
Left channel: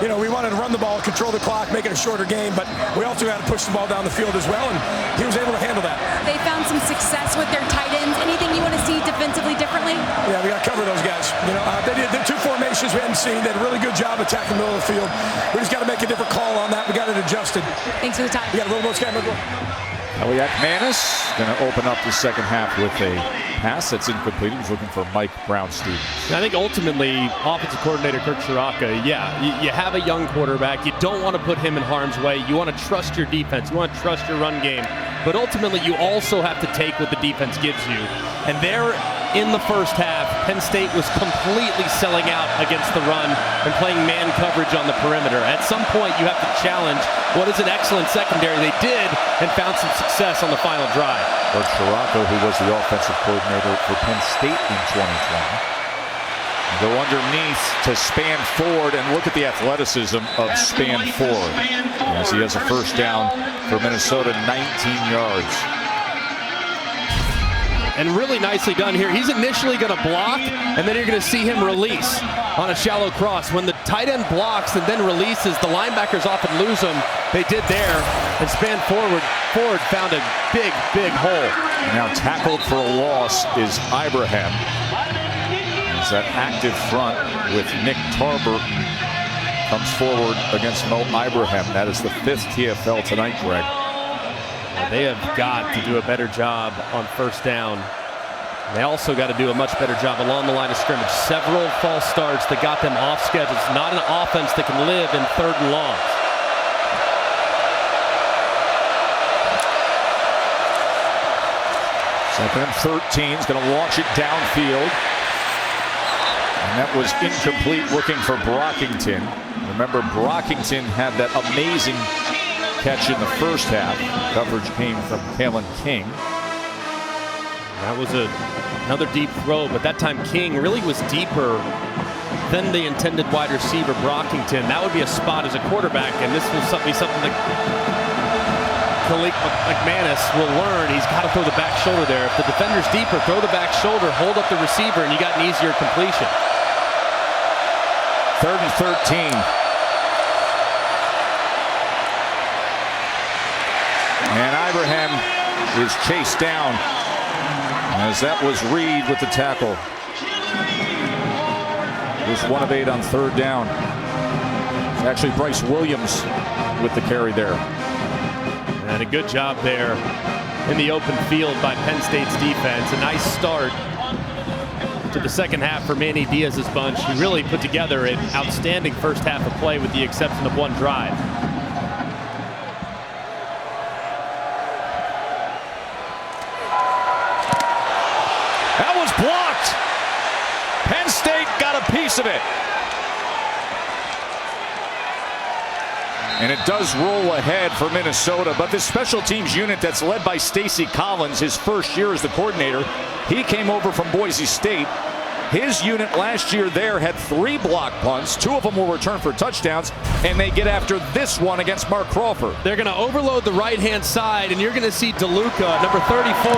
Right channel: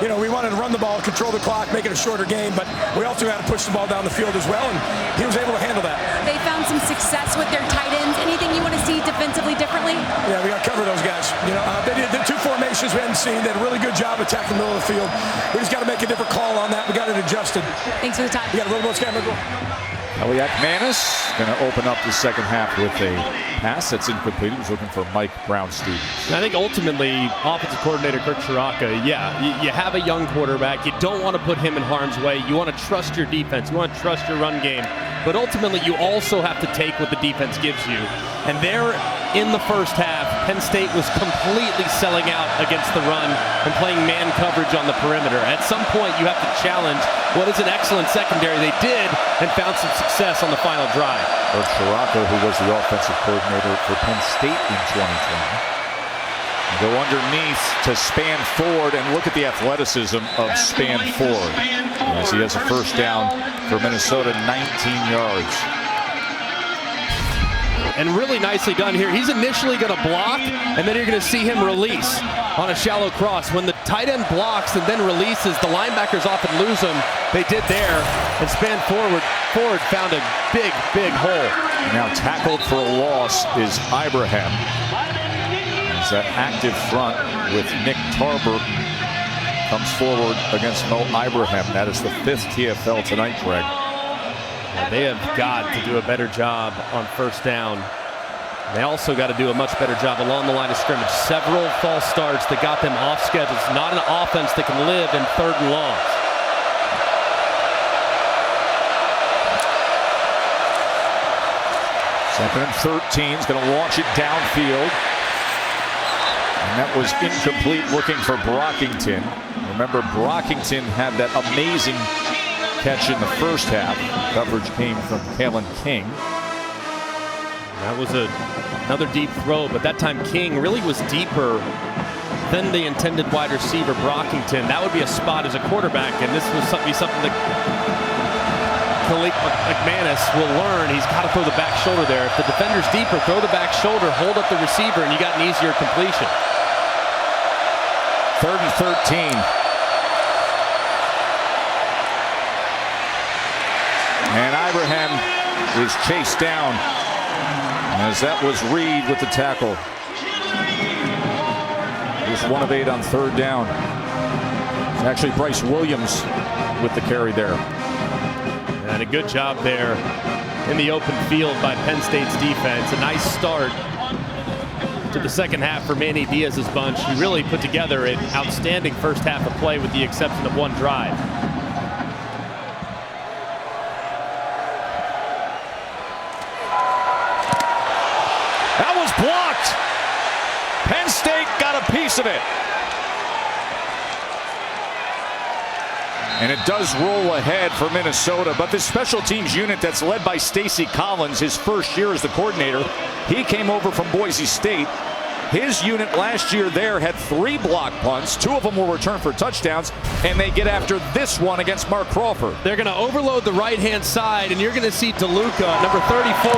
You know, we wanted to run the ball, control the clock, make it a shorter game, but we also had to push the ball down the field as well, and he was able to handle that. They found some success with their tight ends. Anything you want to see defensively differently? Yeah, we got to cover those guys. You know, they did the 2 formations we hadn't seen. They did a really good job attacking the middle of the field. We just got to make a different call on that. We got it adjusted. Thanks for the time. We got a little more camera. Kaliak-Manis going to open up the second half with a pass that's incomplete. He was looking for Mike Brown-Stevens. I think ultimately, offensive coordinator Kirk Chiraka, you have a young quarterback. You don't want to put him in harm's way. You want to trust your defense. You want to trust your run game. But ultimately, you also have to take what the defense gives you. And there in the first half, Penn State was completely selling out against the run and playing man coverage on the perimeter. At some point, you have to challenge what is an excellent secondary. They did and found some success on the final drive. Kirk Chiraka, who was the offensive coordinator for Penn State in 2020. Go underneath to Span Ford, and look at the athleticism of Span Ford as he has a first down for Minnesota, 19 yards. And really nicely done here. He's initially going to block, and then you're going to see him release on a shallow cross. When the tight end blocks and then releases, the linebackers often lose him. They did there, and Span Ford found a big, big hole. And now tackled for a loss is Ibrahim. As that active front with Nick Tarburton comes forward against Mo Ibrahim. That is the 5th TFL tonight, Greg. They have got to do a better job on first down. They also got to do a much better job along the line of scrimmage. Several false starts that got them off schedule. It's not an offense that can live in 3rd and longs. Second and 13 is going to launch it downfield. And that was incomplete, looking for Brockington. Remember, Brockington had that amazing catch in the first half. Coverage came from Kalen King. That was another deep throw, but that time King really was deeper than the intended wide receiver, Brockington. That would be a spot as a quarterback, and this will be something that Khalil McManus will learn. He's got to throw the back shoulder there. If the defender's deeper, throw the back shoulder, hold up the receiver, and you got an easier completion. 3rd and 13. And Ibrahim is chased down, as that was Reed with the tackle. Just 1 of 8 on 3rd down. It's actually Bryce Williams with the carry there. And a good job there in the open field by Penn State's defense. A nice start to the second half for Manny Diaz's bunch, who really put together an outstanding first half of play with the exception of one drive. That was blocked. Penn State got a piece of it. And it does roll ahead for Minnesota, but this special teams unit that's led by Stacy Collins, his first year as the coordinator, he came over from Boise State. His unit last year there had 3 block punts. 2 of them were returned for touchdowns, and they get after this one against Mark Crawford. They're going to overload the right-hand side, and you're going to see DeLuca, number 34,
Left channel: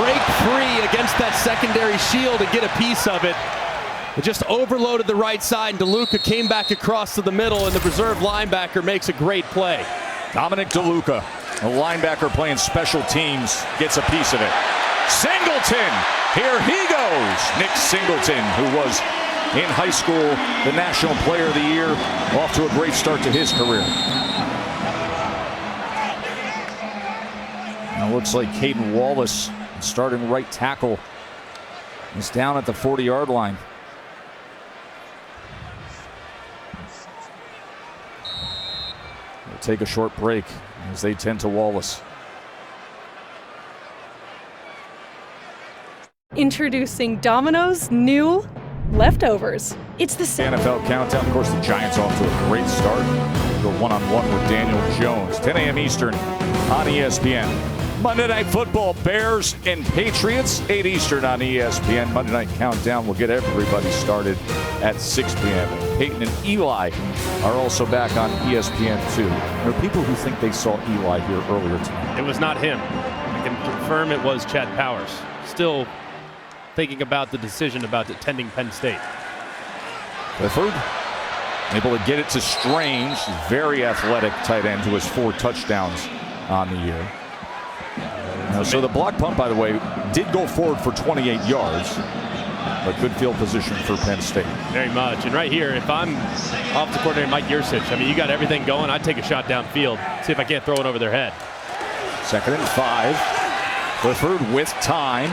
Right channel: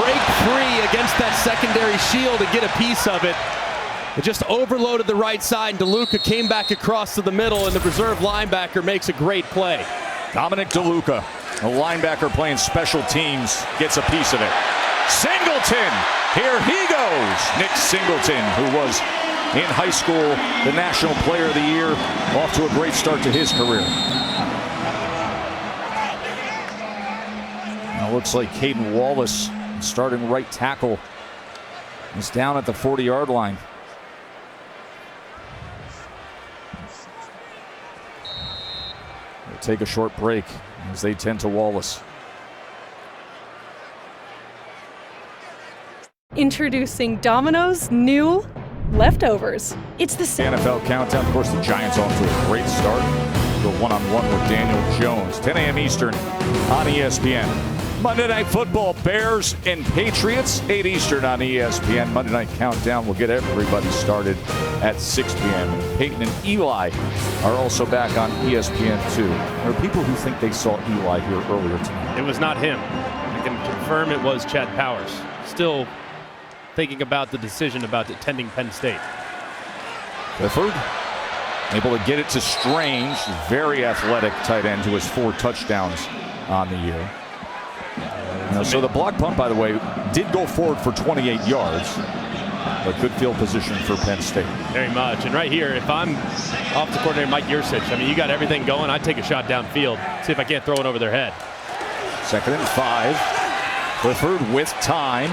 break free against that secondary shield and get a piece of it. It just overloaded the right side, and DeLuca came back across to the middle, and the reserve linebacker makes a great play. Dominic DeLuca, a linebacker playing special teams, gets a piece of it. Singleton, here he goes. Nick Singleton, who was in high school the National Player of the Year, off to a great start to his career. Now it looks like Caden Wallace, starting right tackle, is down at the 40-yard line. We'll take a short break as they tend to Wallace. Introducing Domino's new leftovers. It's the same. NFL countdown. Of course, the Giants off to a great start. Go one-on-one with Daniel Jones. 10 a.m. Eastern on ESPN. Monday Night Football, Bears and Patriots, 8 Eastern on ESPN. Monday Night Countdown will get everybody started at 6 p.m. And Peyton and Eli are also back on ESPN2. There are people who think they saw Eli here earlier tonight. It was not him. I can confirm it was Chad Powers. Still thinking about the decision about attending Penn State. Clifford able to get it to Strange, very athletic tight end who has 4 touchdowns on the year. So the block punt, by the way, did go forward for 28 yards, but good field position for Penn State. Very much. And right here, if I'm offensive coordinator Mike Yursich, I mean, you got everything going. I'd take a shot downfield, see if I can't throw it over their head. 2nd and 5. Clifford with time.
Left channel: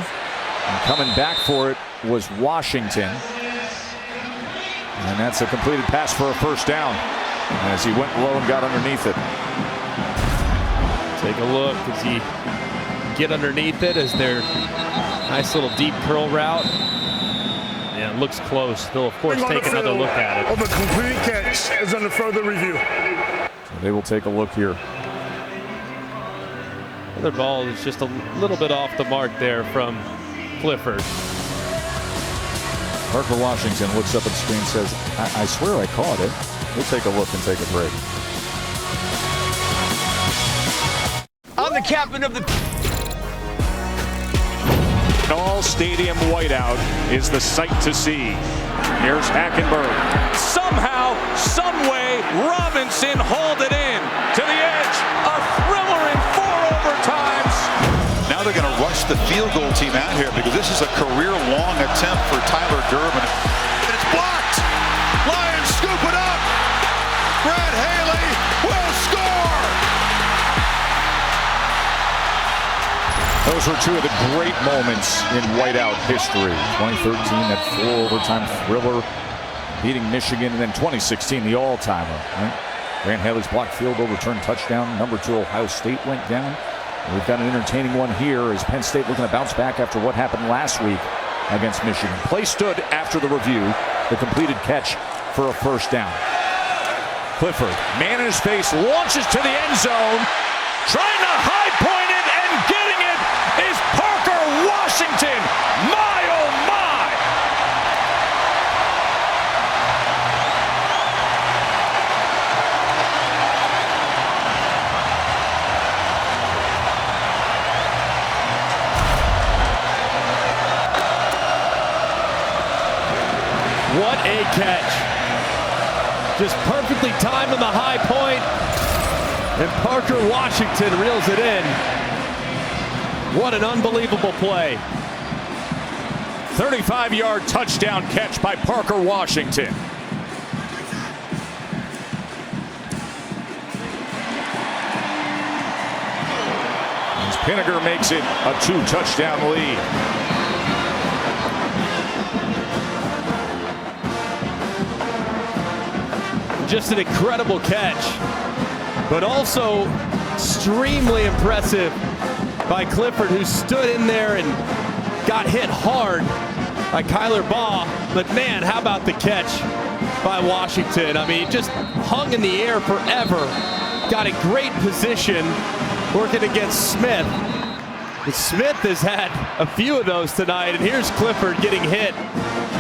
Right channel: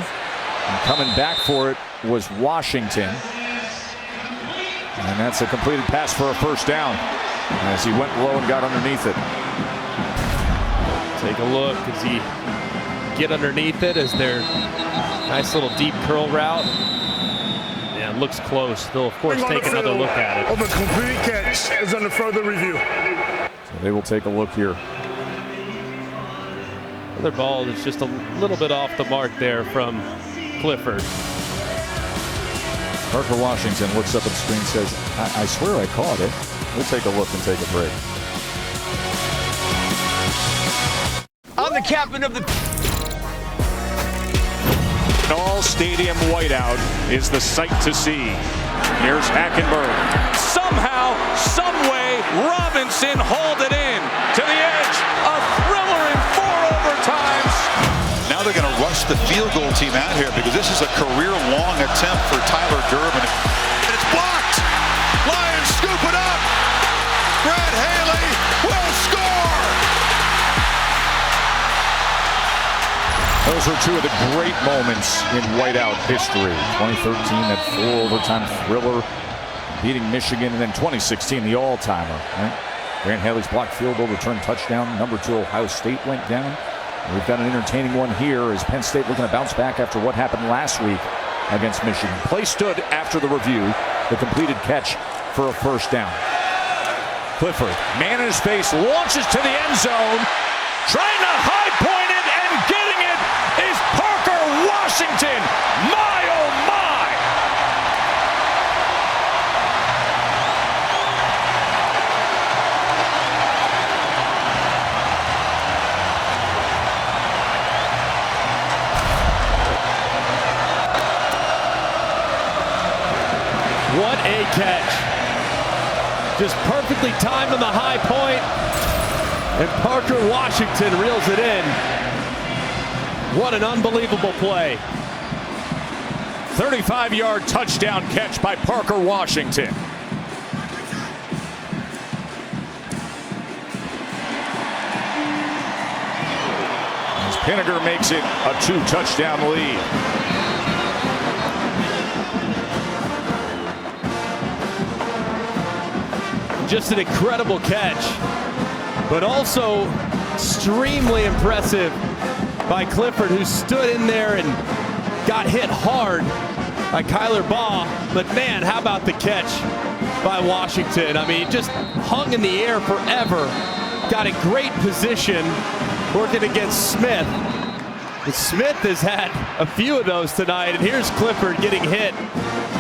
And coming back for it was Washington. And that's a completed pass for a first down as he went low and got underneath it. Take a look as he get underneath it as their nice little deep curl route. Yeah, it looks close. They'll, of course, take another look at it. Of a complete catch is under further review. So they will take a look here. Another ball is just a little bit off the mark there from Clifford. Parker Washington looks up at the screen and says, I swear I caught it. We'll take a look and take a break. I'm the captain of the... An all-stadium whiteout is the sight to see. Here's Hackenberg. Somehow, someway, Robinson hauled it in to the edge. A thriller in 4 overtimes. Now they're going to rush the field goal team out here because this is a career-long attempt for Tyler Durbin. And it's blocked. Lions scoop it up. Brad Haley will score. Those were two of the great moments in whiteout history. 2013, that 4 overtime thriller beating Michigan, and then 2016, the all-timer. Right? Grant Haley's blocked field goal return touchdown. Number 2, Ohio State went down. And we've got an entertaining one here as Penn State looking to bounce back after what happened last week against Michigan. Play stood after the review. The completed catch for a first down. Clifford, man in his face, launches to the end zone. Trying to high point it and getting it is Parker Washington. My, oh my! What a catch. Just perfectly timed on the high point. And Parker Washington reels it in. What an unbelievable play. 35-yard touchdown catch by Parker Washington. As Pinniger makes it a 2-touchdown lead. Just an incredible catch, but also extremely impressive by Clifford, who stood in there and got hit hard by Kyler Baugh. But man, how about the catch by Washington? I mean, just hung in the air forever. Got a great position working against Smith. But Smith has had a few of those tonight, and here's Clifford getting hit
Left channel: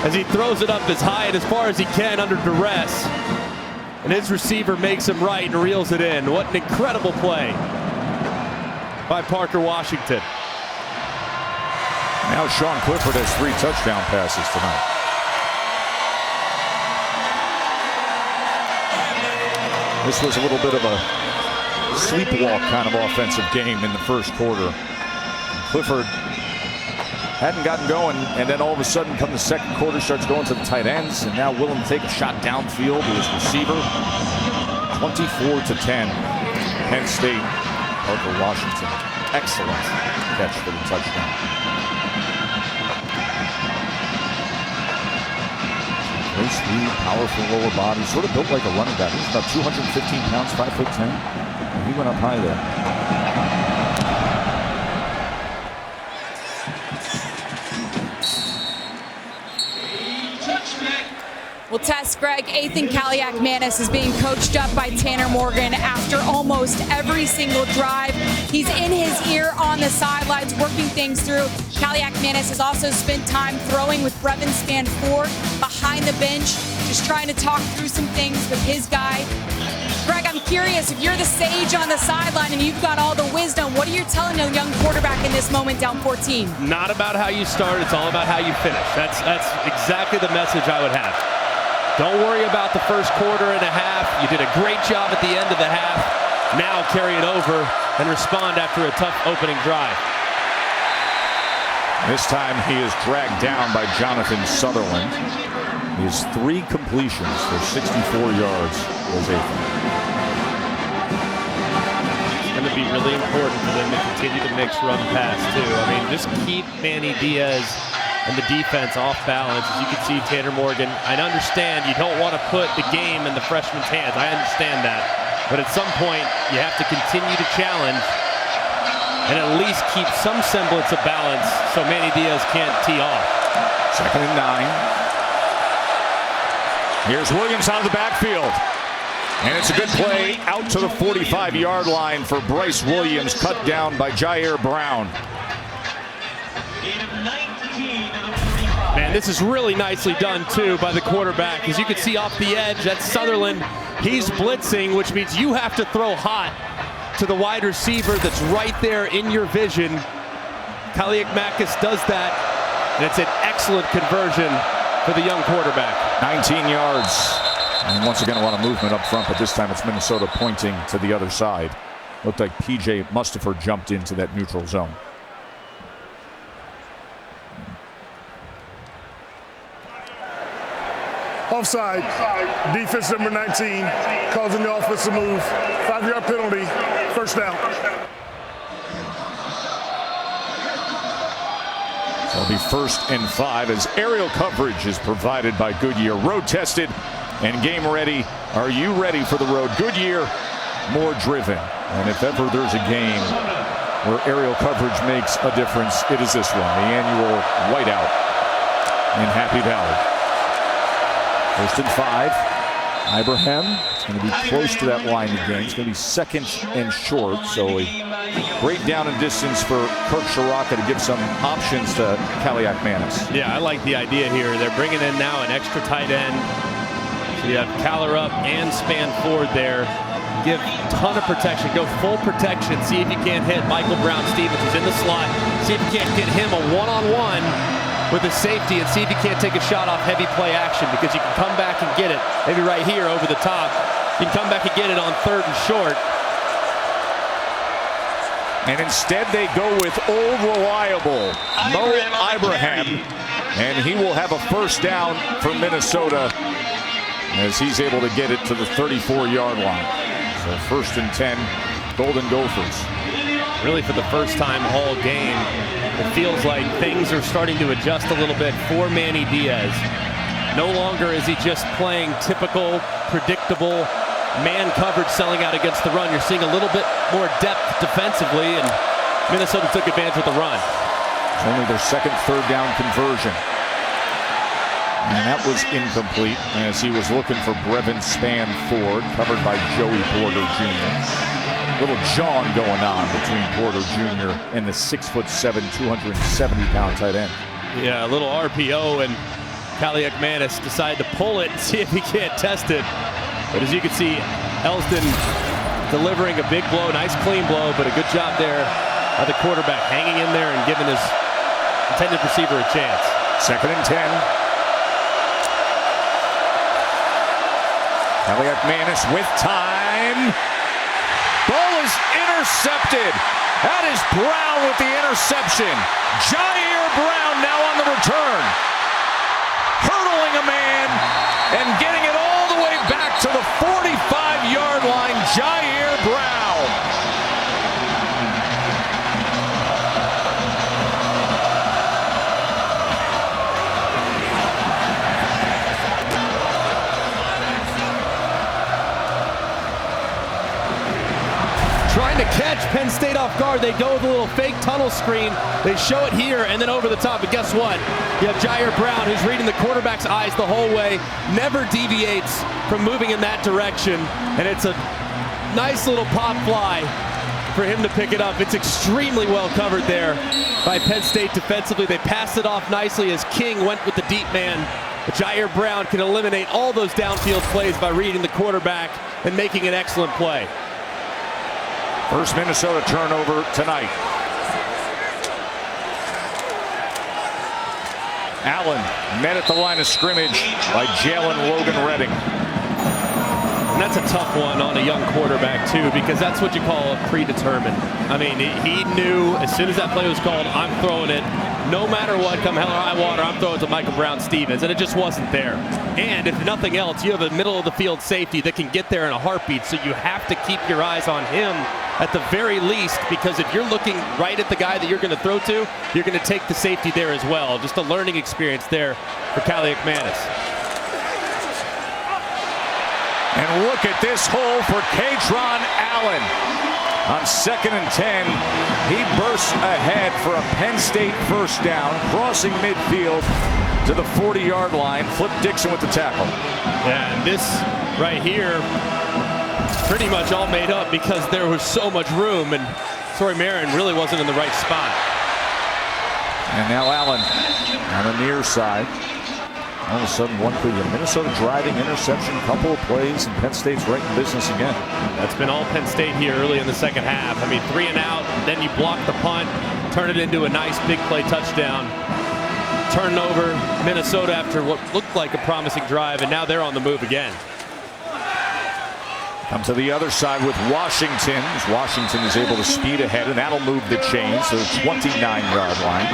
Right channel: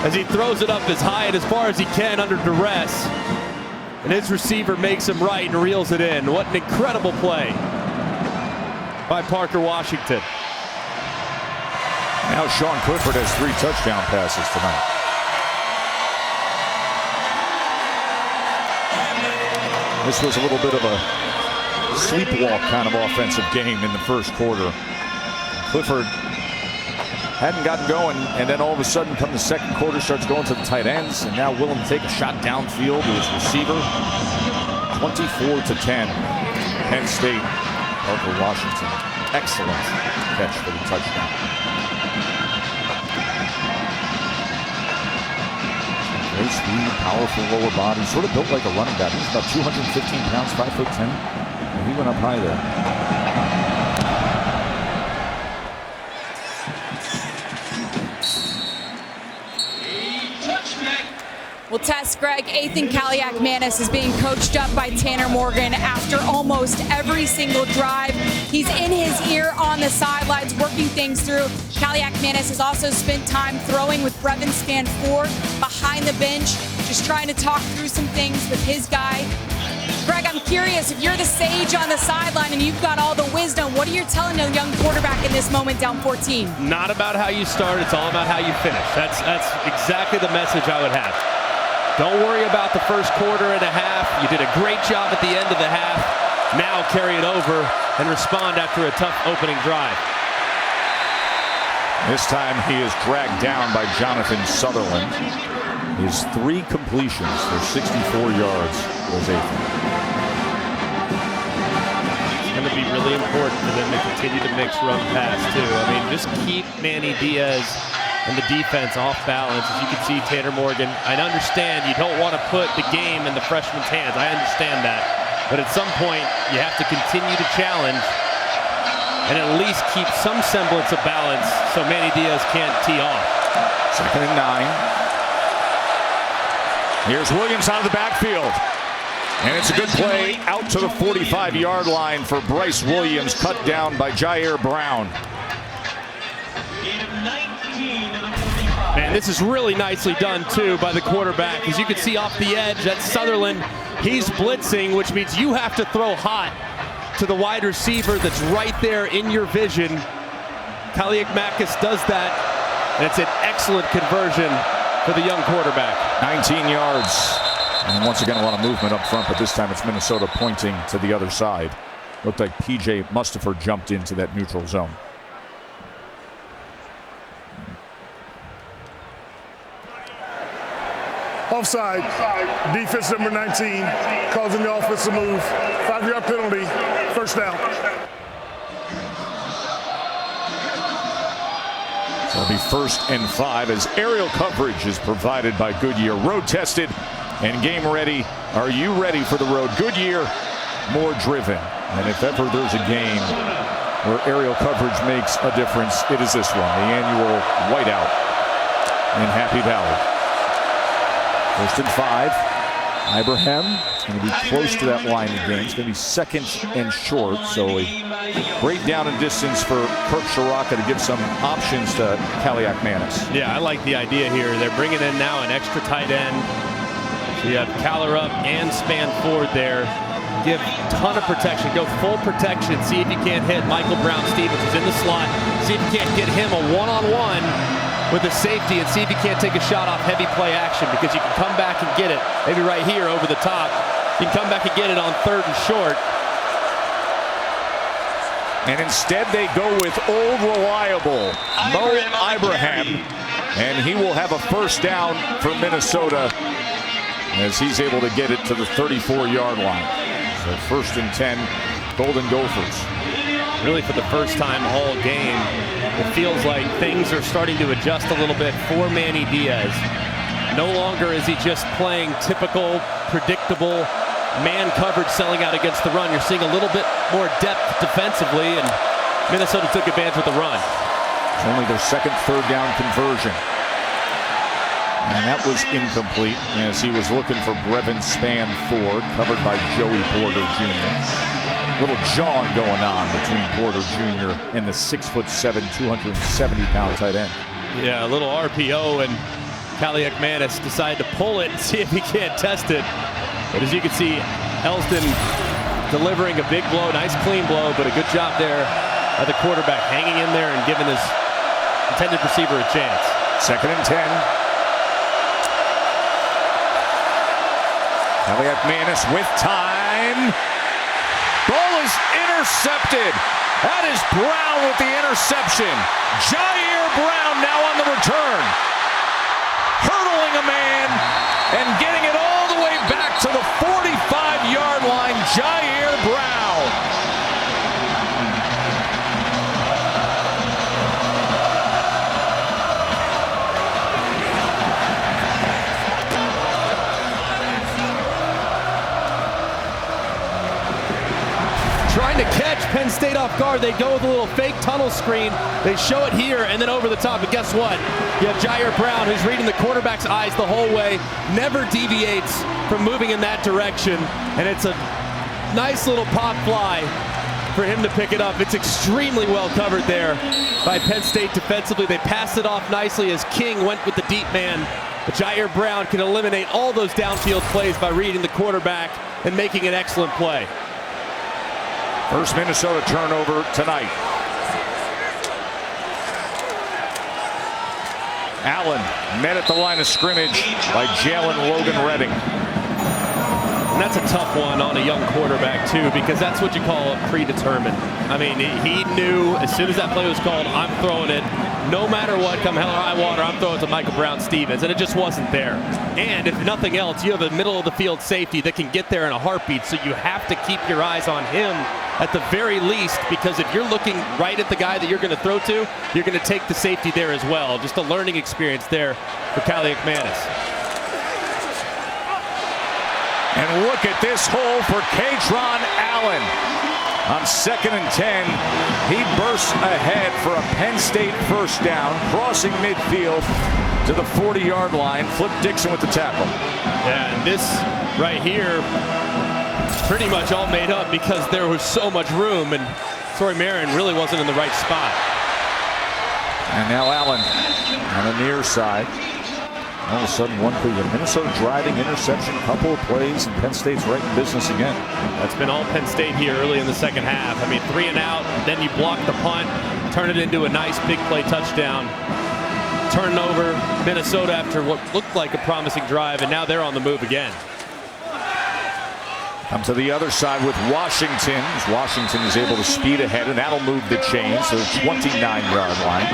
as he throws it up as high and as far as he can under duress. And his receiver makes him right and reels it in. What an incredible play by Parker Washington. Now Sean Clifford has 3 touchdown passes tonight. This was a little bit of a sleepwalk kind of offensive game in the first quarter. Clifford hadn't gotten going, and then all of a sudden, come the second quarter, starts going to the tight ends, and now willing to take a shot downfield to his receiver. 24-10, Penn State. Parker Washington, excellent catch for the touchdown. Great speed, powerful lower body, sort of built like a running back. He's about 215 pounds, 5'10". And he went up high there. Well, Tess, Greg, Ethan Kaliak-Manis is being coached up by Tanner Morgan after almost every single drive. He's in his ear on the sidelines, working things through. Kaliak-Manis has also spent time throwing with Brevin Stanford behind the bench, just trying to talk through some things with his guy. Greg, I'm curious, if you're the sage on the sideline and you've got all the wisdom, what are you telling a young quarterback in this moment down 14? Not about how you start, it's all about how you finish. That's exactly the message I would have. Don't worry about the first quarter and a half. You did a great job at the end of the half. Now carry it over and respond after a tough opening drive. This time he is dragged down by Jonathan Sutherland. His 3 completions for 64 yards was Ethan. He's going to be really important for them to continue to mix run pass too. I mean, just keep Manny Diaz and the defense off balance. As you can see, Tanner Morgan, I understand you don't want to put the game in the freshman's hands. I understand that. But at some point, you have to continue to challenge and at least keep some semblance of balance so Manny Diaz can't tee off. 2nd and 9. Here's Williams out of the backfield. And it's a good play out to the 45-yard line for Bryce Williams, cut down by Jair Brown. Man, this is really nicely done, too, by the quarterback. As you can see off the edge, that's Sutherland. He's blitzing, which means you have to throw hot to the wide receiver that's right there in your vision. Kaliakmakis does that, and it's an excellent conversion for the young quarterback. 19 yards. And once again, a lot of movement up front, but this time it's Minnesota pointing to the other side. Looked like P.J. Mustipher jumped into that neutral zone. Offside. Defense number 19, causing the offensive move. 5-yard penalty, first down. So it'll be 1st and 5 as aerial coverage is provided by Goodyear. Road tested and game ready. Are you ready for the road? Goodyear, more driven. And if ever there's a game where aerial coverage makes a difference, it is this one, the annual whiteout in Happy Valley. 1st and 5. Ibrahim, it's going to be close to that line again. It's going to be 2nd and short, so a great down and distance for Kirk Shiraka to give some options to Kaliakmakis. Yeah, I like the idea here. They're bringing in now an extra tight end. So you have Caller up and Span Ford there. Give ton of protection. Go full protection. See if you can't hit Michael Brown-Stevens, who's in the slot. See if you can't get him a one-on-one with a safety, and see if you can't take a shot off heavy play action, because you can come back and get it. Maybe right here over the top. You can come back and get it on 3rd and short. And instead they go with old reliable Mo Ibrahim, and he will have a first down for Minnesota as he's able to get it to the 34-yard line. So 1st and 10, Golden Gophers. Really, for the first time all game, it feels like things are starting to adjust a little bit for Manny Diaz. No longer is he just playing typical, predictable man coverage selling out against the run. You're seeing a little bit more depth defensively, and Minnesota took advantage with the run. It's only their 2nd 3rd down conversion. And that was incomplete as he was looking for Brevin Span Ford, covered by Joey Porter Jr. Little jawing going on between Porter Jr. and the 6'7", 270-pound tight end. Yeah, a little RPO, and Kaliakmakis decided to pull it and see if he can't test it. But as you can see, Elston delivering a big blow, nice clean blow, but a good job there by the quarterback, hanging in there and giving his intended receiver a chance. 2nd and 10. Kaliakmakis with time. Ball is intercepted. That is Brown with the interception. Jair Brown now on the return. Hurdling a man and getting it all the way back to the 45-yard line. Jair Brown. Trying to catch Penn State off guard. They go with a little fake tunnel screen. They show it here and then over the top. But guess what? You have Jair Brown, who's reading the quarterback's eyes the whole way, never deviates from moving in that direction. And it's a nice little pop fly for him to pick it up. It's extremely well covered there by Penn State defensively. They passed it off nicely as King went with the deep man. But Jair Brown can eliminate all those downfield plays by reading the quarterback and making an excellent play. First Minnesota turnover tonight. Allen met at the line of scrimmage by Jalen Logan Redding. And that's a tough one on a young quarterback, too, because that's what you call a predetermined. I mean, he knew as soon as that play was called, I'm throwing it. No matter what, come hell or high water, I'm throwing it to Michael Brown-Stevens. And it just wasn't there. And if nothing else, you have a middle-of-the-field safety that can get there in a heartbeat, so you have to keep your eyes on him at the very least, because if you're looking right at the guy that you're going to throw to, you're going to take the safety there as well. Just a learning experience there for Kaliak Manis. And look at this hole for Katron Allen. On 2nd and 10, he bursts ahead for a Penn State first down, crossing midfield to the 40-yard line. Flip Dixon with the tackle. Yeah, and this right here, pretty much all made up because there was so much room, and Sori Marin really wasn't in the right spot. And now Allen on the near side. All of a sudden, one play, Minnesota driving, interception, couple of plays, and Penn State's right in business again. That's been all Penn State here early in the second half. I mean, 3 and out, then you block the punt, turn it into a nice big play touchdown. Turn over Minnesota after what looked like a promising drive, and now they're on the move again. Come to the other side with Washington, as Washington is able to speed ahead, and that'll move the chains to the 29-yard line,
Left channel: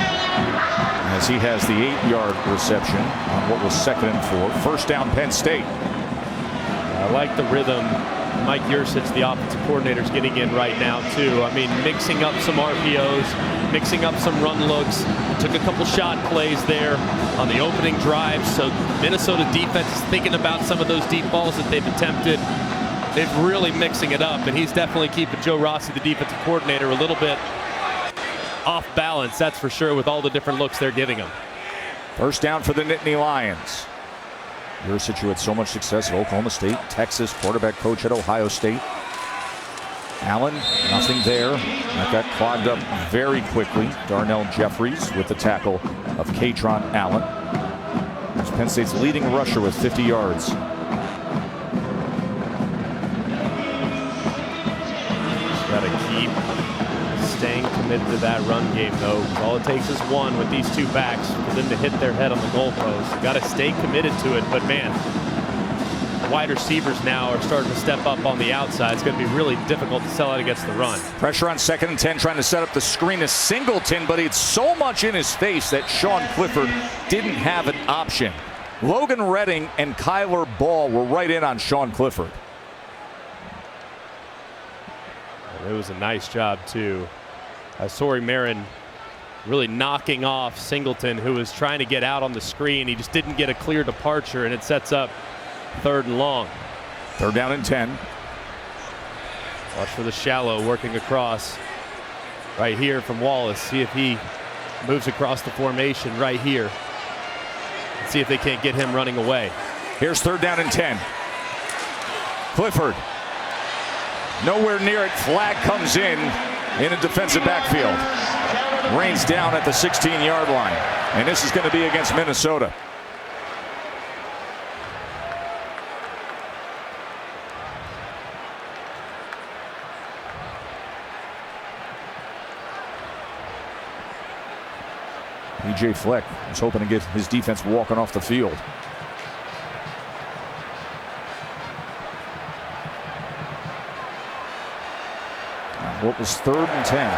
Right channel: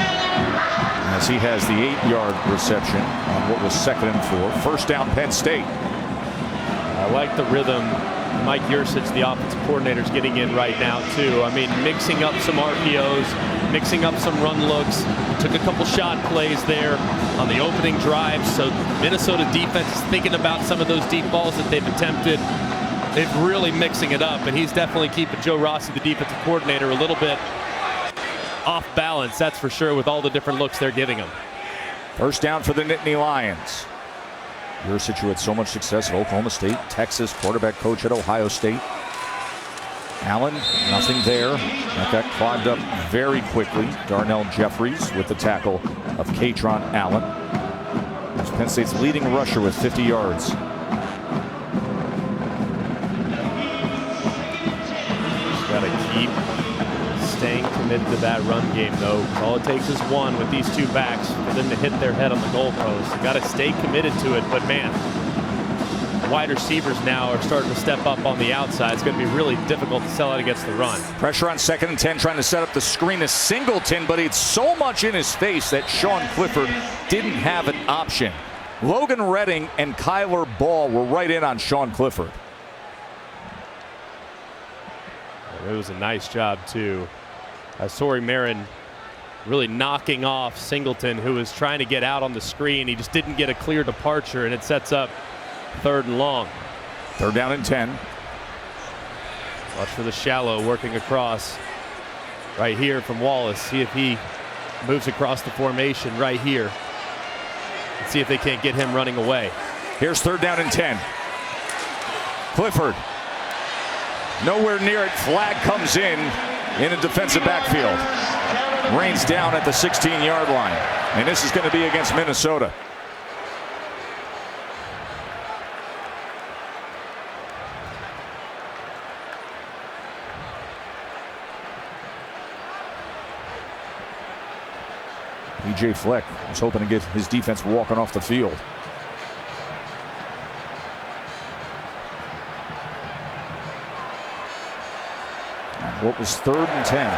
as he has the 8-yard reception on what was 2nd and 4. First down, Penn State. I like the rhythm Mike Yursich, the offensive coordinator, is getting in right now too. I mean, mixing up some RPOs, mixing up some run looks. Took a couple shot plays there on the opening drive, so Minnesota defense is thinking about some of those deep balls that they've attempted. They're really mixing it up, and he's definitely keeping Joe Rossi, the defensive coordinator, a little bit off balance, that's for sure, with all the different looks they're giving him. First down for the Nittany Lions. Yursich, who had so much success at Oklahoma State, Texas, quarterback coach at Ohio State. Allen, nothing there. That got clogged up very quickly. Darnell Jeffries with the tackle of Katron Allen. There's Penn State's leading rusher with 50 yards. Got to keep staying committed to that run game, though, because all it takes is one with these two backs for them to hit their head on the goalpost. You got to stay committed to it, but man, wide receivers now are starting to step up on the outside. It's going to be really difficult to sell out against the run. Pressure on 2nd and 10, trying to set up the screen to Singleton, but it's so much in his face that Sean Clifford didn't have an option. Logan Redding and Kyler Ball were right in on Sean Clifford. It was a nice job, too. Sori Marin really knocking off Singleton, who was trying to get out on the screen. He just didn't get a clear departure, and it sets up 3rd and long. 3rd down and 10. Watch for the shallow working across right here from Wallace. See if he moves across the formation right here. And see if they can't get him running away. Here's 3rd down and 10. Clifford. Nowhere near it. Flag comes in a defensive backfield. Rains down at the 16-yard line. And this is going to be against Minnesota. PJ Fleck was hoping to get his defense walking off the field. What was 3rd and 10?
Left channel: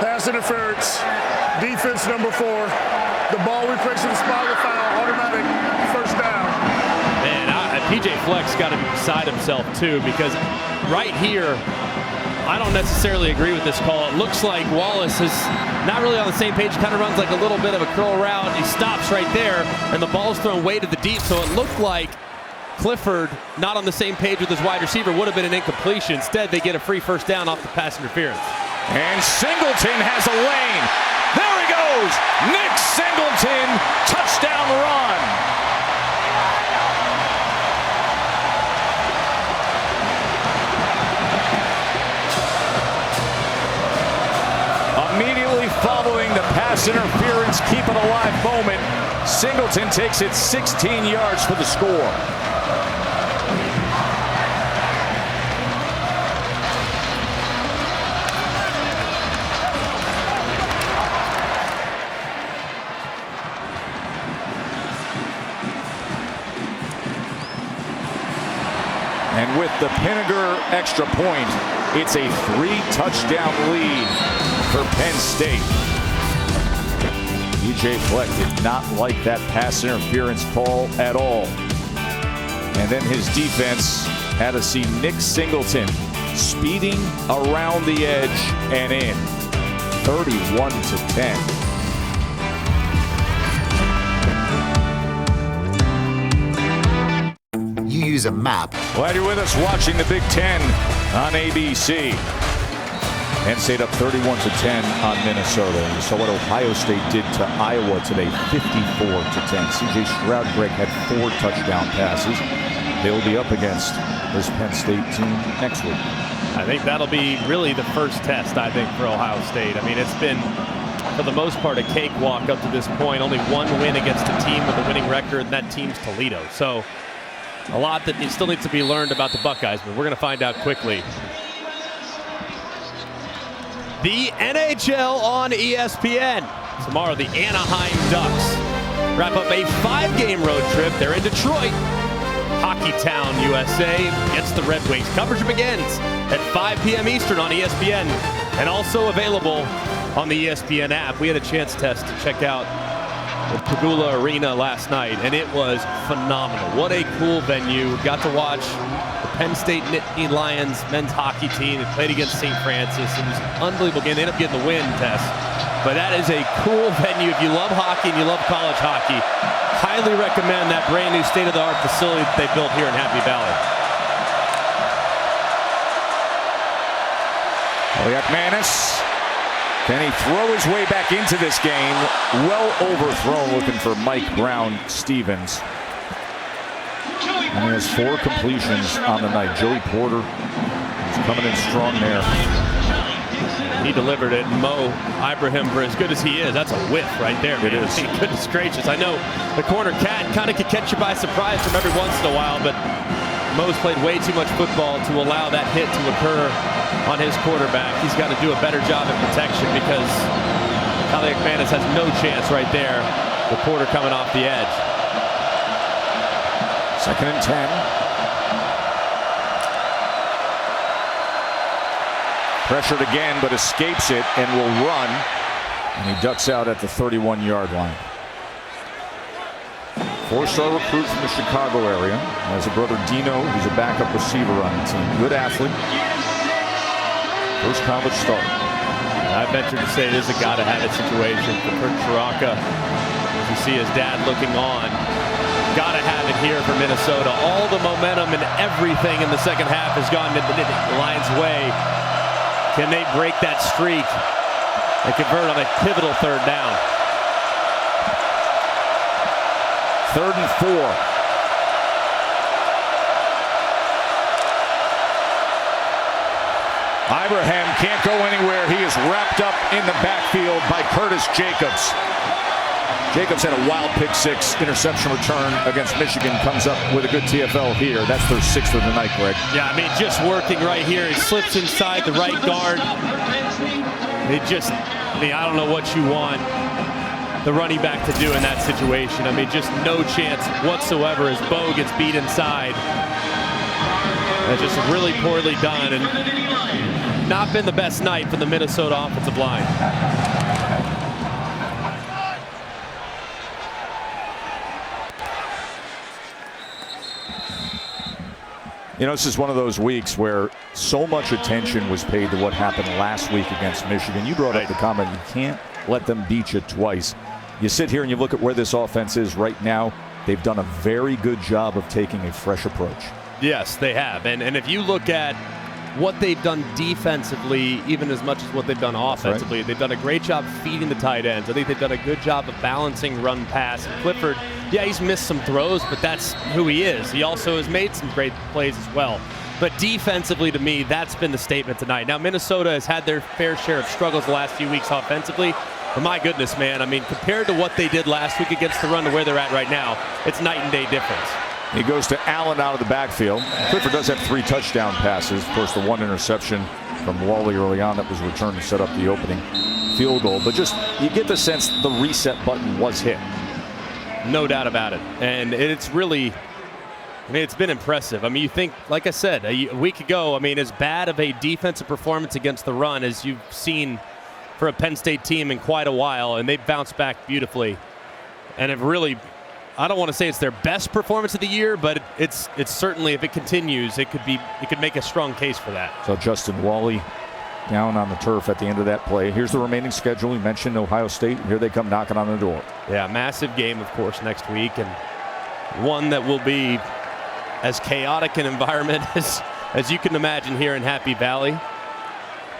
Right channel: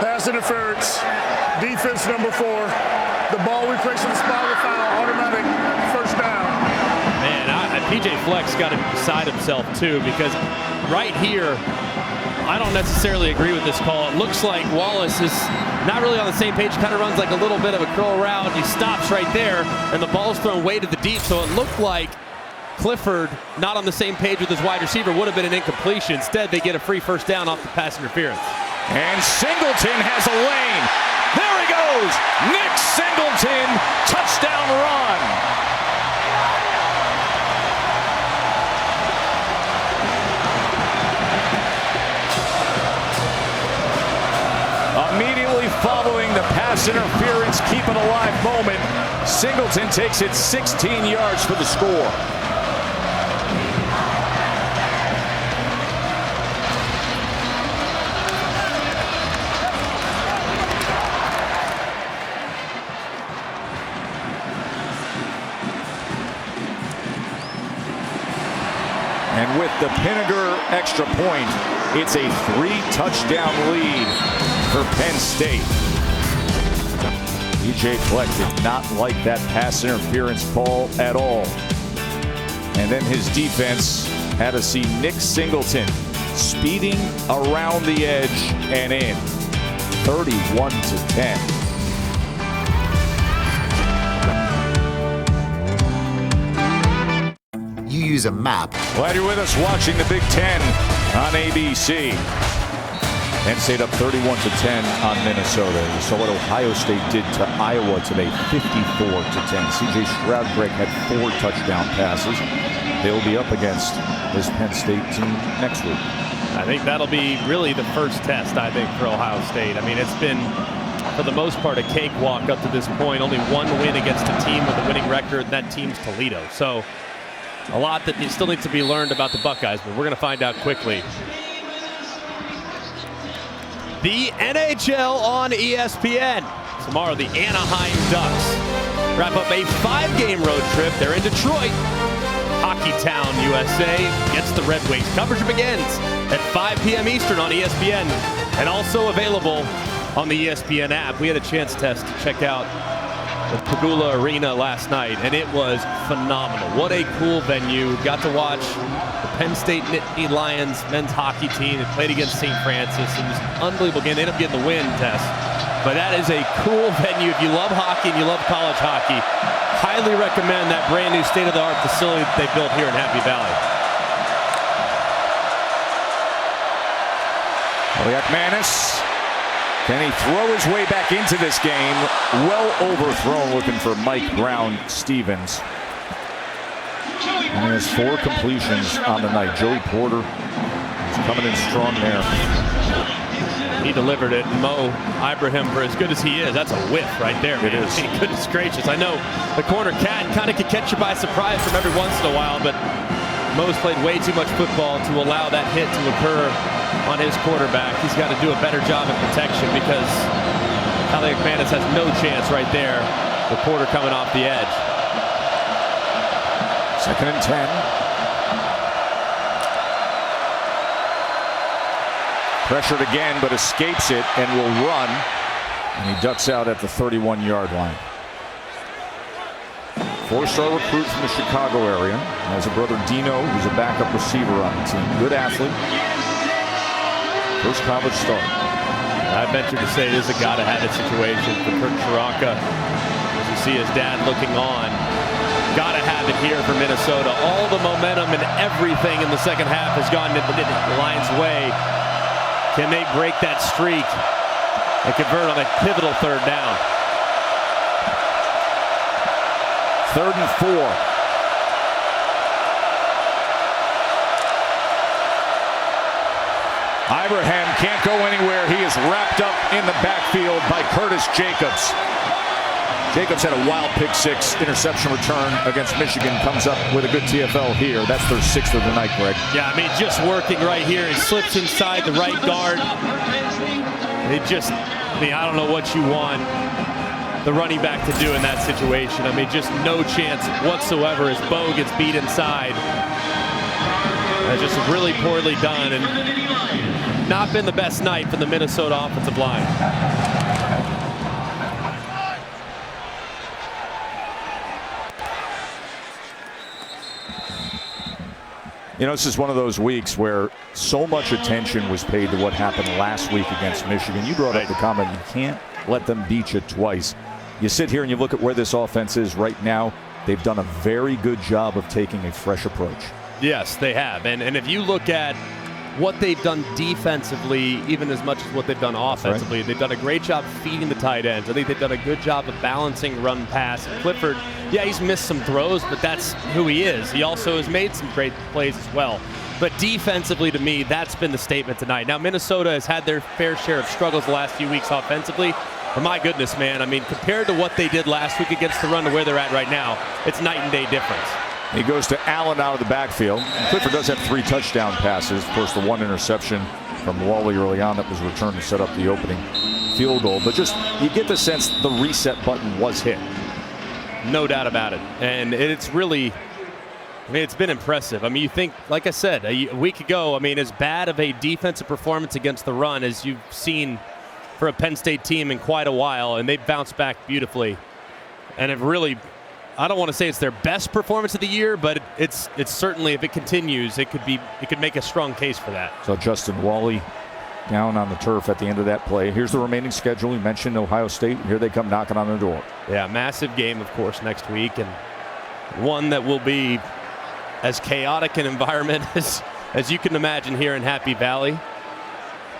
Pass interference. Defense number 4. The ball we place in the spot of the foul. Automatic first down. Man, PJ Fleck's got to be beside himself too, because right here, I don't necessarily agree with this call. It looks like Wallace is not really on the same page. Kind of runs like a little bit of a curl route. He stops right there, and the ball's thrown way to the deep. So it looked like Clifford, not on the same page with his wide receiver, would have been an incompletion. Instead, they get a free first down off the pass interference. And Singleton has a lane. There he goes. Nick Singleton, touchdown run. Immediately following the pass interference, keep it alive moment, Singleton takes it 16 yards for the score. And with the Pinniger extra point, it's a 3-touchdown lead for Penn State. PJ Fleck did not like that pass interference call at all. And then his defense had to see Nick Singleton speeding around the edge and in. 31-10. You use a map. Glad you're with us watching the Big Ten on ABC. Penn State up 31-10 on Minnesota. You saw what Ohio State did to Iowa today, 54-10. C.J. Stroud-Greg had 4 touchdown passes. They'll be up against this Penn State team next week. I think that'll be really the first test, I think, for Ohio State. I mean, it's been, for the most part, a cakewalk up to this point. Only one win against a team with a winning record, and that team's Toledo. So a lot that still needs to be learned about the Buckeyes, but we're going to find out quickly. The NHL on ESPN. Tomorrow, the Anaheim Ducks wrap up a 5-game road trip. They're in Detroit. Hockey Town, USA gets the Red Wings. Coverage begins at 5 p.m. Eastern on ESPN and also available on the ESPN app. We had a chance test to check out the Pagula Arena last night, and it was phenomenal. What a cool venue. Got to watch the Penn State Nittany Lions men's hockey team. They played against St. Francis. It was an unbelievable game. They ended up getting the win, Tess. But that is a cool venue. If you love hockey and you love college hockey, highly recommend that brand new state-of-the-art facility that they built here in Happy Valley. Kaliak-Manis, can he throw his way back into this game? Well overthrown, looking for Mike Brown-Stevens. And he has 4 completions on the night. Joey Porter is coming in strong there. And he delivered it. Mo Ibrahim, for as good as he is, that's a whiff right there, man. It is. Goodness gracious. I know the corner cat kind of could catch you by surprise from every once in a while, but Mo's played way too much football to allow that hit to occur on his quarterback. He's got to do a better job at protection because Kaliak-Manis has no chance right there with Porter coming off the edge. 2nd and 10. Pressured again, but escapes it and will run. And he ducks out at the 31-yard line. 4-star recruit from the Chicago area. Has a brother Dino, who's a backup receiver on the team. Good athlete. First college start. And I venture to say it is a gotta-have-it situation for Kurt Chiraka. As you see his dad looking on. Gotta have it here for Minnesota. All the momentum and everything in the second half has gone the Lions' way. Can they break that streak and convert on a pivotal 3rd down? 3rd and 4. Ibrahim can't go anywhere. He is wrapped up in the backfield by Curtis Jacobs. Jacobs had a wild pick 6 interception return against Michigan. Comes up with a good TFL here. That's their 6th of the night, Greg. Yeah, I mean, just working right here. He slips inside the right guard. It just, I mean, I don't know what you want the running back to do in that situation. I mean, just no chance whatsoever as Bo gets beat inside. That's just really poorly done and not been the best night for the Minnesota offensive line. You know, this is one of those weeks where so much attention was paid to what happened last week against Michigan. You brought up the comment, you can't let them beat you twice. You sit here and you look at where this offense is right now. They've done a very good job of taking a fresh approach. Yes, they have. And if you look at what they've done defensively, even as much as what they've done offensively, right, they've done a great job feeding the tight ends. I think they've done a good job of balancing run pass. And Clifford, yeah, he's missed some throws, but that's who he is. He also has made some great plays as well. But defensively, to me, that's been the statement tonight. Now, Minnesota has had their fair share of struggles the last few weeks offensively. But my goodness, man, I mean, compared to what they did last week against the run to where they're at right now, it's night and day difference. He goes to Allen out of the backfield. Clifford does have 3 touchdown passes. Of course, the 1 interception from Wally early on that was returned to set up the opening field goal. But just, you get the sense the reset button was hit. No doubt about it. And it's really, I mean, it's been impressive. I mean, you think, like I said, a week ago, I mean, as bad of a defensive performance against the run as you've seen for a Penn State team in quite a while, and they've bounced back beautifully and have really, I don't want to say it's their best performance of the year, but it's certainly, if it continues, it could make a strong case for that. So Justin Wally down on the turf at the end of that play. Here's the remaining schedule. You mentioned Ohio State. Here they come knocking on the door. Yeah, massive game, of course, next week, and one that will be as chaotic an environment as you can imagine here in Happy Valley.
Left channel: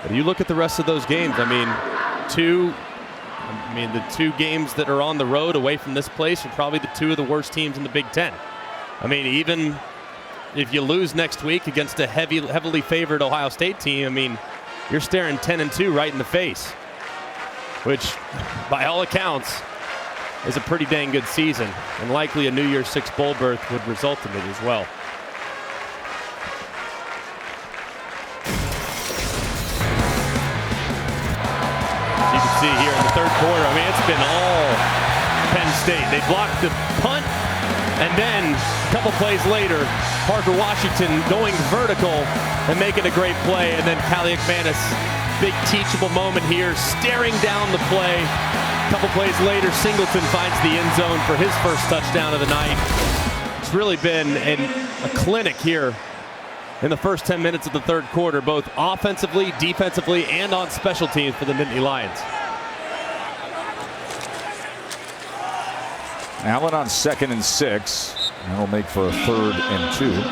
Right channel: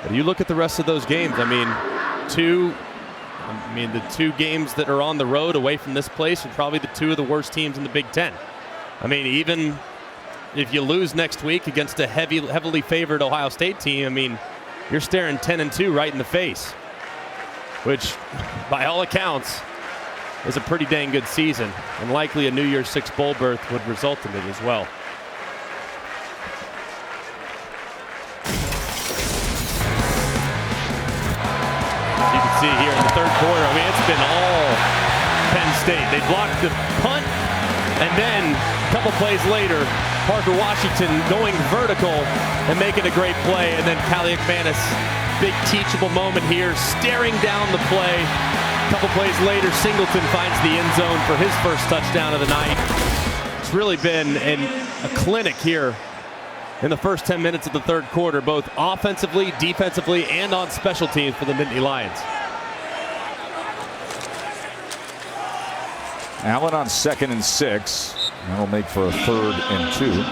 But you look at the rest of those games. I mean, the two games that are on the road away from this place are probably the two of the worst teams in the Big Ten. I mean, even if you lose next week against a heavily favored Ohio State team, I mean, you're staring 10-2 right in the face, which, by all accounts, is a pretty dang good season, and likely a New Year's Six bowl berth would result in it as well. As you can see here in the third quarter, I mean, it's been all Penn State. They blocked the punt, and then a couple plays later, Parker Washington going vertical and making a great play, and then Kaliak Manis, big teachable moment here, staring down the play. A couple plays later, Singleton finds the end zone for his first touchdown of the night. It's really been a clinic here in the first 10 minutes of the third quarter, both offensively, defensively, and on special teams for the Nittany Lions. Allen on 2nd and 6. That'll make for a 3rd and 2.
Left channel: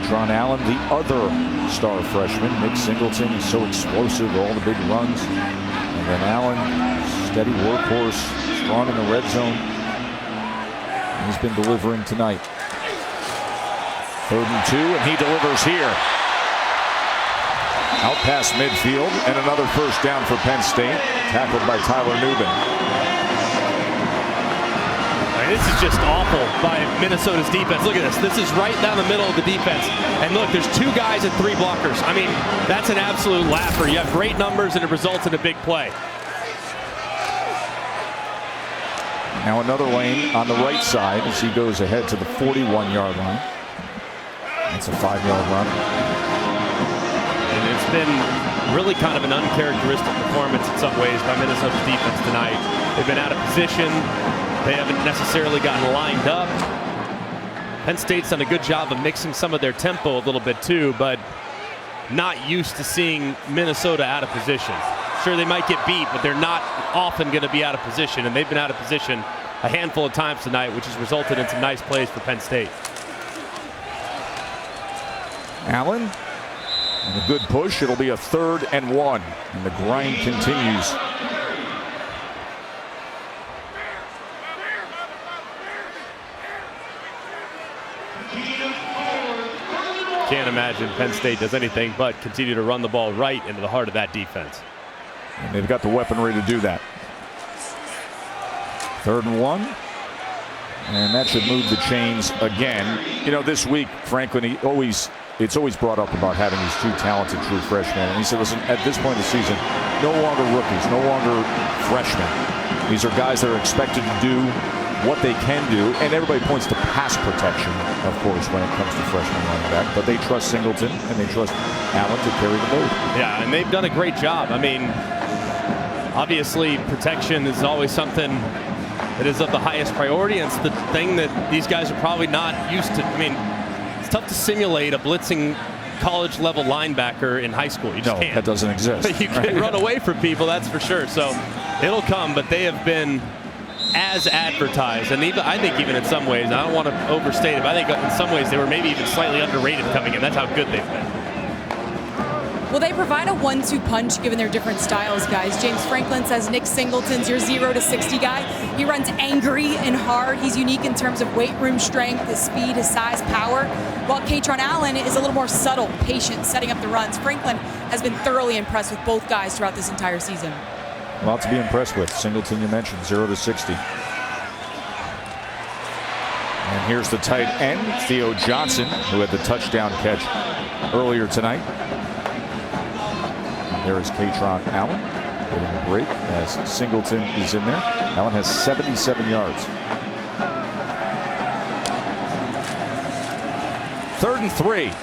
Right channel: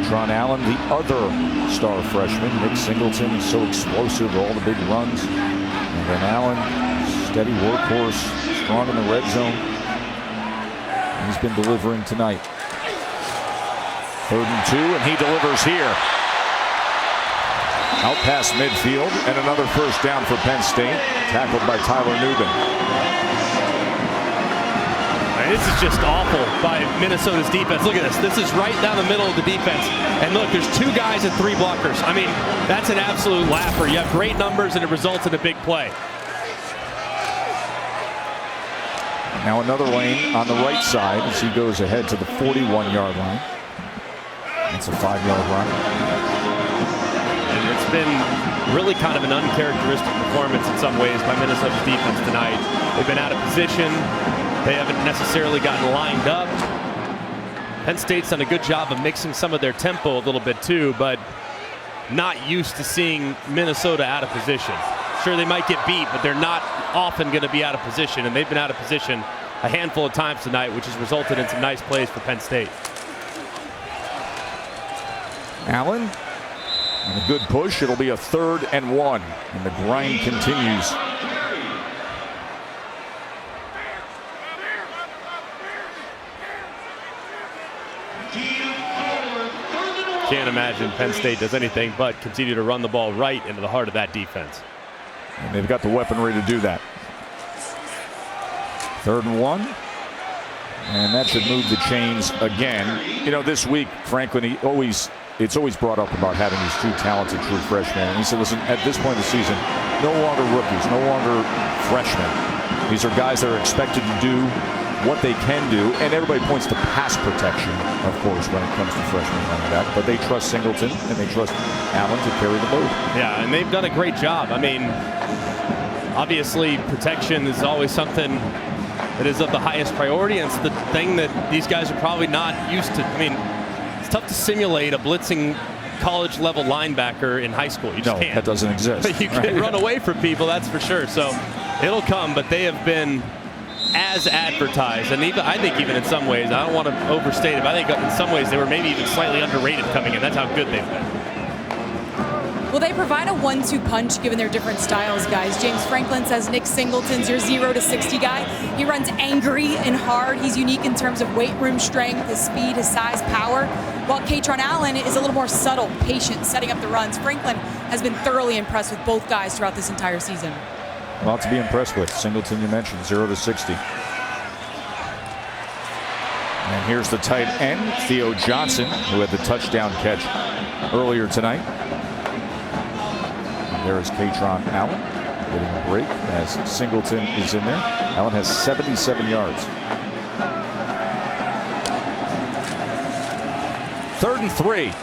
Katron Allen, the other star freshman. Nick Singleton is so explosive, all the big runs. And then Allen, steady workhorse, strong in the red zone. He's been delivering tonight. 3rd and 2, and he delivers here. Out past midfield, and another first down for Penn State, tackled by Tyler Nubin. This is just awful by Minnesota's defense. Look at this. This is right down the middle of the defense. And look, there's 2 guys and 3 blockers. I mean, that's an absolute laugher. You have great numbers, and it results in a big play. Now another lane on the right side as he goes ahead to the 41-yard line. That's a 5-yard run. And it's been really kind of an uncharacteristic performance in some ways by Minnesota's defense tonight. They've been out of position. They haven't necessarily gotten lined up. Penn State's done a good job of mixing some of their tempo a little bit too, but not used to seeing Minnesota out of position. Sure, they might get beat, but they're not often going to be out of position, and they've been out of position a handful of times tonight, which has resulted in some nice plays for Penn State. Allen, and a good push. It'll be a 3rd and 1, and the grind continues. Can't imagine Penn State does anything but continue to run the ball right into the heart of that defense. And they've got the weaponry to do that. 3rd and 1. And that should move the chains again. You know, this week, Franklin, it's always brought up about having these 2 talented true freshmen. And he said, listen, at this point in the season, no longer rookies, no longer freshmen. These are guys that are expected to do what they can do, and everybody points to pass protection, of course, when it comes to freshman running back, but they trust Singleton and they trust Allen to carry the load. Yeah, and they've done a great job. I mean, obviously protection is always something that is of the highest priority, and it's the thing that these guys are probably not used to. I mean, it's tough to simulate a blitzing college level linebacker in high school. You just can't. That doesn't exist. But you can run away from people, that's for sure. So it'll come, but they have been as advertised, and even I think even in some ways, I don't want to overstate it, but I think in some ways they were maybe even slightly underrated coming in. That's how good they've been. Well, they provide a 1-2 punch given their different styles, guys. James Franklin says Nick Singleton's your 0 to 60 guy. He runs angry and hard. He's unique in terms of weight room strength, his speed, his size, power. While Katron Allen is a little more subtle, patient, setting up the runs. Franklin has been thoroughly impressed with both guys throughout this entire season. A lot to be impressed with. Singleton, you mentioned, 0 to 60. And here's the tight end, Theo Johnson, who had the touchdown catch earlier tonight. And there is Katron Allen getting a break as Singleton is in there. Allen has 77 yards. 3rd and 3.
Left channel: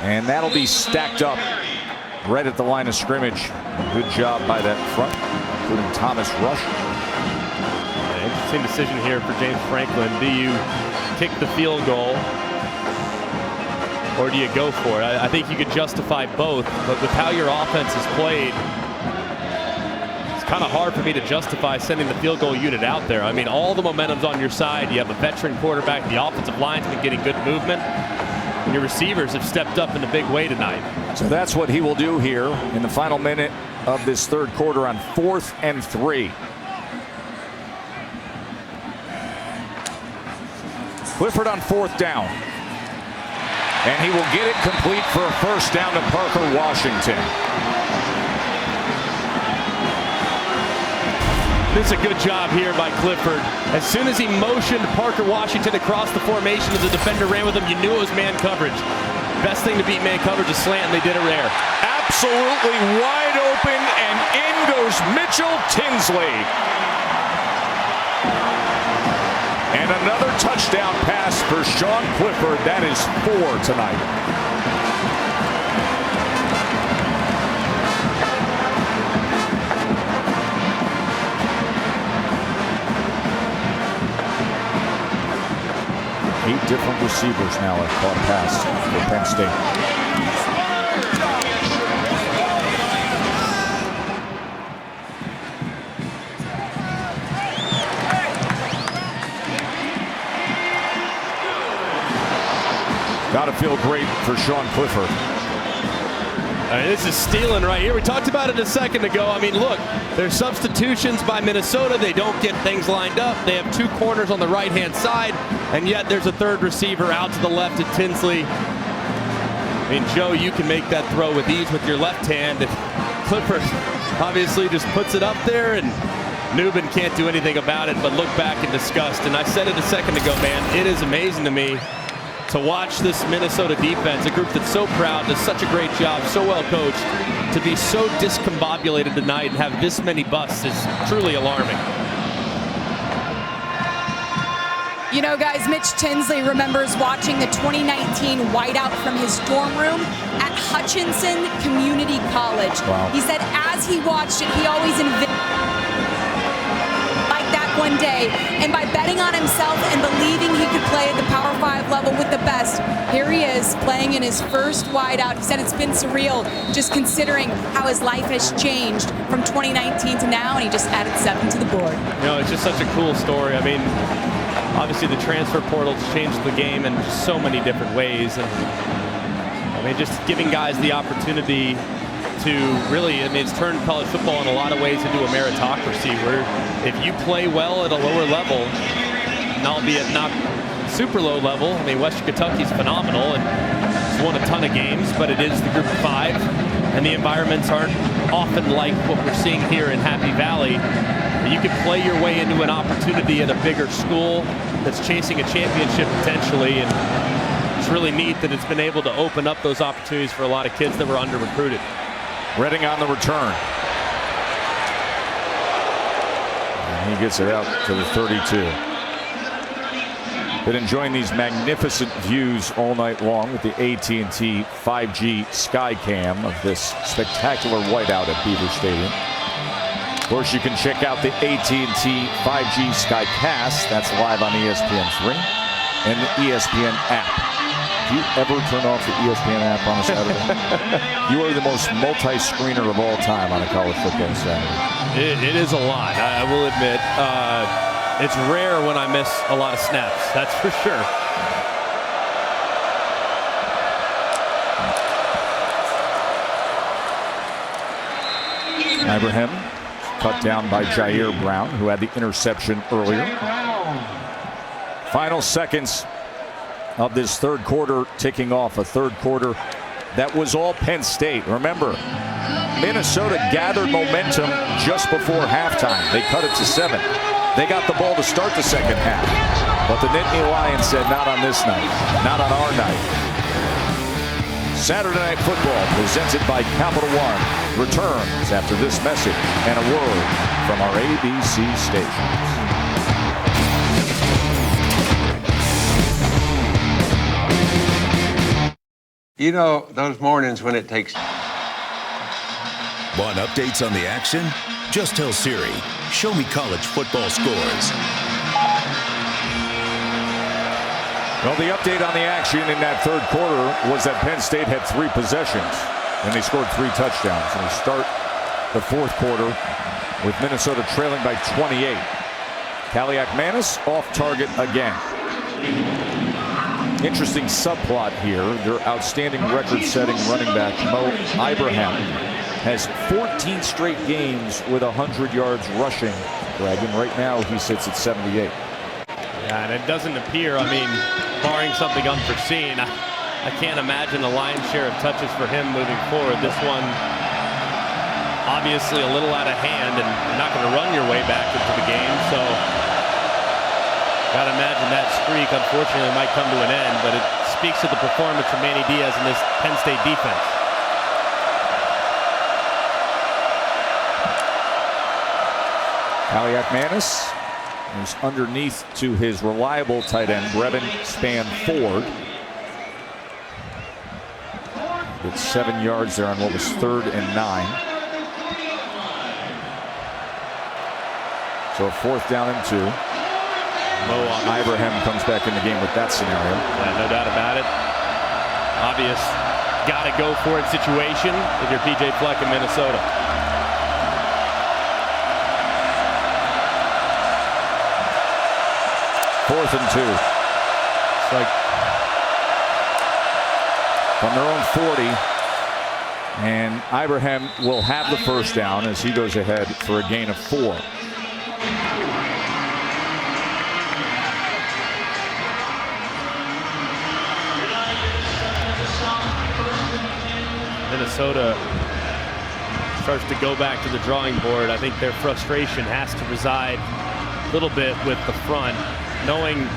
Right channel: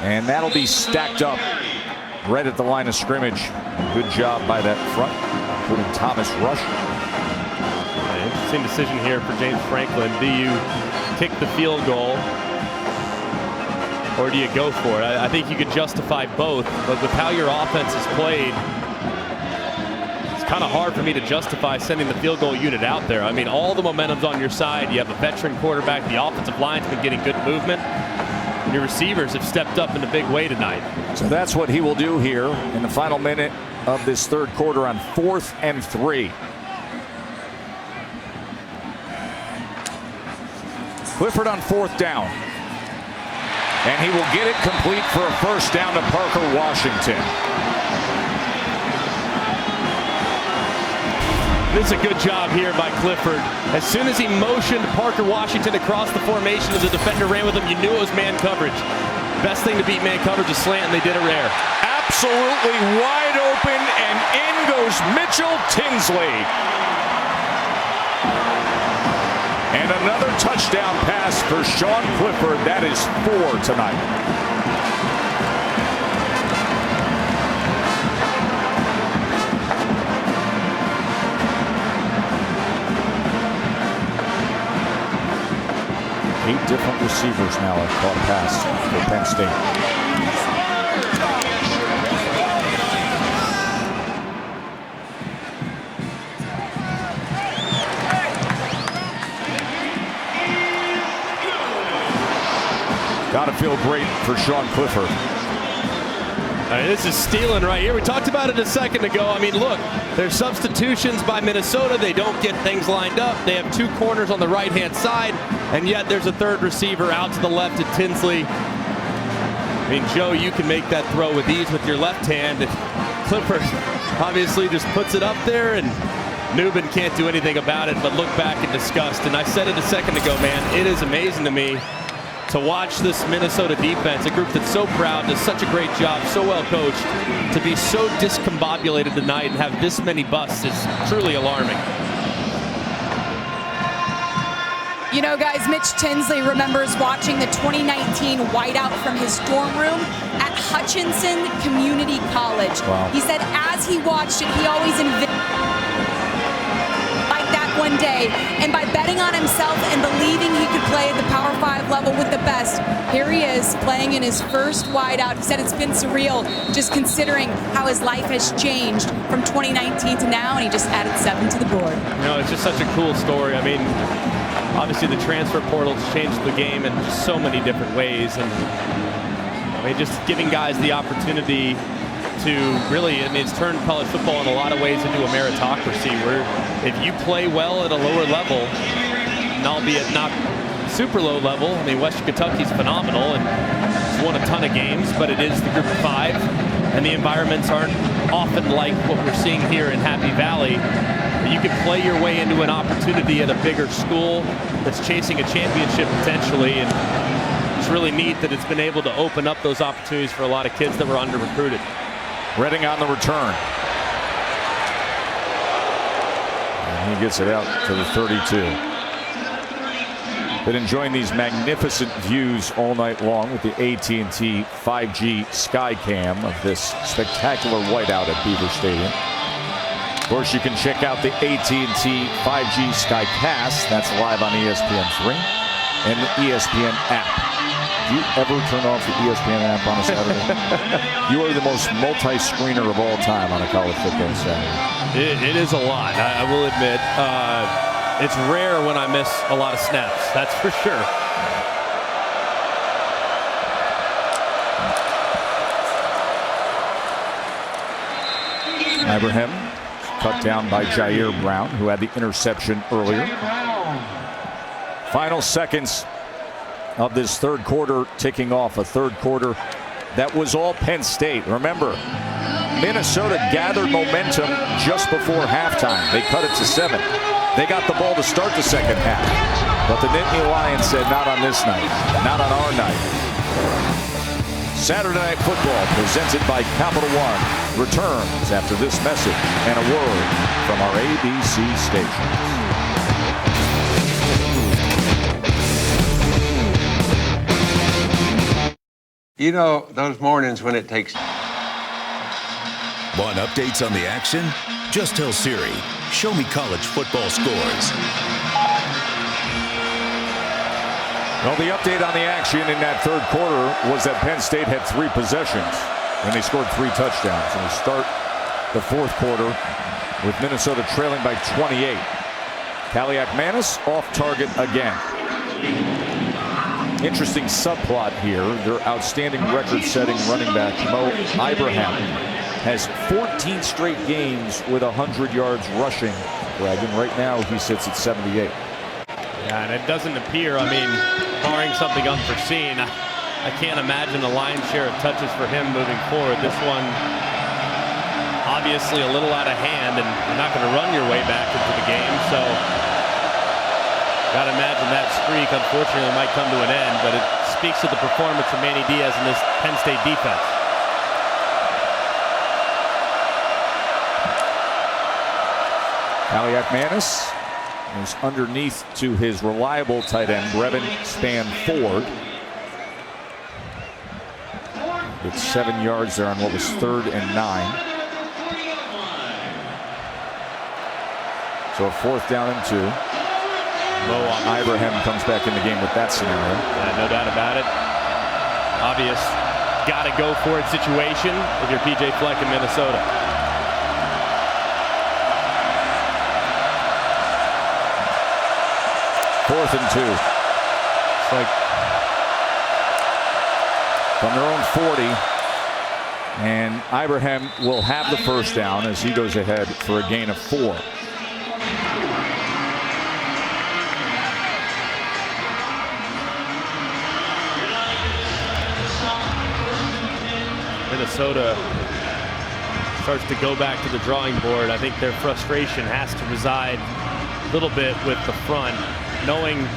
And that'll be stacked up right at the line of scrimmage. Good job by that front, including Thomas Rush. Interesting decision here for James Franklin. Do you kick the field goal or do you go for it? I think you could justify both, but with how your offense is played, it's kind of hard for me to justify sending the field goal unit out there. I mean, all the momentum's on your side. You have a veteran quarterback. The offensive line's been getting good movement. And your receivers have stepped up in a big way tonight. So that's what he will do here in the final minute of this third quarter on 4th and 3. Clifford on 4th down. And he will get it complete for a first down to Parker Washington. This is a good job here by Clifford. As soon as he motioned Parker Washington across the formation as the defender ran with him, you knew it was man coverage. Best thing to beat man coverage is slant, and they did it rare. Absolutely wide open, and in goes Mitchell Tinsley. And another touchdown pass for Sean Clifford. That is 4 tonight. Eight different receivers now have caught a pass for Penn State. Got to feel great for Sean Clifford. This is stealing right here. We talked about it a second ago. I mean, look, there's substitutions by Minnesota. They don't get things lined up. They have 2 corners on the right-hand side, and yet there's a third receiver out to the left at Tinsley. I mean, Joe, you can make that throw with ease with your left hand. And Clifford obviously just puts it up there, and Newman can't do anything about it but look back in disgust. And I said it a second ago, man, it is amazing to me to watch this Minnesota defense, a group that's so proud, does such a great job, so well coached, to be so discombobulated tonight and have this many busts is truly alarming. You know, guys, Mitch Tinsley remembers watching the 2019 whiteout from his dorm room at Hutchinson Community College. Wow. He said as he watched it, he always envisioned like that one day. And by betting on himself and believing he could play at the Power 5 level with the best, here he is playing in his first whiteout. He said it's been surreal just considering how his life has changed from 2019 to now, and he just added 7 to the board. You know, it's just such a cool story. I mean, obviously the transfer portal's changed the game in just so many different ways, and I mean, just giving guys the opportunity to really, I mean, it's turned college football in a lot of ways into a meritocracy where if you play well at a lower level, and albeit not super low level, I mean, Western Kentucky's phenomenal and it's won a ton of games, but it is the group of 5, and the environments aren't often like what we're seeing here in Happy Valley. You could play your way into an opportunity at a bigger school that's chasing a championship potentially, and it's really neat that it's been able to open up those opportunities for a lot of kids that were under-recruited. Redding on the return. And he gets it out to the 32. Been enjoying these magnificent views all night long with the AT&T 5G Skycam of this spectacular whiteout at Beaver Stadium. Of course, you can check out the AT&T 5G Skycast. That's live on ESPN3 and the ESPN app. Do you ever turn off the ESPN app on a Saturday? You are the most multi-screener of all time on a college football Saturday. It is a lot, I will admit. It's rare when I miss a lot of snaps, that's for sure. Ibrahim cut down by Jair Brown, who had the interception earlier. Final seconds of this third quarter ticking off, a third quarter that was all Penn State. Remember, Minnesota gathered momentum just before halftime. They cut it to 7. They got the ball to start the second half. But the Nittany Lions said, not on this night, not on our night. Saturday Night Football, presented by Capital One, returns after this message and a word from our ABC stations. You know, those mornings when it takes... Want updates on the action? Just tell Siri, Show Me College Football Scores. Well, the update on the action in that third quarter was that Penn State had 3 possessions, and they scored 3 touchdowns. And we start the fourth quarter with Minnesota trailing by 28. Kaliak-Manis off target again. Interesting subplot here. Their outstanding record-setting running back, Mo Ibrahim, has 14 straight games with 100 yards rushing, Greg, and right now he sits at 78. Yeah, and it doesn't appear, barring something unforeseen, I can't imagine a lion's share of touches for him moving forward. This one obviously a little out of hand, and you're not going to run your way back into the game, so got to imagine that streak unfortunately might come to an end, but it speaks to the performance from Manny Diaz in this Penn State defense. Kaliak-Manis is underneath to his reliable tight end, Brevin Spann-Ford. Gets 7 yards there on what was 3rd and 9. So a 4th down and 2. Mo Ibrahim comes back in the game with that scenario. Yeah, no doubt about it. Obvious, got to go for it situation if you're PJ Fleck in Minnesota. Fourth and 2. It's like from their own 40. And Ibrahim will have the first down as he goes ahead for a gain of 4. Minnesota starts to go back to the drawing board. I think their frustration has to reside a little bit with the front, knowing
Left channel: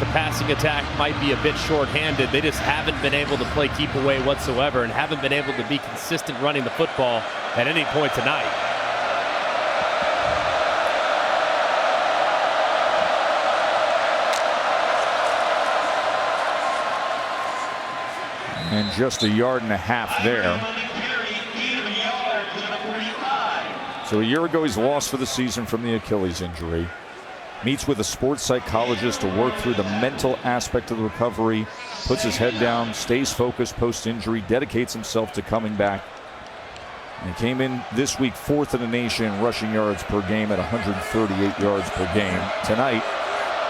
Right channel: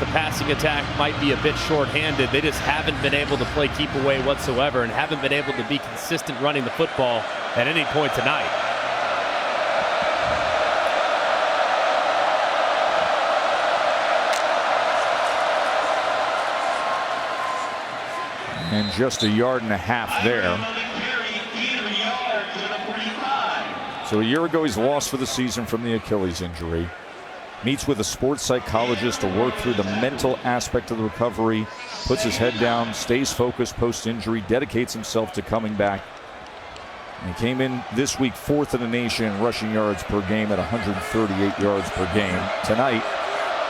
the passing attack might be a bit short-handed. They just haven't been able to play keep away whatsoever and haven't been able to be consistent running the football at any point tonight. And just a yard and a half there. So a year ago, he's lost for the season from the Achilles injury. Meets with a sports psychologist to work through the mental aspect of the recovery. Puts his head down, stays focused post-injury, dedicates himself to coming back. And he came in this week 4th in the nation in rushing yards per game at 138 yards per game. Tonight,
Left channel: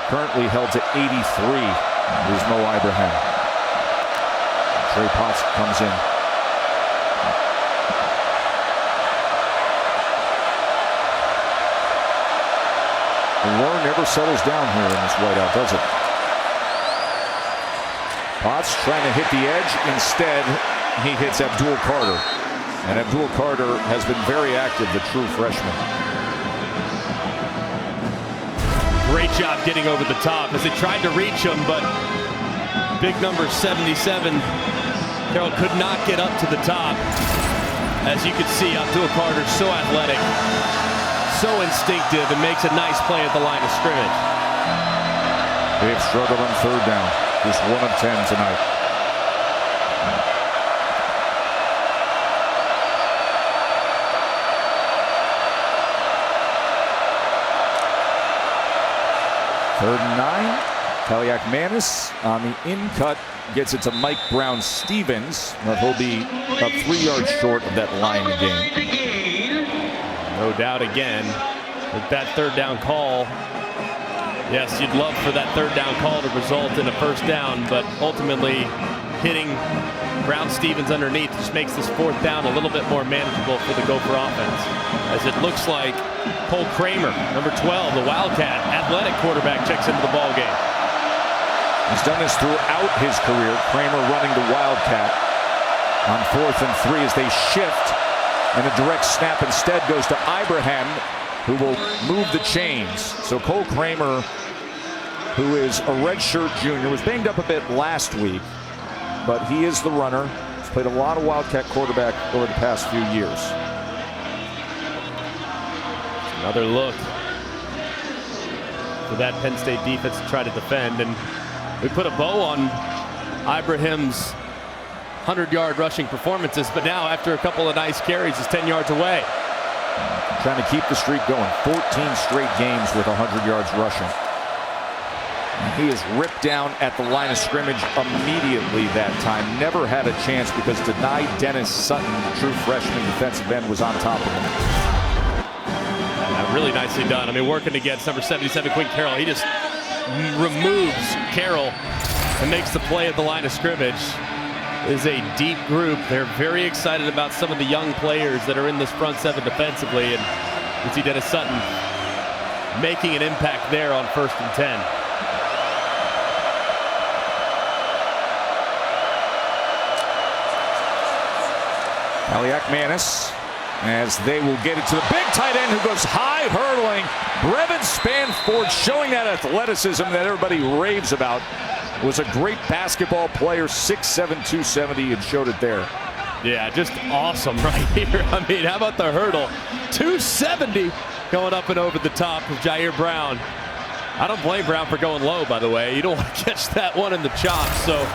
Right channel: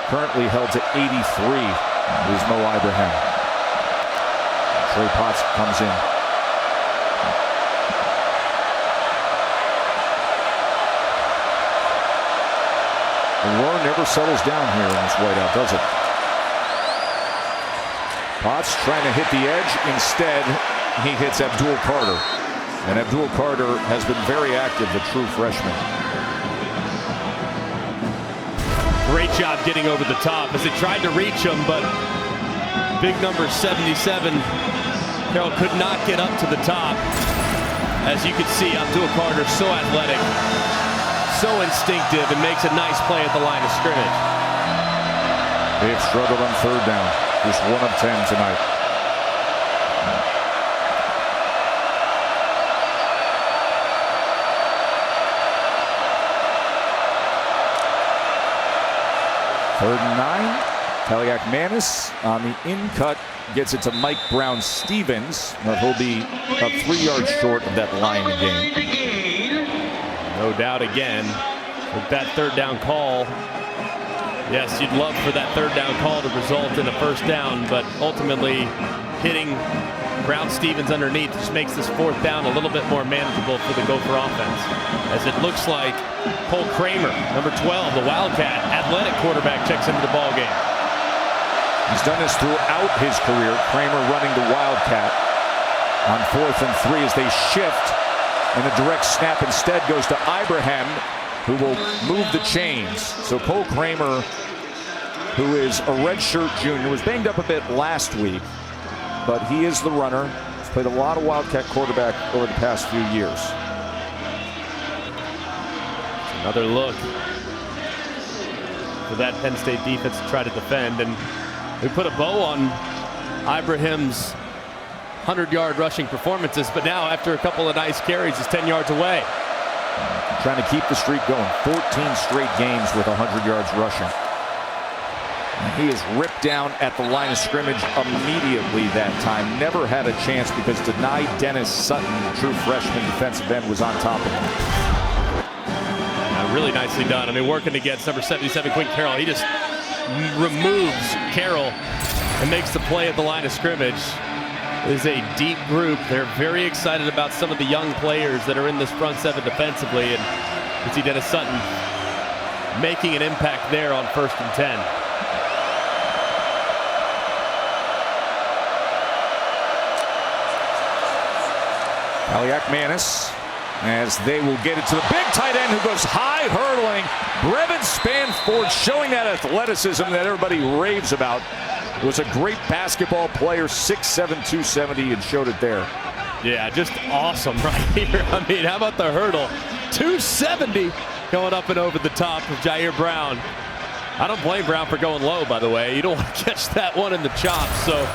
currently held to 83 is Mo Ibrahim. Trey Potts comes in. The war never settles down here in this whiteout, does it? Potts trying to hit the edge. Instead, he hits Abdul Carter. And Abdul Carter has been very active, the true freshman. Great job getting over the top as they tried to reach him, but big number 77, Carroll could not get up to the top. As you can see, Abdul Carter so athletic, so instinctive, and makes a nice play at the line of scrimmage. They've struggled on 3rd down. Just 1 of 10 tonight. Third and 9. Kaliak-Manis on the in-cut gets it to Mike Brown-Stevens, but he'll be about 3 yards short of that line again. No doubt again with that 3rd down call. Yes, you'd love for that 3rd down call to result in a 1st down, but ultimately hitting Brown-Stevens underneath just makes this 4th down a little bit more manageable for the Gopher offense. As it looks like Cole Kramer, number 12, the Wildcat, athletic quarterback, checks into the ball game. He's done this throughout his career. Kramer running the Wildcat on 4th and 3 as they shift, and a direct snap instead goes to Ibrahim, who will move the chains. So Cole Kramer, who is a redshirt junior, was banged up a bit last week, but he is the runner. He's played a lot of Wildcat quarterback over the past few years. Another look for that Penn State defense to try to defend, and we put a bow on Ibrahim's 100-yard rushing performances, but now after a couple of nice carries, he's 10 yards away. trying to keep the streak going. 14 straight games with 100 yards rushing. And he is ripped down at the line of scrimmage immediately that time. Never had a chance because denied Dennis Sutton, the true freshman defensive end, was on top of him. Really nicely done. I mean, working against number 77, Quinn Carroll. He just removes Carroll and makes the play at the line of scrimmage. It is a deep group. They're very excited about some of the young players that are in this front seven defensively. And you see Dennis Sutton making an impact there on 1st and 10. Kaliak Manis, as they will get it to the big tight end who goes high hurtling. Brevin Spanford showing that athleticism that everybody raves about. Was a great basketball player, 6'7", 270, and showed it there. Yeah, just awesome right here. I mean, how about the hurdle? 270 going up and over the top of Jair Brown. I don't blame Brown for going low, by the way. You don't want to catch that one in the chops, so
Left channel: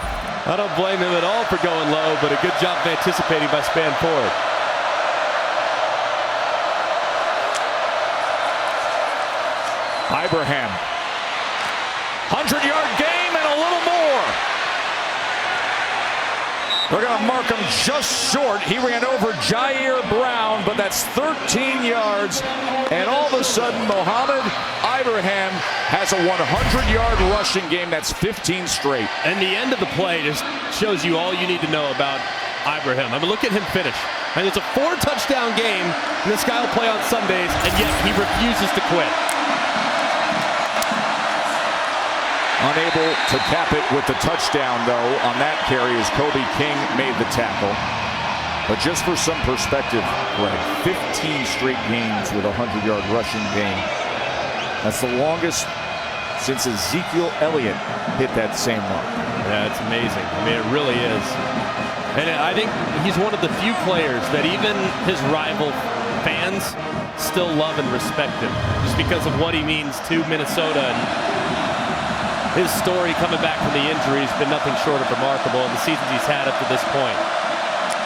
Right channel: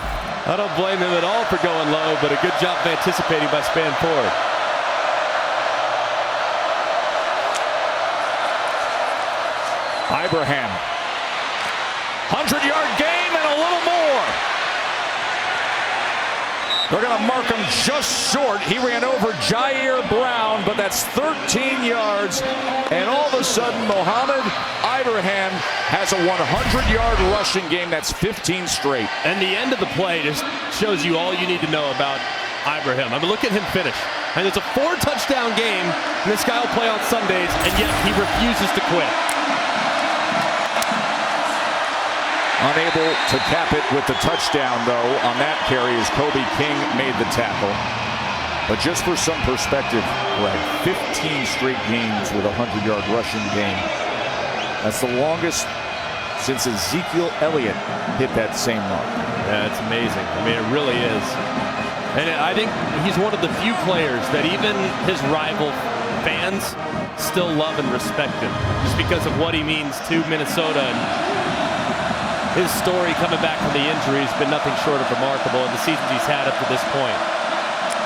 I don't blame him at all for going low, but a good job of anticipating by Spanford. Ibrahim. 100-yard game and a little more. They're going to mark him just short. He ran over Jair Brown, but that's 13 yards. And all of a sudden, Mohamed Ibrahim has a 100-yard rushing game. That's 15 straight. And the end of the play just shows you all you need to know about Ibrahim. I mean, look at him finish. And it's a 4-touchdown game, and this guy will play on Sundays, and yet he refuses to quit. Unable to cap it with the touchdown, though, on that carry as Kobe King made the tackle. But just for some perspective, Greg, 15 straight games with a 100-yard rushing game. That's the longest since Ezekiel Elliott hit that same mark. Yeah, it's amazing. I mean, it really is. And I think he's one of the few players that even his rival fans still love and respect him, just because of what he means to Minnesota. And his story coming back from the injury has been nothing short of remarkable in the seasons he's had up to this point.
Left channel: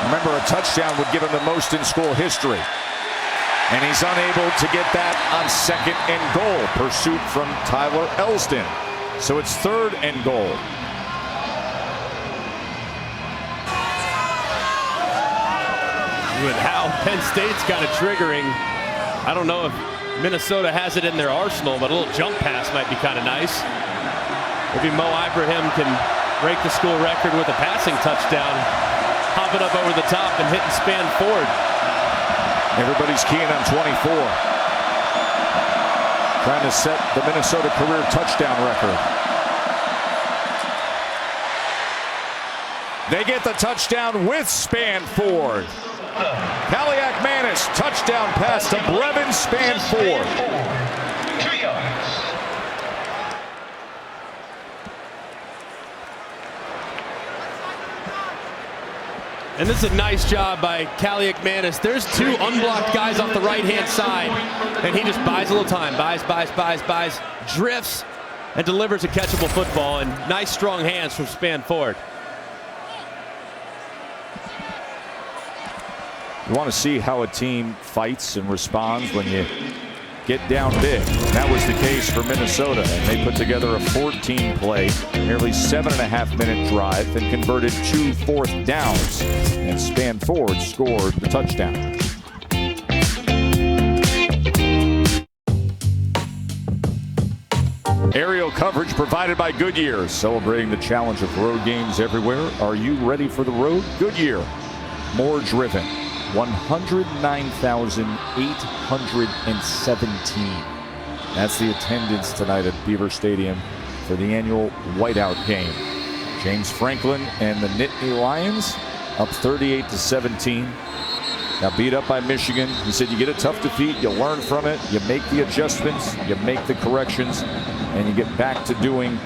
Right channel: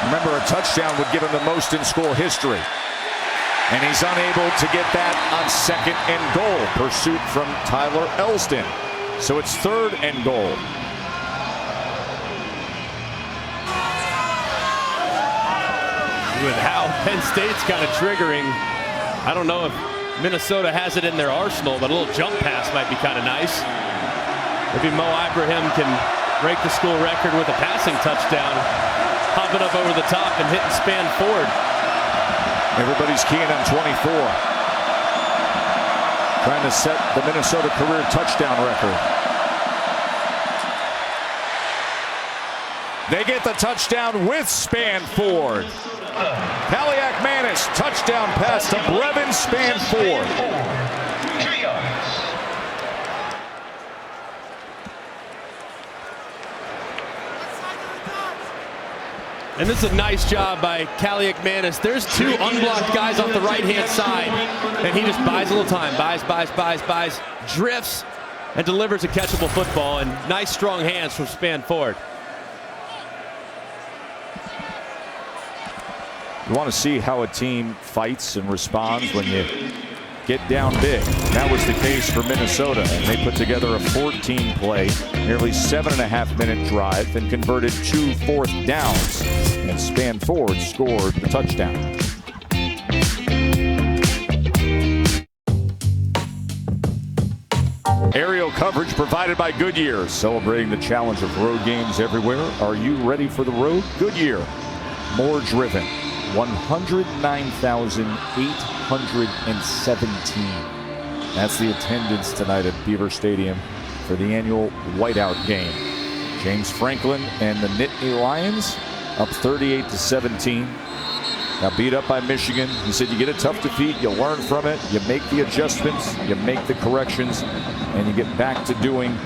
Remember, a touchdown would give him the most in school history. And he's unable to get that on 2nd and goal. Pursuit from Tyler Elston. So it's 3rd and goal. With how Penn State's kind of triggering, I don't know if Minnesota has it in their arsenal, but a little jump pass might be kind of nice. Maybe Mo Ibrahim can break the school record with a passing touchdown, hopping up over the top and hitting Spanford. Everybody's keying on 24. Trying to set the Minnesota career touchdown record. They get the touchdown with Spanford. Kaliak Manis, touchdown pass to Brevin Spanford. 2 yards. And this is a nice job by Kaliak Manis. There's 2 unblocked guys off the right-hand side, and he just buys a little time. Buys, drifts, and delivers a catchable football. And nice, strong hands from Spanford. You want to see how a team fights and responds when you get down big. That was the case for Minnesota, and they put together a 14-play, nearly 7.5-minute drive and converted 2 fourth downs. And Spanford scored the touchdown. Aerial coverage provided by Goodyear, celebrating the challenge of road games everywhere. Are you ready for the road? Goodyear, more driven. 109,817. That's the attendance tonight at Beaver Stadium for the annual whiteout game. James Franklin and the Nittany Lions up 38-17. Got beat up by Michigan. He said you get a tough defeat, you learn from it, you make the adjustments, you make the corrections, and you get back to doing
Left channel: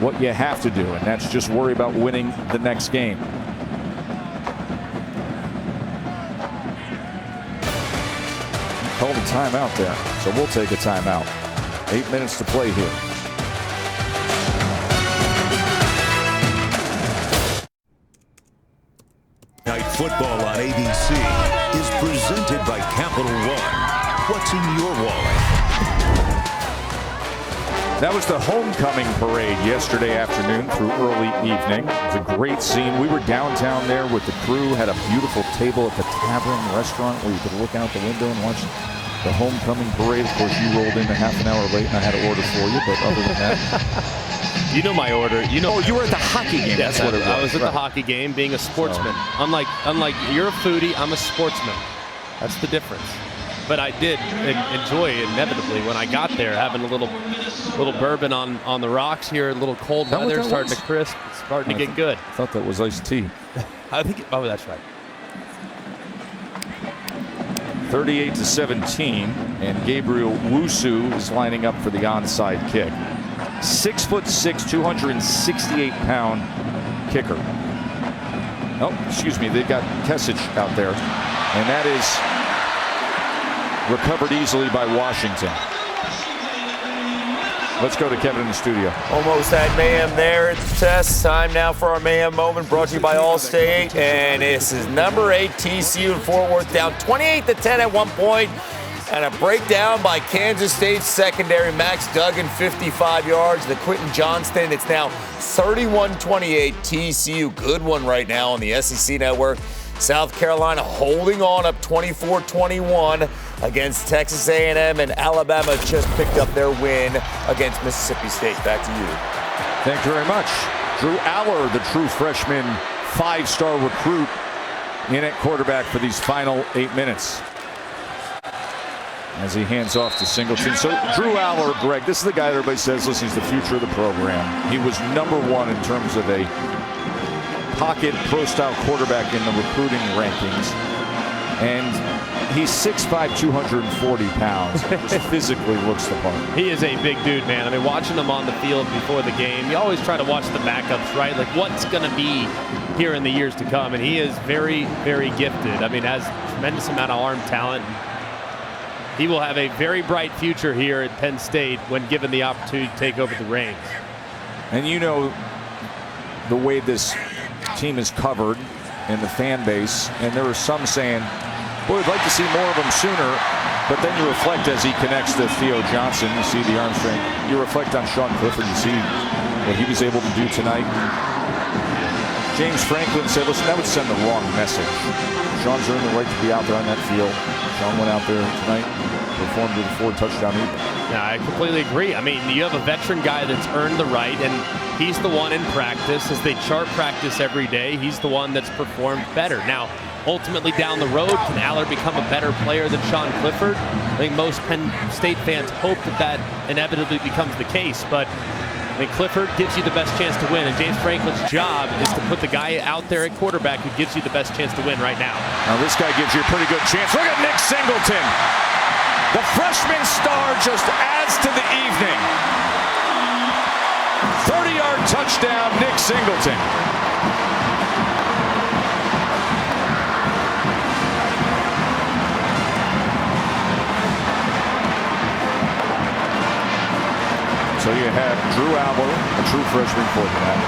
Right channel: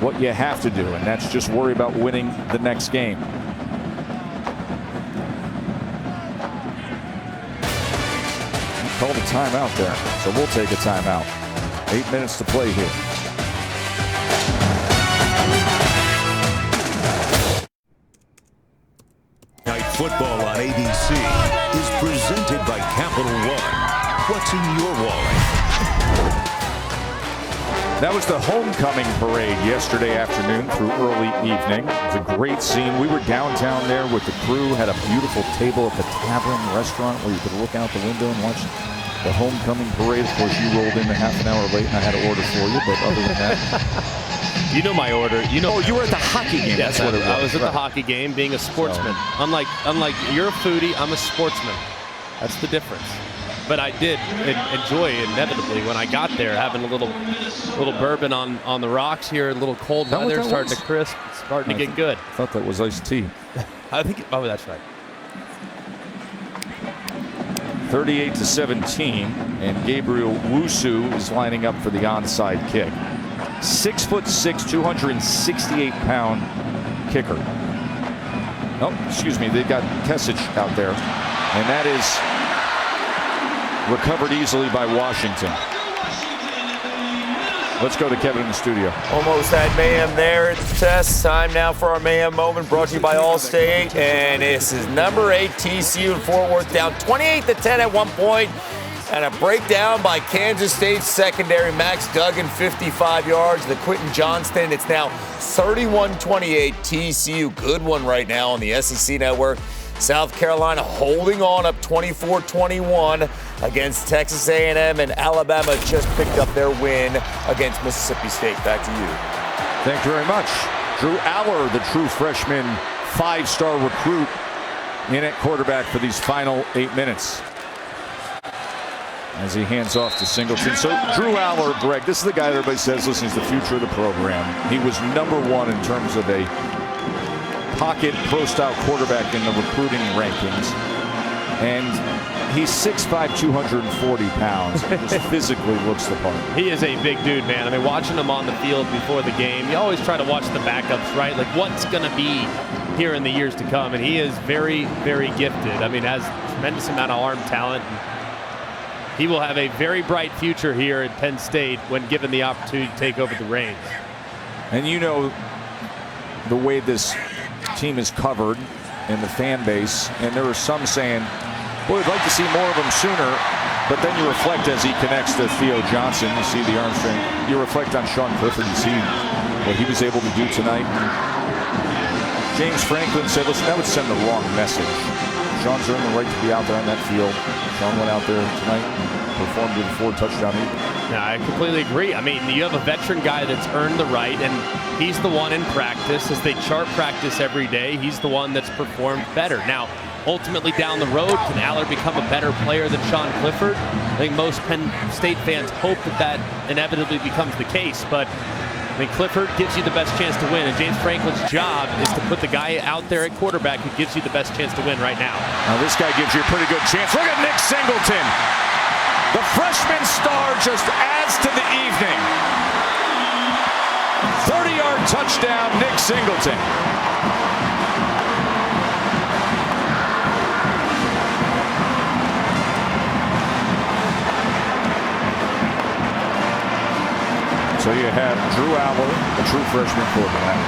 what you have to do, and that's just worry about winning the next game. Called a timeout there, so we'll take a timeout. 8 minutes to play here. Night football on ABC. is presented by Capital One. What's in your wallet? That was the homecoming parade yesterday afternoon through early evening. It was a great scene. We were downtown there with the crew, had a beautiful table at the Tavern restaurant where you could look out the window and watch the homecoming parade. Of course, you rolled in a half an hour late and I had to order for you, but other than that. You know my order. You know. Oh, you were at the hockey game. Yes, That's what it was. I was at the hockey game being a sportsman. So. Unlike you're a foodie, I'm a sportsman. That's the difference. But I did enjoy inevitably when I got there having a little bourbon on the rocks here, a little cold weather, starting to crisp, it's starting to get good. I thought that was iced tea. I think, that's right. 38-17, and Gabriel Wusu is lining up for the onside kick. 6'6", 268-pound kicker. Oh, excuse me, they got Kesich out there, and that is recovered easily by Washington. Let's go to Kevin in the studio. Almost had mayhem there at the test. Time now for our mayhem moment, brought to you by Allstate. And this is number 8 TCU in Fort Worth, down 28-10 at one point. And a breakdown by Kansas State's secondary. Max Duggan, 55 yards. The Quentin Johnston. It's now 31-28 TCU. Good one right now on the SEC Network. South Carolina holding on up 24-21 against Texas A&M, and Alabama just picked up their win against Mississippi State. Back to you. Thank you very much. Drew Aller, the true freshman 5-star recruit, in at quarterback for these final 8 minutes as he hands off to Singleton. So Drew Aller, Greg, this is the guy that everybody says, listen, he's the future of the program. He was #1 in terms of a pocket pro-style quarterback in the recruiting rankings, and he's 6'5", 240 pounds, and just physically looks the part. He is a big dude, man. I mean, watching him on the field before the game, you always try to watch the backups, right? Like, what's going to be here in the years to come, and he is very, very gifted. I mean, has a tremendous amount of arm talent. And he will have a very bright future here at Penn State when given the opportunity to take over the reins. And you know the way this team is covered in the fan base, and there are some saying, boy, we'd like to see more of him sooner, but then you reflect as he connects to Theo Johnson, you see the arm strength. You reflect on Sean Clifford, you see what he was able to do tonight. And James Franklin said, listen, that would send the wrong message. Sean's earned the right to be out there on that field. Sean went out there tonight and performed with a 4-touchdown evening. Yeah, I completely agree. I mean, you have a veteran guy that's earned the right, and he's the one in practice. As they chart practice every day, he's the one that's performed better. Now, ultimately down the road, can Aller become a better player than Sean Clifford? I think most Penn State fans hope that inevitably becomes the case, but I mean, Clifford gives you the best chance to win, and James Franklin's job is to put the guy out there at quarterback who gives you the best chance to win right now. Now this guy gives you a pretty good chance. Look at Nick Singleton. The freshman star just adds to the evening. 30-yard touchdown, Nick Singleton. So you have Drew Aller, a true freshman quarterback.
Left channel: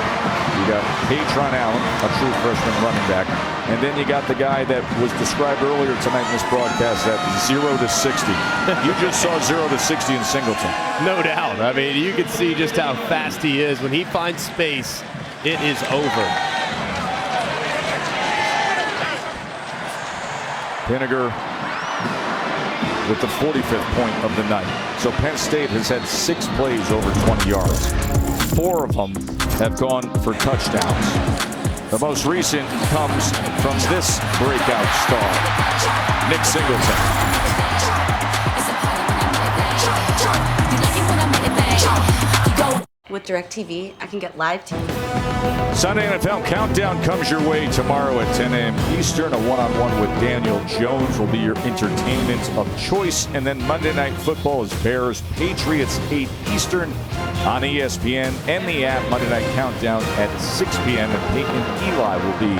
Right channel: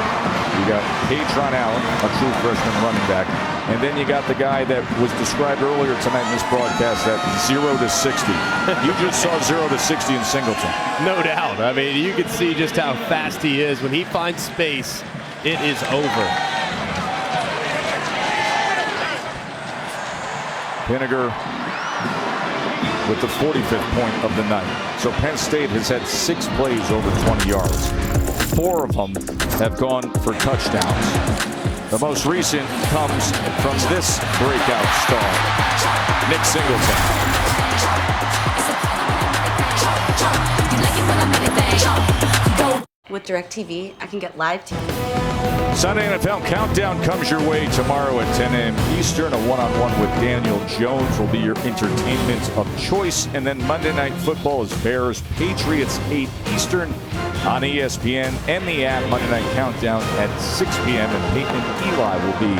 You got Patron Allen, a true freshman running back. And then you got the guy that was described earlier tonight in this broadcast, that 0 to 60. You just saw 0 to 60 in Singleton. No doubt. I mean, you can see just how fast he is. When he finds space, it is over. Pinniger with the 45th point of the night. So Penn State has had 6 plays over 20 yards. 4 of them have gone for touchdowns. The most recent comes from this breakout star, Nick Singleton. With DirecTV, I can get live TV. Sunday NFL Countdown comes your way tomorrow at 10 a.m. Eastern. A one-on-one with Daniel Jones will be your entertainment of choice. And then Monday Night Football is Bears Patriots 8 Eastern on ESPN and the app. Monday Night Countdown at 6 p.m. And Peyton and Eli will be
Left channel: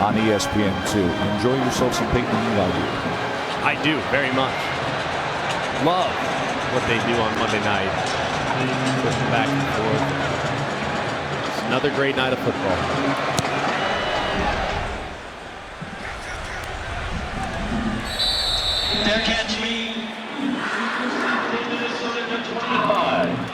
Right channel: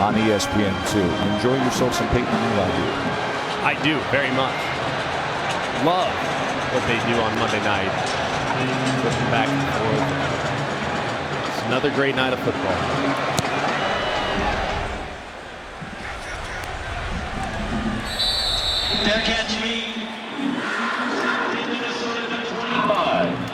on ESPN2. Enjoy yourself some Peyton and Eli, dude. I do, very much. Love what they do on Monday night. Flipping back and forth. It's another great night of football.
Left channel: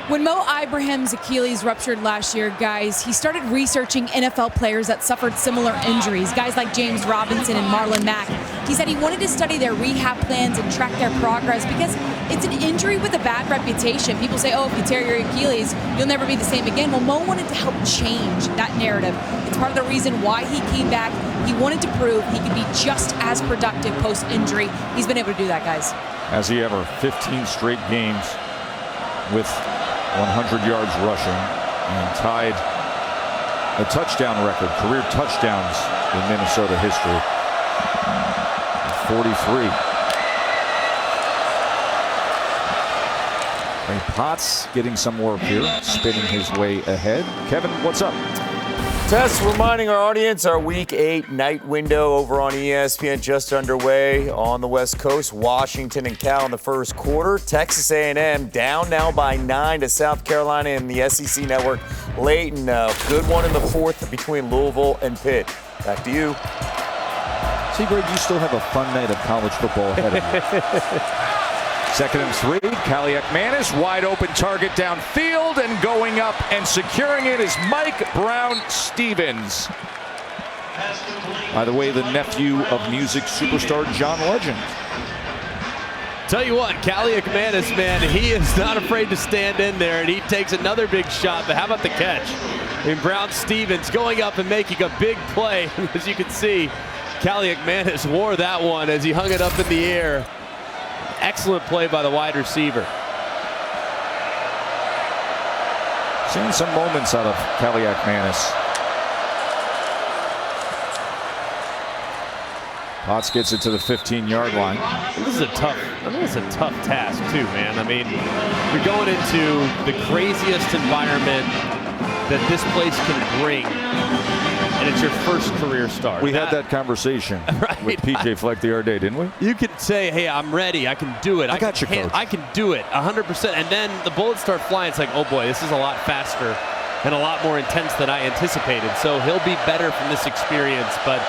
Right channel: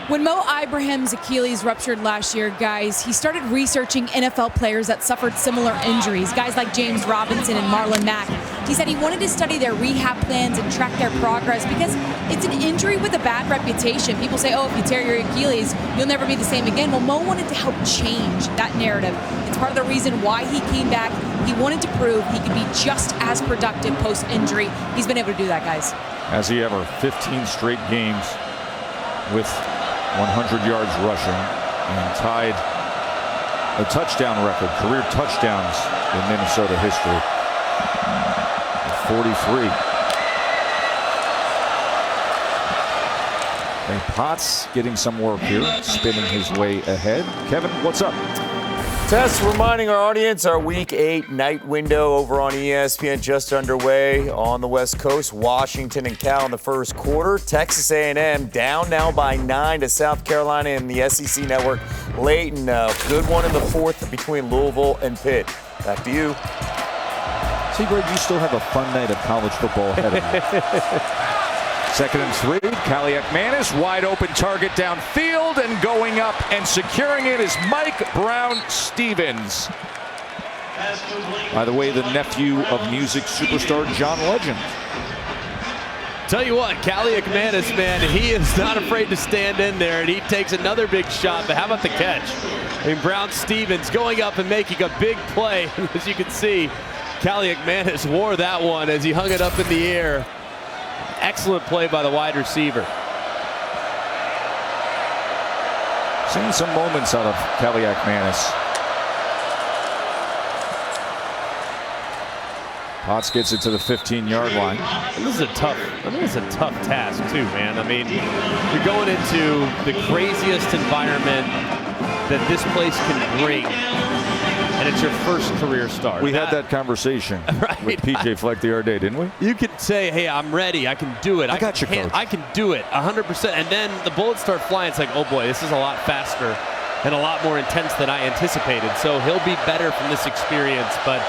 When Mo Ibrahim's Achilles ruptured last year, guys, he started researching NFL players that suffered similar injuries, guys like James Robinson and Marlon Mack. He said he wanted to study their rehab plans and track their progress because it's an injury with a bad reputation. People say, oh, if you tear your Achilles, you'll never be the same again. Well, Mo wanted to help change that narrative. It's part of the reason why he came back. He wanted to prove he could be just as productive post-injury. He's been able to do that, guys. Has he ever? 15 straight games with 100 yards rushing and tied a touchdown record, career touchdowns in Minnesota history with 43. Ray Potts getting some work here, spinning his way ahead. Kevin, what's up? Tess, reminding our audience, our Week 8 night window over on ESPN just underway on the West Coast. Washington and Cal in the first quarter. Texas A&M down now by 9 to South Carolina in the SEC Network late, and a good one in the fourth between Louisville and Pitt. Back to you. See, Greg, you still have a fun night of college football ahead of you. 2nd and 3, Kaliak-Manis, wide open target downfield, and going up and securing it is Mike Brown-Stevens. By the way, the nephew of music superstar John Legend. Tell you what, Kaliak-Manis, man, he is not afraid to stand in there, and he takes another big shot, but how about the catch? I mean, Brown-Stevens going up and making a big play. As you can see, Kaliak-Manis wore that one as he hung it up in the air. Excellent play by the wide receiver. Seeing some moments out of Kaliak-Manis. Potts gets it to the 15-yard line. And this is a tough task too, man. I mean, you're going into the craziest environment that this place can bring, and it's your first career start. We had that conversation with PJ Fleck the other day, didn't we? You can say, hey, I'm ready. I can do it. I got you, Coach. I can do it 100%. And then the bullets start flying. It's like, oh, boy, this is a lot faster and a lot more intense than I anticipated. So he'll be better from this experience. But,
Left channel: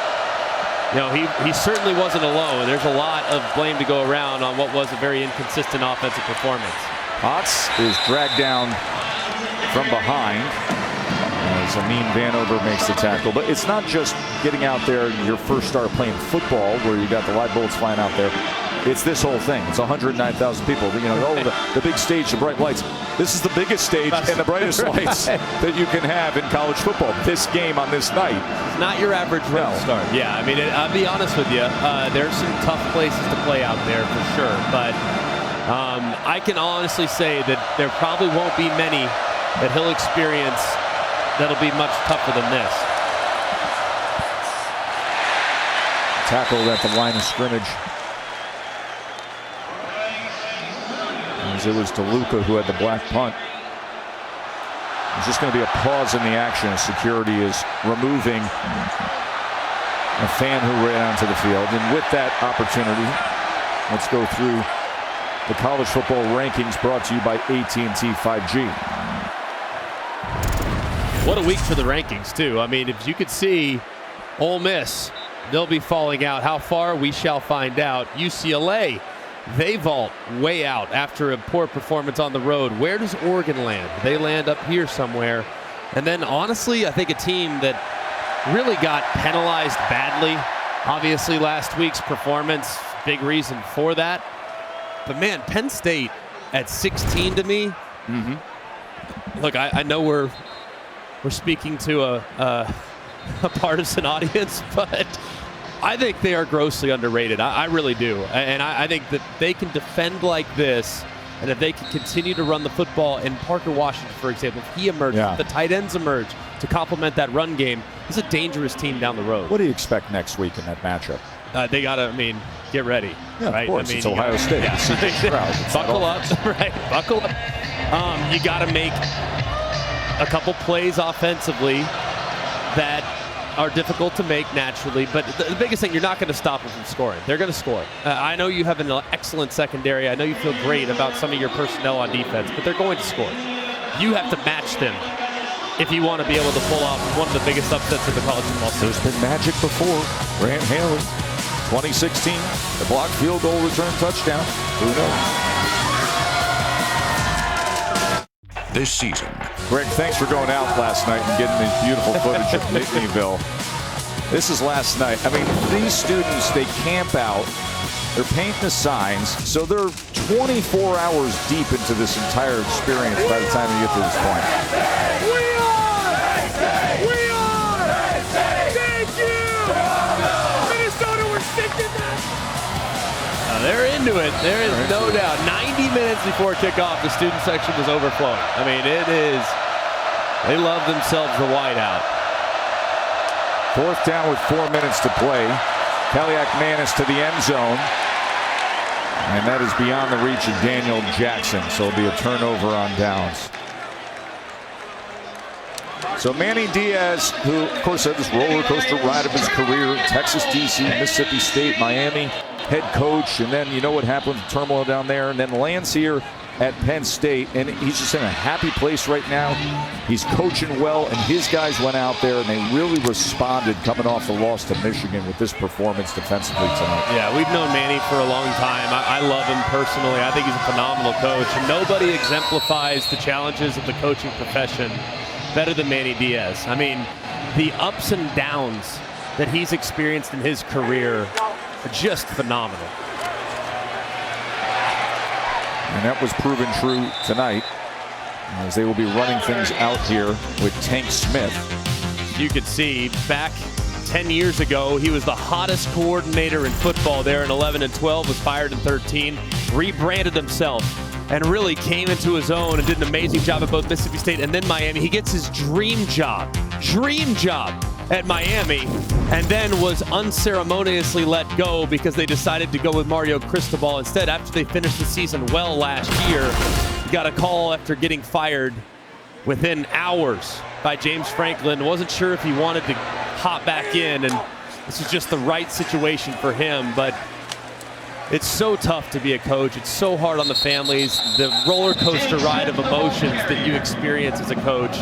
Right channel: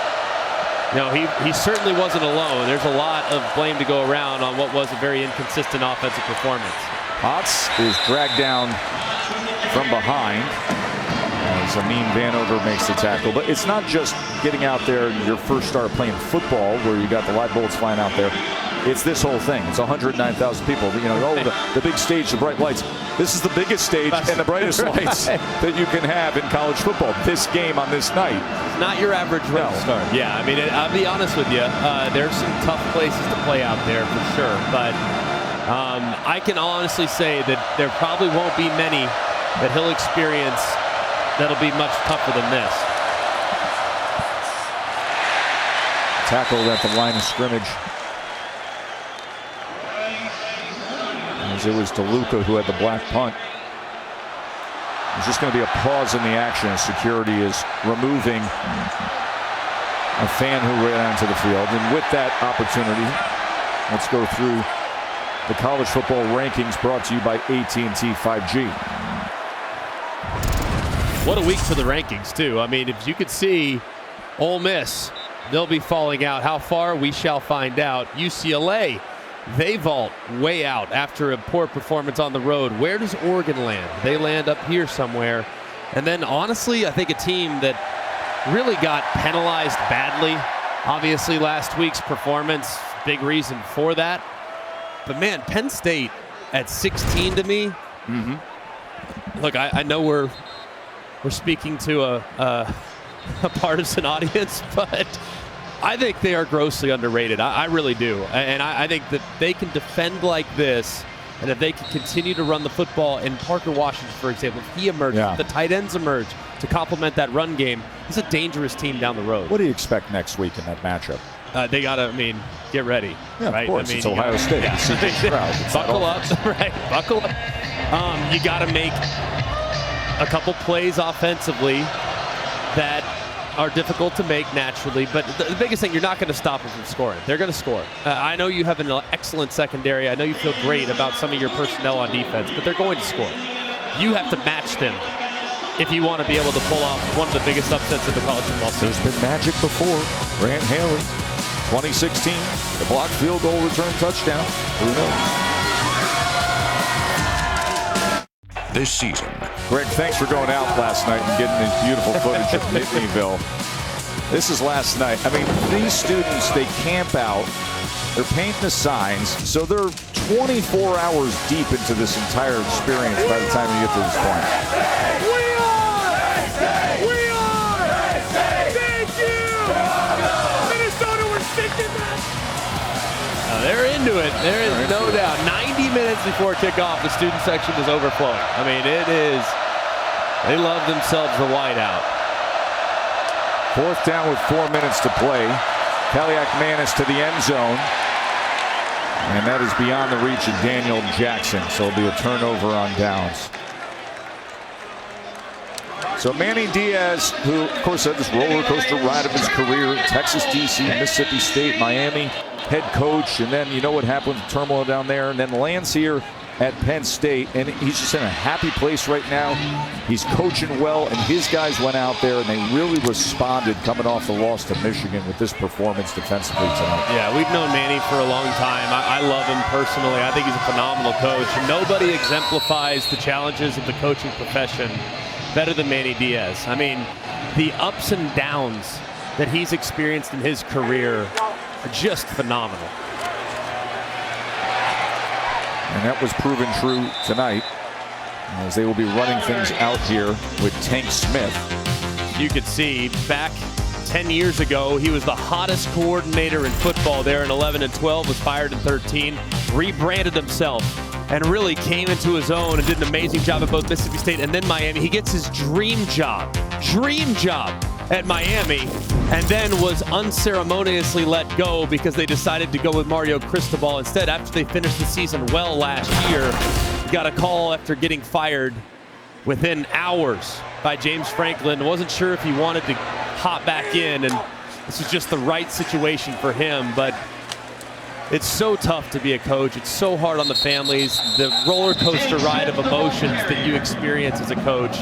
you know, he certainly wasn't alone. There's a lot of blame to go around on what was a very inconsistent offensive performance. Potts is dragged down from behind as Amin Vanover makes the tackle. But it's not just getting out there your first start playing football where you got the live bullets flying out there. It's this whole thing. It's 109,000 people. You know, the big stage, the bright lights. This is the biggest stage and the brightest lights that you can have in college football. This game on this night. It's not your average run start. Yeah, I mean, I'll be honest with you. There's some tough places to play out there for sure. But I can honestly say that there probably won't be many that he'll experience that'll be much tougher than this. Tackled at the line of scrimmage. As it was DeLuca who had the black punt. There's just going to be a pause in the action as security is removing a fan who ran onto the field. And with that opportunity, let's go through the college football rankings brought to you by AT&T 5G. What a week for the rankings, too. I mean, if you could see Ole Miss, they'll be falling out. How far? We shall find out. UCLA, they vault way out after a poor performance on the road. Where does Oregon land? They land up here somewhere. And then, honestly, I think a team that really got penalized badly. Obviously, last week's performance, big reason for that. But, man, Penn State at 16 to me. Mm-hmm. Look, I know we're speaking to a partisan audience, but I think they are grossly underrated. I really do. And I think that they can defend like this, and if they can continue to run the football, and Parker Washington, for example, if he emerges, if the tight ends emerge to complement that run game, it's a dangerous team down the road. What do you expect next week in that matchup? They got to, get ready. Yeah, right? Of course. It's Ohio State. Yeah. Buckle up. Right. Buckle up. You got to make a couple plays offensively that are difficult to make naturally, but the biggest thing, you're not going to stop them from scoring. They're going to score. I know you have an excellent secondary. I know you feel great about some of your personnel on defense, but they're going to score. You have to match them if you want to be able to pull off one of the biggest upsets of the college football season. There's been magic before. Grant Haley, 2016, the blocked field goal return touchdown. Who knows? this season. Greg, thanks for going out last night and getting this beautiful footage of Nittanyville. This is last night. I mean, these students, they camp out. They're painting the signs. So they're 24 hours deep into this entire experience by the time you get to this point. We are! We are! Thank you! Minnesota, we're sinking that! They're into it. There is no doubt. 90 minutes before kickoff, the student section was overflowing. I mean, it is. They love themselves the whiteout. 4th down with 4 minutes to play. Kaliak-Manis to the end zone. And that is beyond the reach of Daniel Jackson. So it'll be a turnover on downs. So Manny Diaz, who of course had this roller coaster ride of his career, Texas, DC, Mississippi State, Miami, head coach, and then you know what happened with the turmoil down there, and then lands here at Penn State, and he's just in a happy place right now. He's coaching well, and his guys went out there and they really responded coming off the loss to Michigan with this performance defensively tonight. Yeah, we've known Manny for a long time. I love him personally. I think he's a phenomenal coach. Nobody exemplifies the challenges of the coaching profession better than Manny Diaz. I mean, the ups and downs that he's experienced in his career are just phenomenal. And that was proven true tonight, as they will be running things out here with Tank Smith. You could see back 10 years ago, he was the hottest coordinator in football there in 11 and 12, was fired in 13, rebranded himself, and really came into his own and did an amazing job at both Mississippi State and then Miami. He gets his dream job at Miami, and then was unceremoniously let go because they decided to go with Mario Cristobal instead after they finished the season well last year. He got a call after getting fired within hours by James Franklin. Wasn't sure if he wanted to hop back in, and this was just the right situation for him. But it's so tough to be a coach. It's so hard on the families. The roller coaster ride of emotions that you experience as a coach.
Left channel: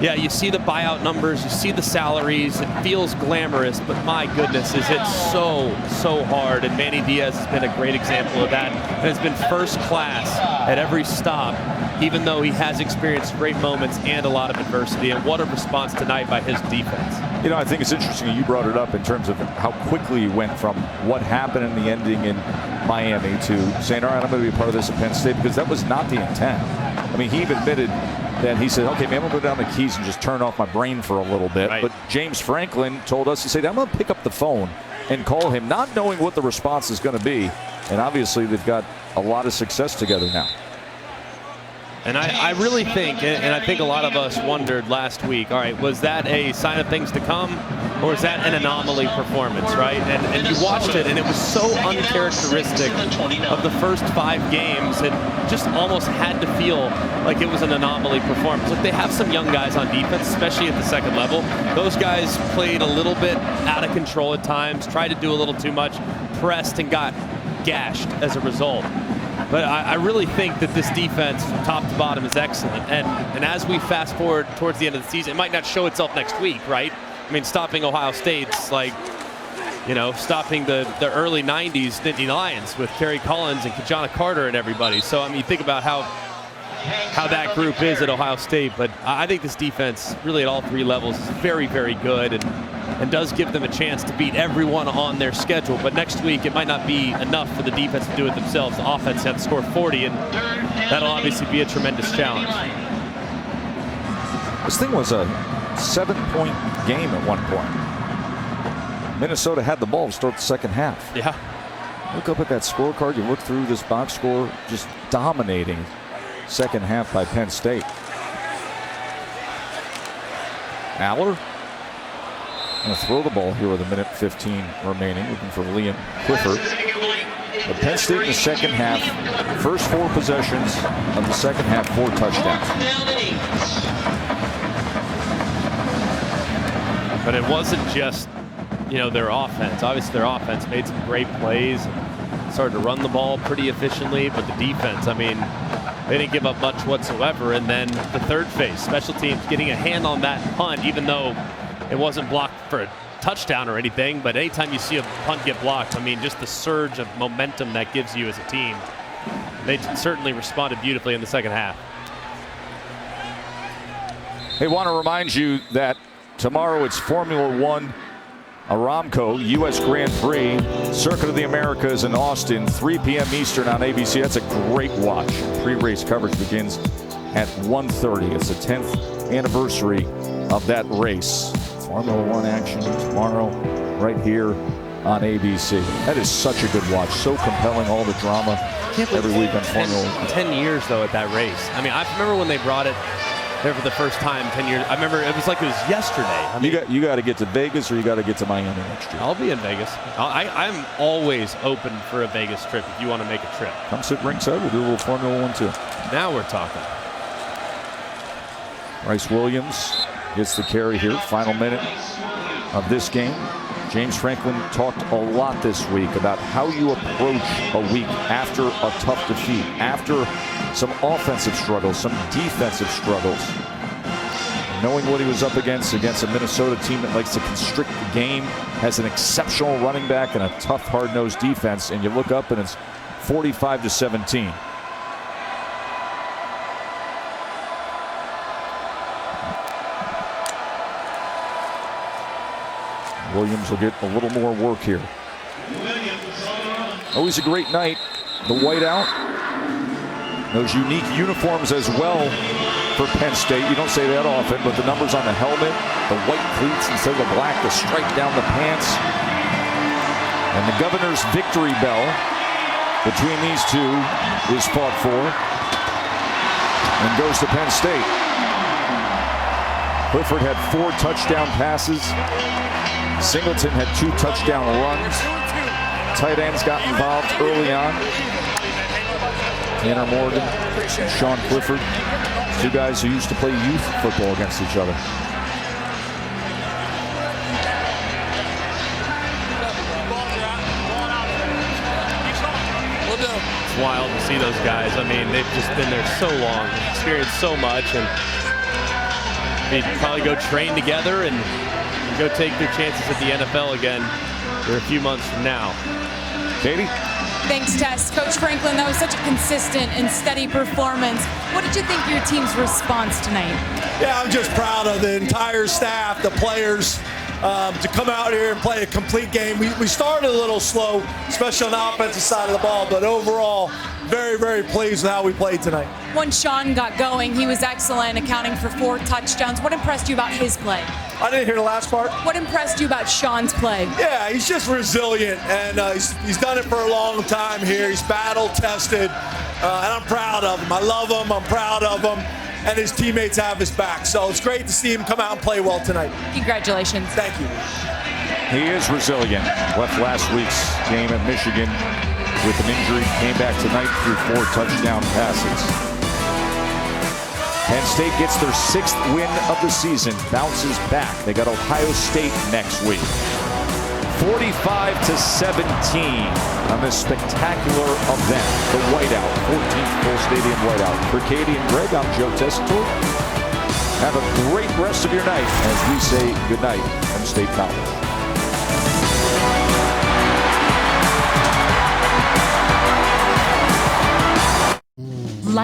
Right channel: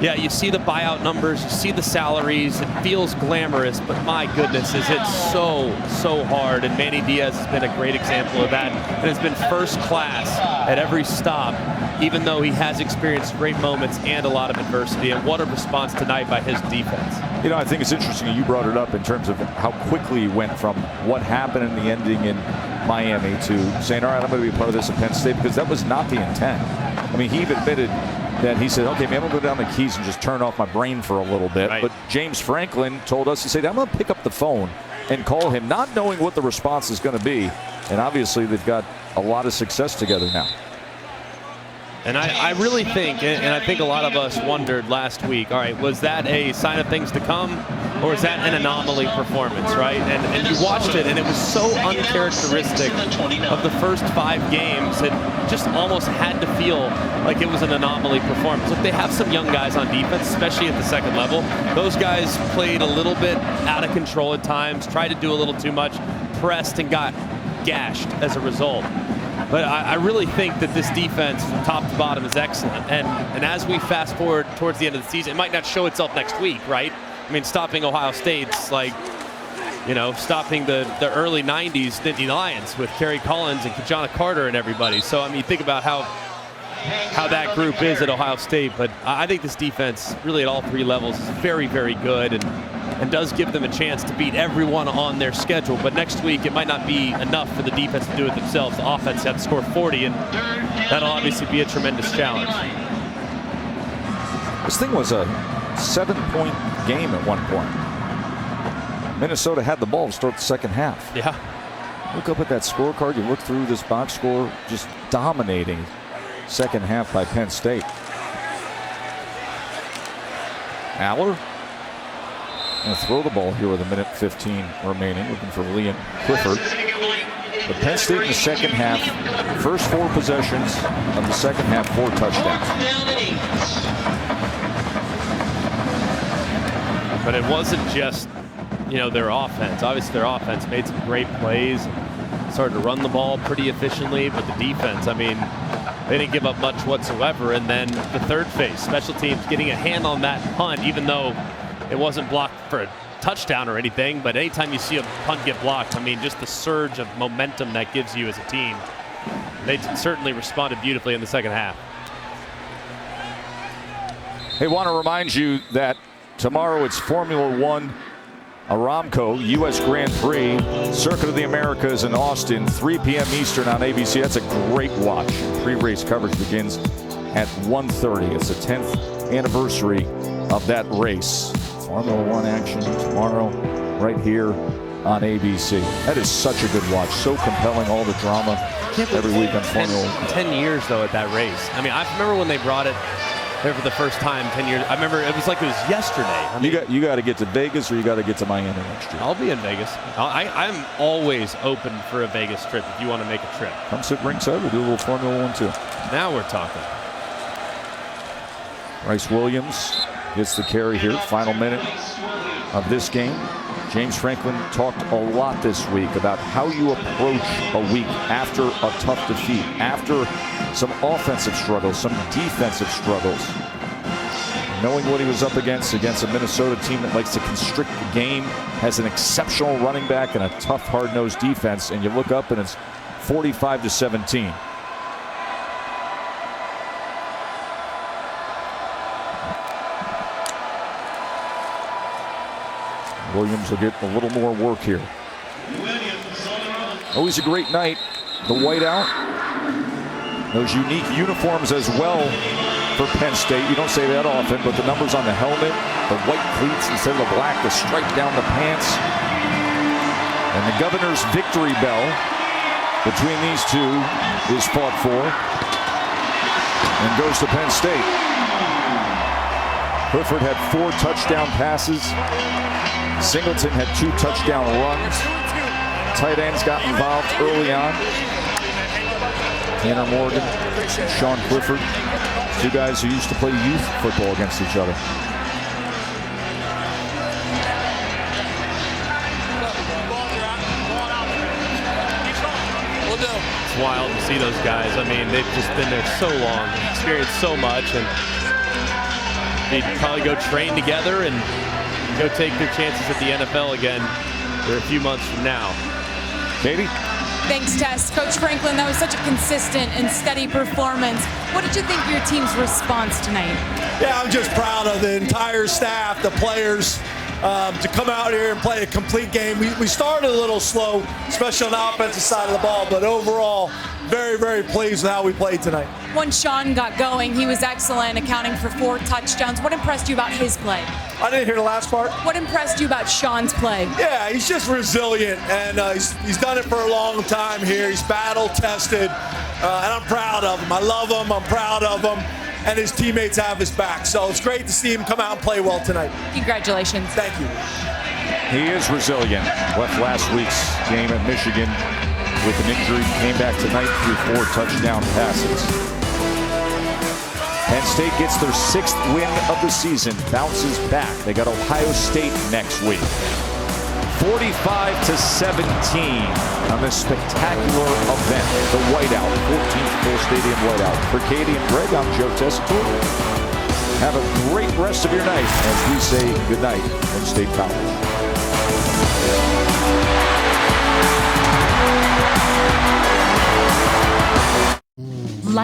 Yeah, you see the buyout numbers, you see the salaries, it feels glamorous, but my goodness, is it so hard. And Manny Diaz has been a great example of that and has been first class at every stop, even though he has experienced great moments and a lot of adversity. And what a response tonight by his defense. You know, I think it's interesting you brought it up in terms of how quickly he went from what happened in the ending in Miami to saying, all right, I'm going to be a part of this at Penn State, because that was not the intent. I mean, he even admitted that he said, okay, man, I'm going to go down the keys and just turn off my brain for a little bit. Right. But James Franklin told us, he said, I'm going to pick up the phone and call him, not knowing what the response is going to be. And obviously they've got a lot of success together now. And I really think, and I think a lot of us wondered last week, all right, was that a sign of things to come, or is that an anomaly performance, right? And you watched it, and it was so uncharacteristic of the first 5 games. It just almost had to feel like it was an anomaly performance. Look, they have some young guys on defense, especially at the second level. Those guys played a little bit out of control at times, tried to do a little too much, pressed and got gashed as a result. But I really think that this defense from top to bottom is excellent. And as we fast forward towards the end of the season, it might not show itself next week, right? I mean, stopping Ohio State's like, you know, stopping the early 90s Nittany Lions with Kerry Collins and Kajana Carter and everybody. So, I mean, think about how that group is at Ohio State. But I think this defense, really at all 3 levels, is very, very good and does give them a chance to beat everyone on their schedule. But next week, it might not be enough for the defense to do it themselves. The offense have to score 40, and that'll obviously be a tremendous challenge. This thing was a 7-point game at one point. Minnesota had the ball to start the second half. Yeah. Look up at that scorecard. You look through this box score, just dominating second half by Penn State. Aller going to throw the ball here with 1:15 remaining, looking for Liam Clifford. But Penn State in the second half, first 4 possessions of the second half, 4 touchdowns. But it wasn't just, you know, their offense. Obviously, their offense made some great plays and started to run the ball pretty efficiently. But the defense, I mean, they didn't give up much whatsoever. And then the third phase, special teams getting a hand on that punt, even though it wasn't blocked for a touchdown or anything. But anytime you see a punt get blocked, I mean, just the surge of momentum that gives you as a team. They certainly responded beautifully in the second half. Hey, want to remind you that tomorrow it's Formula One Aramco U.S. Grand Prix, Circuit of the Americas in Austin, 3 p.m. Eastern on ABC. That's a great watch. Pre-race coverage begins at 1:30. It's the 10th anniversary of that race. Formula One action tomorrow right here on ABC. That is such a good watch. So compelling, all the drama every week on Formula One. 10 years, though, at that race. I mean, I remember when they brought it there for the first time 10 years. I remember it was like it was yesterday. I mean, you got to get to Vegas or you got to get to Miami next year. I'll be in Vegas. I'm always open for a Vegas trip if you want to make a trip. Come sit ringside. We'll do a little Formula One too. Now we're talking. Bryce Williams gets the carry here. Final minute of this game. James Franklin talked a lot this week about how you approach a week after a tough defeat, after some offensive struggles, some defensive struggles. And knowing what he was up against a Minnesota team that likes to constrict the game, has an exceptional running back and a tough, hard-nosed defense, and you look up and it's 45-17. Williams will get a little more work here. Always a great night. The whiteout. Those unique uniforms as well for Penn State. You don't say that often, but the numbers on the helmet, the white cleats instead of the black, the stripe down the pants. And the governor's victory bell between these two is fought for and goes to Penn State. Clifford had 4 touchdown passes. Singleton had 2 touchdown runs. Tight ends got involved early on. Tanner Morgan and Sean Clifford, 2 guys who used to play youth football against each other. It's wild to see those guys. I mean, they've just been there so long, experienced so much, and they'd probably go train together and go take their chances at the NFL again here a few months from now. Katie? Thanks, Tess. Coach Franklin, that was such a consistent and steady performance. What did you think of your team's response tonight? Yeah, I'm just proud of the entire staff, the players, to come out here and play a complete game. We started a little slow, especially on the offensive side of the ball, but overall, very, very pleased with how we played tonight. Once Sean got going, he was excellent, accounting for 4 touchdowns. What impressed you about his play? I didn't hear the last part. What impressed you about Sean's play? Yeah, he's just resilient, and he's done it for a long time here. He's battle-tested, and I'm proud of him. I love him. I'm proud of him, and his teammates have his back. So it's great to see him come out and play well tonight. Congratulations. Thank you. He is resilient. Left last week's game at Michigan with an injury. Came back tonight through 4 touchdown passes. Penn State gets their 6th win of the season, bounces back. They got Ohio State next week. 45-17 on this spectacular event, the whiteout, 14th full stadium whiteout. For Katie and Greg, I'm Joe Tessitore. Have a great rest of your night as we say goodnight from State College.